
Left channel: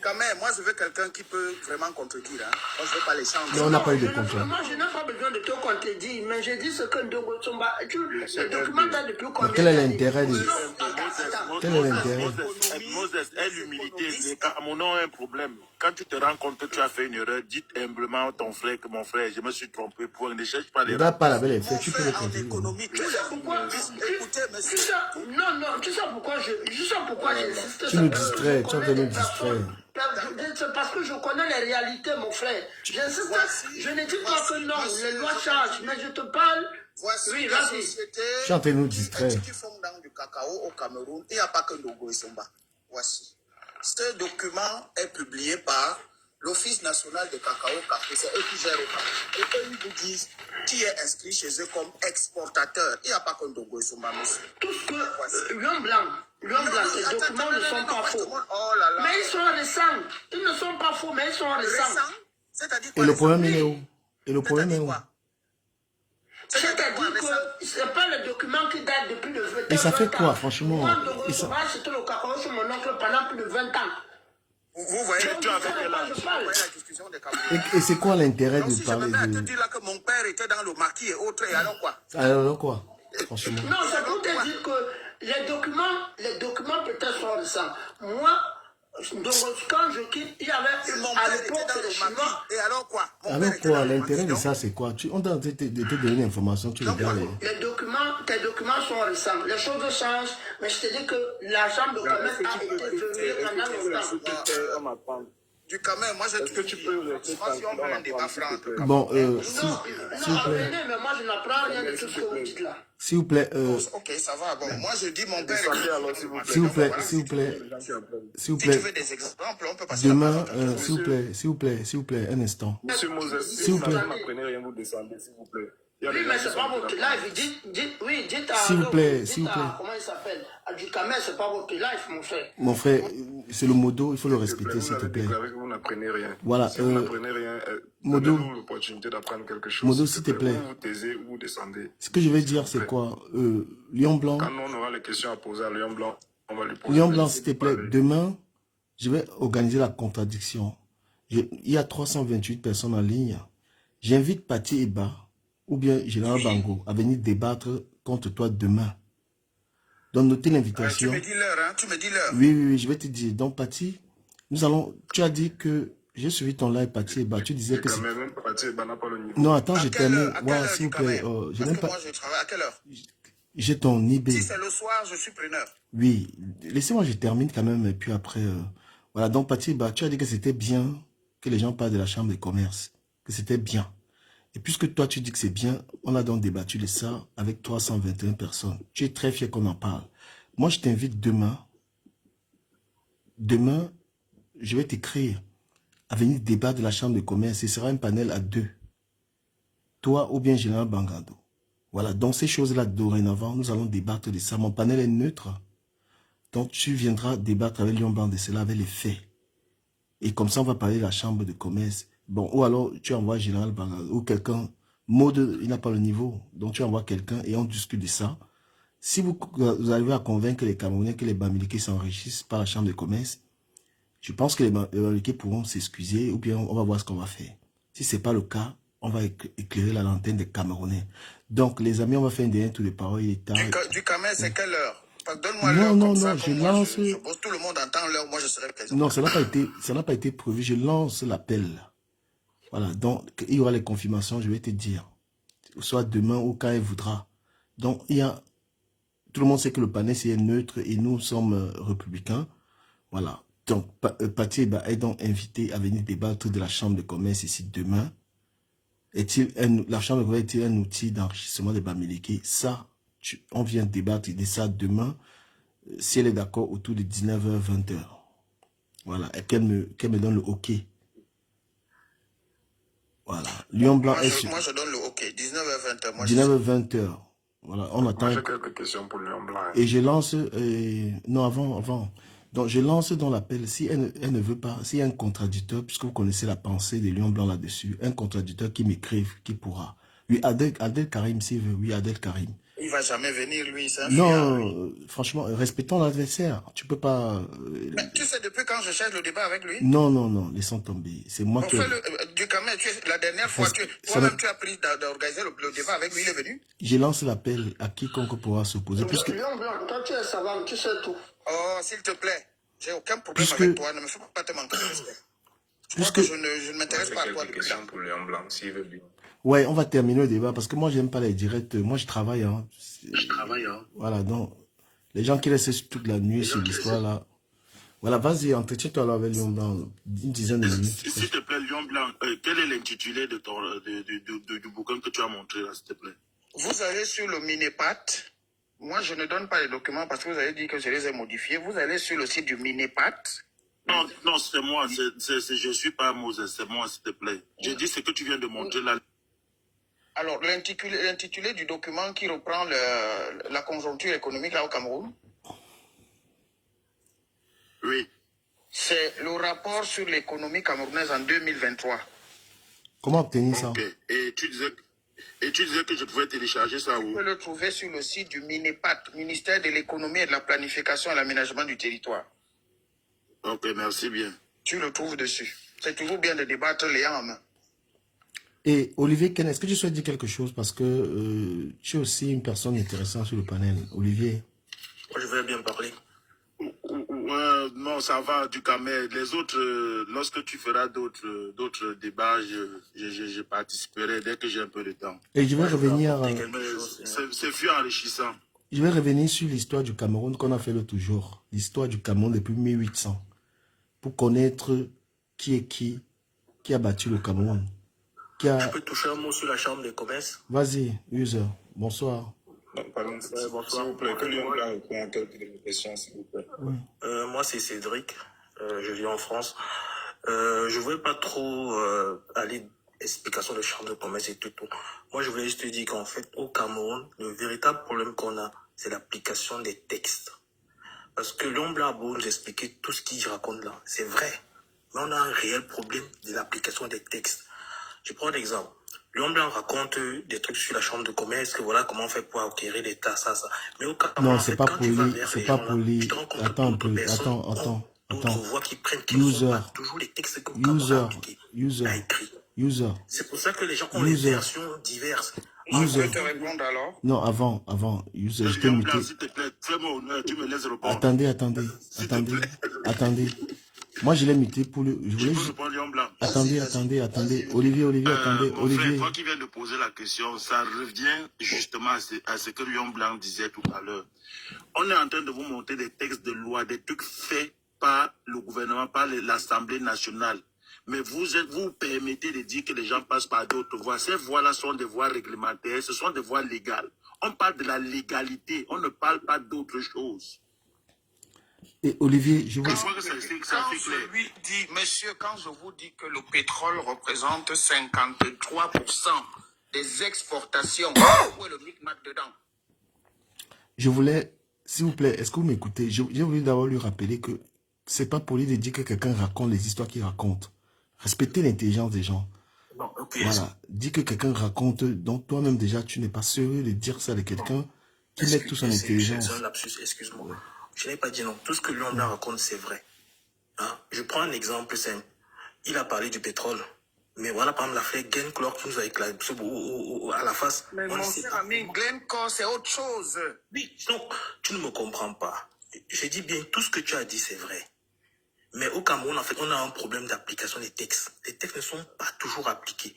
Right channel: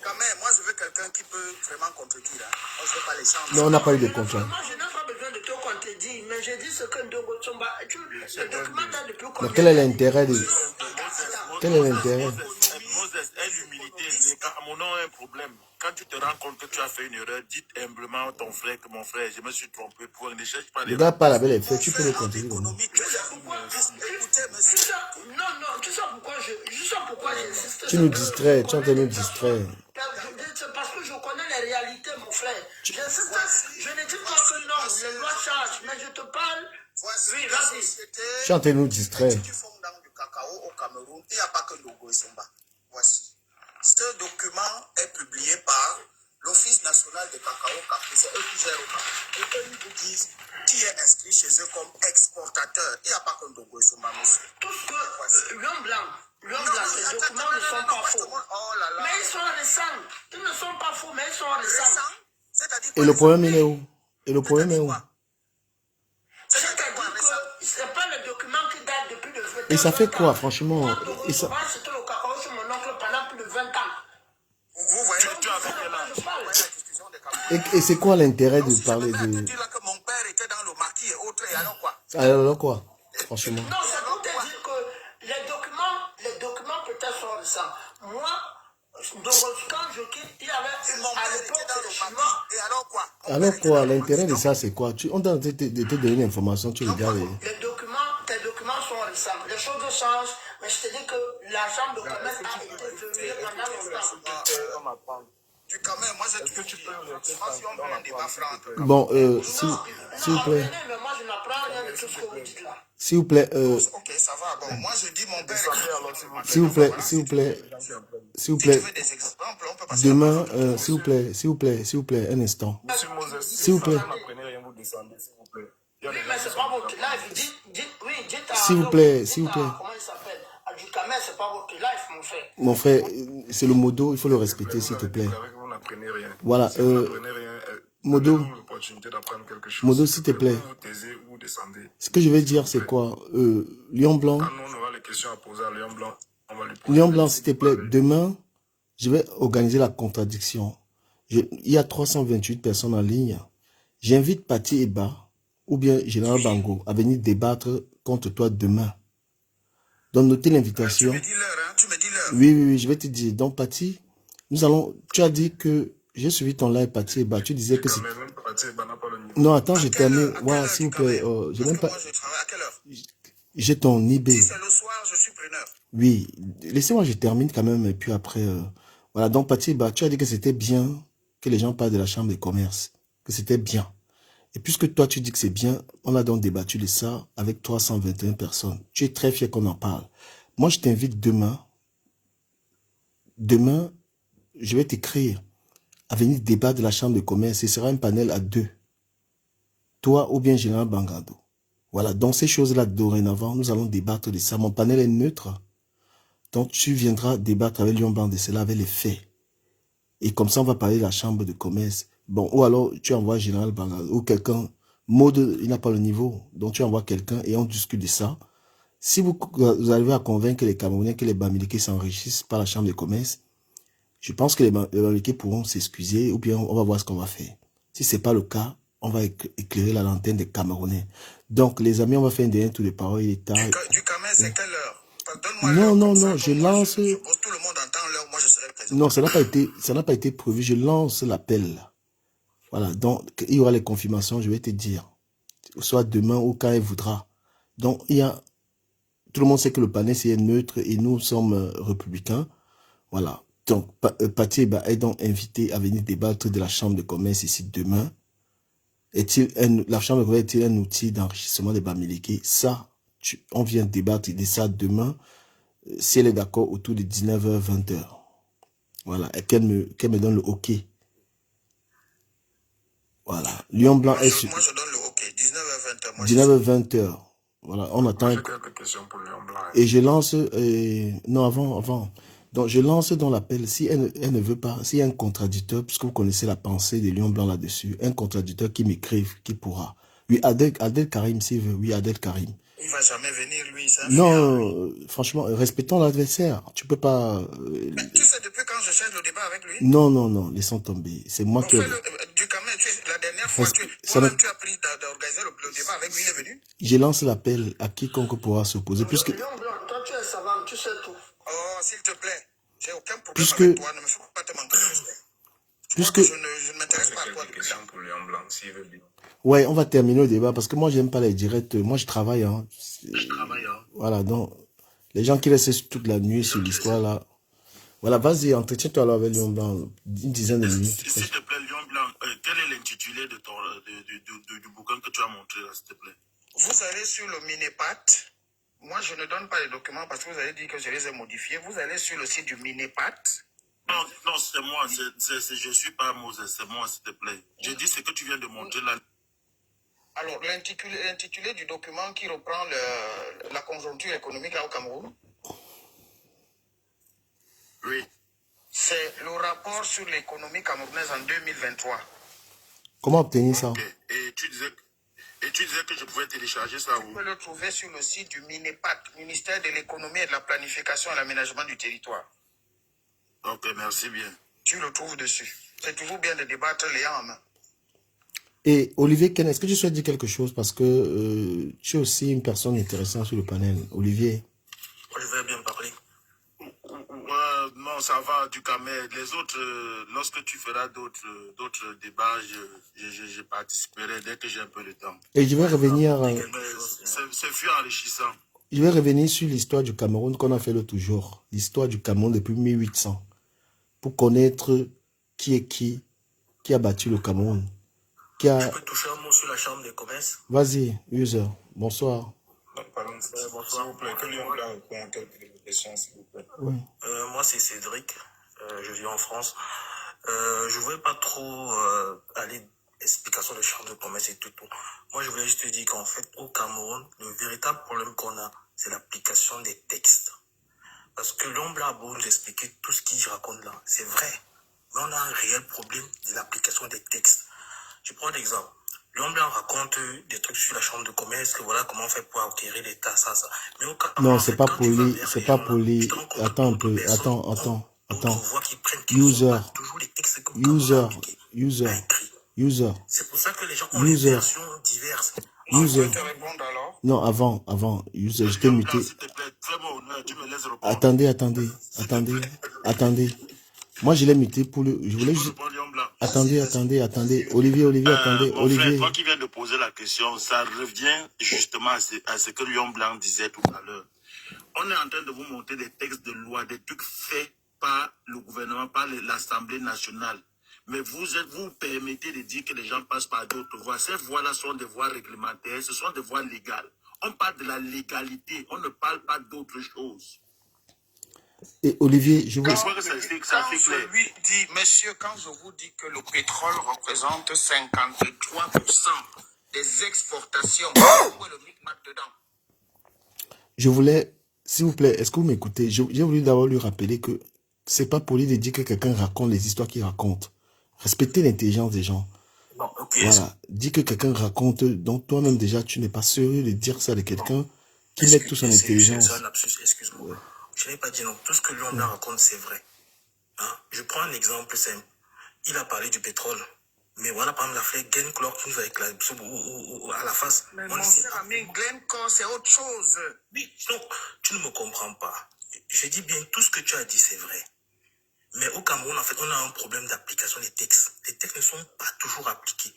Quand même, moi je veux quelqu'un qui peut vraiment contredire. Hein. On ne fait pas les chambres. Non, on n'a pas eu de contrat. Moi, je n'ai pas besoin de te contredire, mais j'ai dit ce que Nogosomba. Le document date depuis combien? Quel est l'intérêt de... Quel est l'intérêt? Moses est l'humilité. Les Camerounais ont un problème. Quand tu te rends compte que tu as fait une erreur, dis humblement à ton frère que mon frère, je me suis trompé. Pour ne cherche pas les... Le gars parle avec les faits, tu peux le continuer. Tu sais pourquoi j'insiste. Tu nous distrais, tu es en train de nous distraire. Parce que je connais les réalités, mon frère. J'insiste, je ne dis pas que non, les lois changent, mais je te parle. Oui, vas-y. Tu es en train de nous distraire. Qui font dans du cacao au Cameroun, il n'y a pas que Ndogo Isomba. Voici. Ce document est publié par l'Office national de cacao café. C'est eux qui gèrent au Cameroun. Et eux, ils vous disent qui est inscrit chez eux comme exportateur. Il n'y a pas que Ndogo Isomba, monsieur. Tout ce que Lion Blanc, les documents ne sont pas faux. Mais ils sont récents. Ils ne sont pas faux, mais ils sont récents. Et le problème, il est où? C'est-à-dire que ce n'est pas le document qui date depuis le 20 ans. Et ça fait quoi, franchement? C'était le cacao sur mon oncle pendant plus de 20 ans. Vous voyez, tu avec et c'est quoi l'intérêt de parler de... dire que mon père était dans le maquis et autres, et alors quoi? Alors quoi? Franchement. Non, c'est pour te dire que les documents peut-être sont récents. Moi, Donc, quand je quitte, il y avait à l'époque, c'est le suivant. Et alors quoi? Alors quoi, l'intérêt de ça, c'est quoi? On t'a de te donner l'information, tu regardes. Tes documents sont récents. Les choses changent, mais je te dis que la chambre de commerce a été verrouillée pendant longtemps. Du Camer, moi je te dis, si on veut un débat franc. Bon, s'il vous plaît. Mais moi je n'apprends rien de tout ce que vous dites là. S'il vous plaît, Ok, ça va. Bon, moi je dis mon père. S'il vous plaît, s'il vous plaît, s'il vous plaît. Demain, s'il vous plaît, un instant. S'il vous plaît. Oui, mais c'est pas votre live. Dites à... S'il vous plaît, s'il vous plaît. Comment il s'appelle? Du Camer, c'est pas votre live, mon frère. Mon frère, c'est le modo, il faut le respecter, s'il te plaît. Voilà, Modo, s'il te plaît. Ce que je vais dire, c'est quoi? Lion Blanc. Lion Blanc, s'il te plaît, demain, je vais organiser la contradiction. Il y a 328 personnes en ligne. J'invite Pati Eba ou bien Général Bango à venir débattre contre toi demain. Donc, notez l'invitation. Tu me dis l'heure, hein? Tu me dis l'heure. Oui, je vais te dire. Donc, Pati, tu as dit que j'ai suivi ton live, Pati Eba. Tu disais que c'est... Non, attends, je termine. Voilà, s'il vous plaît. Je n'aime pas... Moi, je travaille à quelle heure? J'ai ton eBay. Si c'est le soir, je suis preneur. Oui, laissez-moi, je termine quand même. Et puis après, voilà. Donc, Pati Eba, tu as dit que c'était bien que les gens parlent de la chambre de commerce. Que c'était bien. Et puisque toi, tu dis que c'est bien, on a donc débattu de ça avec 321 personnes. Tu es très fier qu'on en parle. Moi, je t'invite demain. Demain, je vais t'écrire à venir débattre de la chambre de commerce. Ce sera un panel à 2. Toi ou bien Général Bangando. Voilà, donc ces choses-là, dorénavant, nous allons débattre de ça. Mon panel est neutre. Donc, tu viendras débattre avec Lion Blanc de cela, avec les faits. Et comme ça, on va parler de la chambre de commerce. Bon, ou alors, tu envoies Général Bangando ou quelqu'un. Mode, il n'a pas le niveau. Donc, tu envoies quelqu'un et on discute de ça. Si vous arrivez à convaincre les Camerounais que les Bamileke s'enrichissent par la chambre de commerce, je pense que les Bamileke pourront s'excuser ou bien on va voir ce qu'on va faire. Si ce n'est pas le cas, on va éclairer la lanterne des Camerounais. Donc, les amis, on va faire un dernier tour de parole. Du Camer, c'est quelle heure? Non, je lance... Tout le monde entend l'heure, moi je serai présent. Non, ça n'a pas été prévu. Je lance l'appel. Voilà, donc il y aura les confirmations, je vais te dire. Soit demain ou quand elle voudra. Donc, tout le monde sait que le panel c'est neutre et nous sommes républicains. Voilà. Donc, Pati Eba est donc invité à venir débattre de la chambre de commerce ici demain. La chambre de commerce est-il un outil d'enrichissement des Bamileke? Ça, on vient débattre de ça demain, si elle est d'accord, autour de 19h, 20h. Voilà, et qu'elle me donne le OK. Voilà, Lion Blanc est sur... Moi, je donne le OK, 19h, 20h. 19h, 20h. Voilà, on attend... J'ai quelques questions pour Lion Blanc. Et je lance... non, avant. Donc, je lance dans l'appel, si elle ne veut pas, s'il y a un contradicteur, puisque vous connaissez la pensée de Lion Blanc là-dessus, un contradicteur qui m'écrive, qui pourra. Oui, Adel Karim, s'il veut. Oui, Adel Karim. Il va jamais venir, lui. Non, franchement, respectons l'adversaire. Tu peux pas... Mais tu sais depuis quand je cherche le débat avec lui? Non, laissons tomber. C'est moi qui... Du Camer, la dernière fois, toi-même tu as pris d'organiser le débat avec lui, il est venu? Je lance l'appel à quiconque pourra s'opposer. Puisque... Toi, tu es savant, tu sais tout. Oh, s'il te plaît, j'ai aucun problème avec toi, ne me fais pas te manquer de respect. Je ne m'intéresse pas à toi. Question pour Lion Blanc, s'il veut bien. Ouais, on va terminer le débat parce que moi, j'aime pas les directs. Moi, je travaille. Hein. Voilà, donc, les gens qui restent toute la nuit sur l'histoire là. Voilà, vas-y, entretiens-toi là avec Lion Blanc, une dizaine de minutes. S'il te plaît, Lion Blanc, quel est l'intitulé du bouquin que tu as montré là, s'il te plaît? Vous allez sur le Minepat. Moi, je ne donne pas les documents parce que vous avez dit que je les ai modifiés. Vous allez sur le site du Minepat. Non, c'est moi. Je ne suis pas Moses, c'est moi, s'il te plaît. Je dis ce que tu viens de montrer là. Alors, l'intitulé du document qui reprend la conjoncture économique là au Cameroun. Oui. C'est le rapport sur l'économie camerounaise en 2023. Comment obtenir ça? Okay. Et tu disais que je pouvais télécharger ça où? Vous pouvez le trouver sur le site du MINEPAT, Ministère de l'économie et de la planification et l'aménagement du territoire. Ok, merci bien. Tu le trouves dessus. C'est toujours bien de débattre les en main. Et Olivier Ken, est-ce que tu souhaites dire quelque chose? Parce que tu es aussi une personne intéressante sur le panel. Olivier. Moi, je vais bien parler. Ouais, non, ça va, du Cameroun. Les autres, lorsque tu feras d'autres débats, je participerai dès que j'ai un peu de temps. Et je vais revenir... C'est fut enrichissant. Je vais revenir sur l'histoire du Cameroun qu'on a fait l'autre jour. L'histoire du Cameroun depuis 1800. Pour connaître qui a battu le Cameroun. Je peux toucher un mot sur la chambre de commerce? Vas-y, user. Bonsoir. Bonsoir. S'il vous plaît, que Lyon Blanc répond à quelques de vos questions, s'il vous plaît. Oui. Moi, c'est Cédric. Je vis en France. Je ne voulais pas trop aller explication de chambre de commerce et tout. Moi, je voulais juste te dire qu'en fait, au Cameroun, le véritable problème qu'on a, c'est l'application des textes. Parce que Lyon Blanc a beau nous expliquer tout ce qu'il raconte là. C'est vrai. Mais on a un réel problème de l'application des textes. Je prends l'exemple. Lyon Blanc raconte des trucs sur la chambre de commerce, que voilà comment on fait pour acquérir l'État, ça. Mais au Cameroun, Non, c'est pas poli, c'est pas poli. Attends un peu, attends. User. C'est pour ça que les gens ont des versions diverses. Je peux te répondre alors? Non, avant. User, je t'ai muté. Attendez. Moi, je l'ai muté pour le... Je voulais juste... Attendez. Olivier, attendez. Olivier. Toi qui viens de poser la question, ça revient justement à ce que Lyon Blanc disait tout à l'heure. On est en train de vous montrer des textes de loi, des trucs faits par le gouvernement, par l'Assemblée nationale. Mais vous permettez de dire que les gens passent par d'autres voies. Ces voies-là sont des voies réglementaires, ce sont des voies légales. On parle de la légalité, on ne parle pas d'autre chose. Et Olivier, je vous... Quand je lui dis, monsieur, quand je vous dis que le pétrole représente 53% des exportations, où est le micmac dedans? Je voulais, s'il vous plaît, est-ce que vous m'écoutez? J'ai voulu d'abord lui rappeler que c'est pas poli de dire que quelqu'un raconte les histoires qu'il raconte. Respectez l'intelligence des gens. Non, okay. Voilà. Dis que quelqu'un raconte, donc toi-même déjà, tu n'es pas sérieux de dire ça de quelqu'un qui met toute son intelligence. C'est un lapsus, excuse-moi. Ouais. Je n'ai pas dit non. Tout ce que Lyon Blanc raconte, c'est vrai. Hein? Je prends un exemple simple. Il a parlé du pétrole. Mais voilà, par exemple, l'affaire Glencore qui nous a éclaté à la face. Mais mon cher ami, Glencore, c'est autre chose. Oui, donc, tu ne me comprends pas. Je dis bien, tout ce que tu as dit, c'est vrai. Mais au Cameroun, en fait, on a un problème d'application des textes. Les textes ne sont pas toujours appliqués.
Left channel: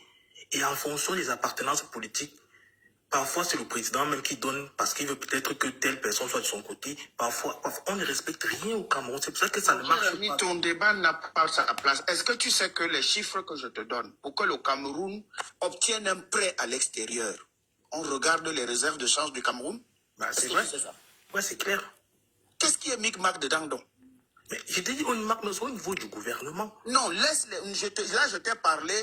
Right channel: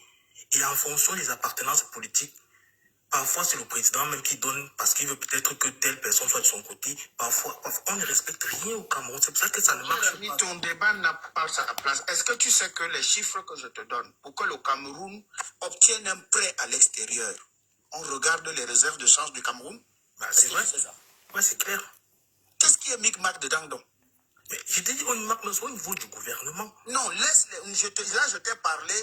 Et en fonction des appartenances politiques, parfois c'est le président même qui donne parce qu'il veut peut-être que telle personne soit de son côté. Parfois on ne respecte rien au Cameroun. C'est pour ça que ça ne marche pas. Ton débat n'a pas sa place. Est-ce que tu sais que les chiffres que je te donne pour que le Cameroun obtienne un prêt à l'extérieur, on regarde les réserves de change du Cameroun? Bah, c'est vrai. Ouais, c'est clair. Qu'est-ce qui est micmac dedans donc? Mais je t'ai dit, on marque au niveau du gouvernement. Non, laisse-les. Là, je t'ai parlé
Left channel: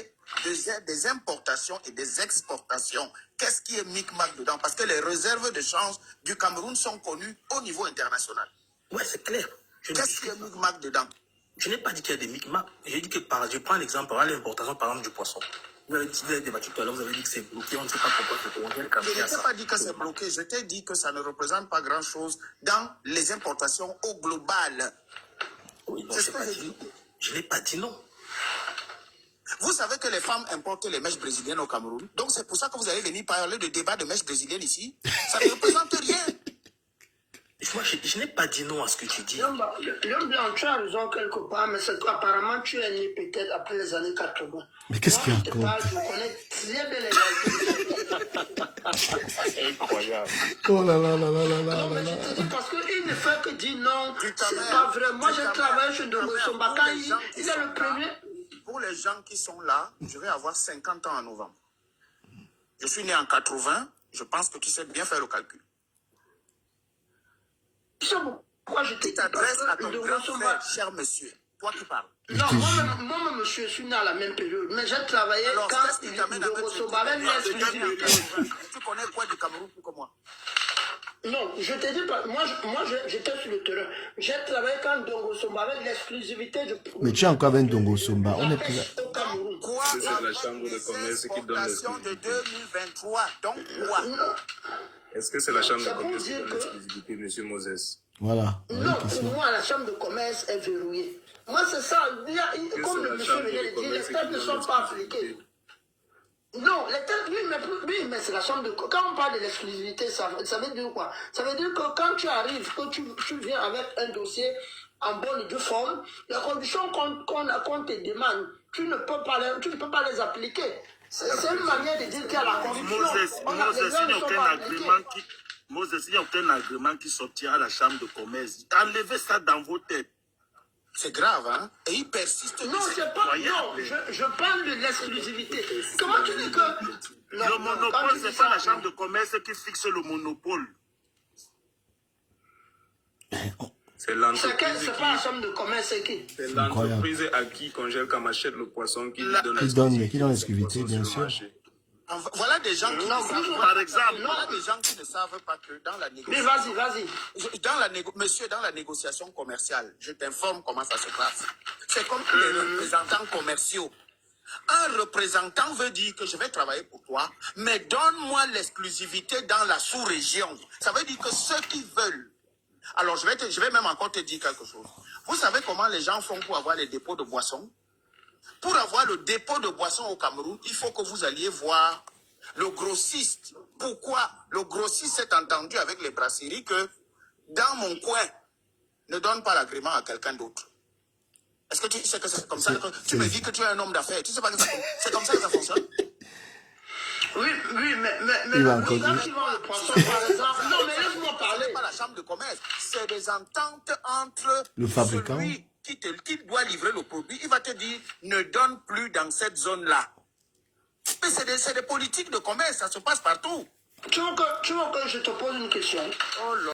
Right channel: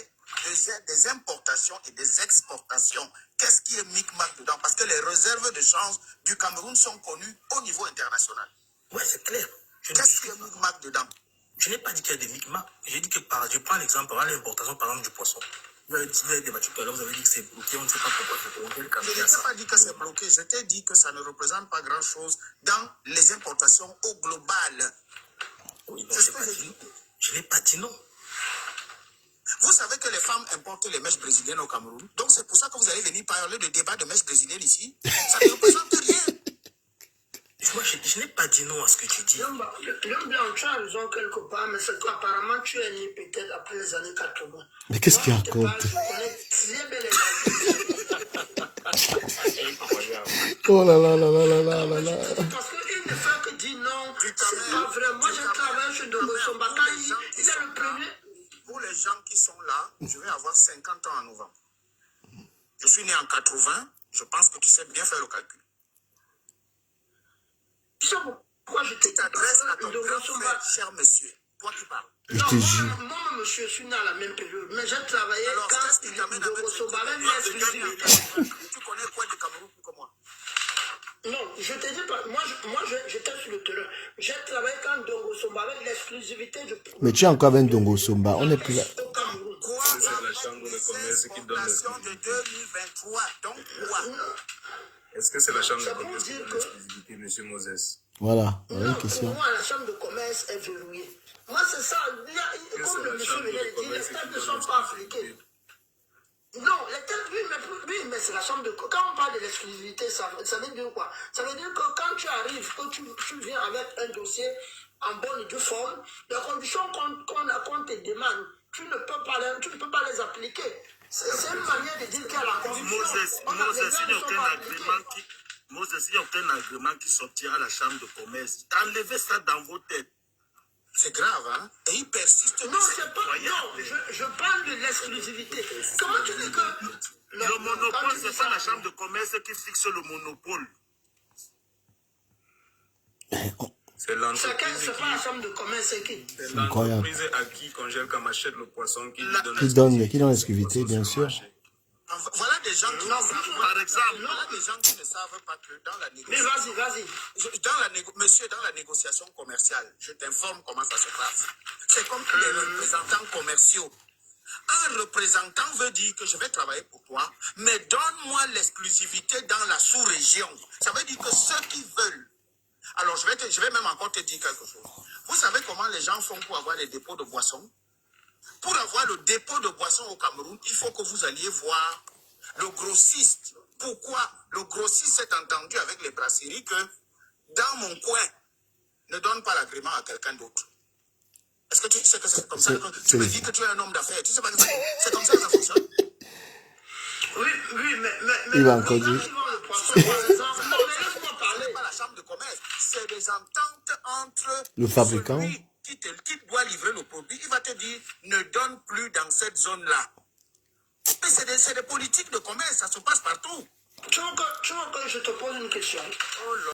des importations et des exportations. Qu'est-ce qui est micmac dedans? Parce que les réserves de change du Cameroun sont connues au niveau international. Ouais, c'est clair. Qu'est-ce qui est micmac dedans? Je n'ai pas dit qu'il y a des micmacs. J'ai dit que je prends l'exemple, par l'importation par exemple du poisson. Vous avez débattu tout à l'heure, vous avez dit que c'est bloqué, on ne sait pas pourquoi c'est bloqué. Je ne t'ai pas dit que c'est bloqué, je t'ai dit que ça ne représente pas grand-chose dans les importations au global. Oui, non, je n'ai pas dit non. Vous savez que les femmes importent les mèches brésiliennes au Cameroun. Donc c'est pour ça que vous allez venir parler de débat de mèches brésiliennes ici. Ça ne représente rien. Moi, je n'ai pas dit non à ce que tu dis. L'homme blanc, tu as raison quelque part, mais apparemment tu es né peut-être après les années 80. Mais qu'est-ce qu'il raconte? Je connais très bien les incroyable. Oh là là là là là là là. Parce qu'il ne fait que dire non, c'est pas vrai. Moi, je travaille chez Sombakan, il est le premier. Pour les gens qui sont là, je vais avoir 50 ans en novembre. Je suis né en 80, je pense que tu sais bien faire le calcul. Pourquoi je t'adresse à ton grand frère, cher monsieur, toi qui parles. Non, moi, monsieur, je suis né à la même période, mais j'ai travaillé alors, quand qu'est-ce qui t'amène à mettre tu connais quoi du Cameroun plus que moi? Non, je te dis pas, moi j'étais sur le terrain. J'ai travaillé quand Dongo Somba avec l'exclusivité du... Mais tu es encore avec Dongo Somba, on est plus là. Quoi? C'est la chambre de commerce qui donne l'exclusivité. de 2023, donc quoi? Est-ce que c'est la chambre de commerce qui donne l'exclusivité, M. Moses? Voilà, non, pour moi, la chambre de commerce est verrouillée. Moi, c'est ça. Comme le monsieur vient de dire, les têtes ne sont pas africaines. Non, les têtes, oui, mais c'est la chambre de... Quand on parle de l'exclusivité, ça veut dire quoi? Ça veut dire que quand tu arrives, que tu viens avec un dossier en bonne et due forme, les conditions qu'on te demande, tu ne peux pas les appliquer. C'est une manière de dire qu'il y a la corruption. Moses, il n'y a aucun agrément qui sortira à la chambre de commerce. Enlevez ça dans vos têtes. C'est grave, hein? Et il persiste. Non, c'est pas. Non, je parle de l'exclusivité. Comment tu dis que. Le monopole, c'est pas la chambre de commerce qui fixe le monopole. C'est l'entreprise. C'est pas la chambre de commerce qui. C'est l'entreprise à qui congèle comme achète le poisson qui donne l'exclusivité, bien sûr. Voilà des gens qui par exemple, voilà des gens qui ne savent pas que dans la négociation. Mais vas-y. Monsieur, dans la négociation commerciale, je t'informe comment ça se passe. C'est comme les représentants commerciaux. Un représentant veut dire que je vais travailler pour toi, mais donne-moi l'exclusivité dans la sous-région. Ça veut dire que ceux qui veulent. Alors, je vais même encore te dire quelque chose. Vous savez comment les gens font pour avoir les dépôts de boissons? Pour avoir le dépôt de boissons au Cameroun, il faut que vous alliez voir le grossiste. Pourquoi le grossiste s'est entendu avec les brasseries que dans mon coin, ne donne pas l'agrément à quelqu'un d'autre? Est-ce que tu sais que c'est comme ça? Tu me dis que tu es un homme d'affaires. Tu sais pas que c'est comme ça que ça fonctionne? Oui, mais il va encore dire. Non, mais laisse-moi parler. C'est pas la chambre de commerce. C'est des ententes entre Le fabricant. celui qui doit livrer le produit. Il va te dire, ne donne plus dans cette zone-là. Mais c'est des politiques de commerce. Ça se passe partout. Tu veux que je te pose une question? Oh là.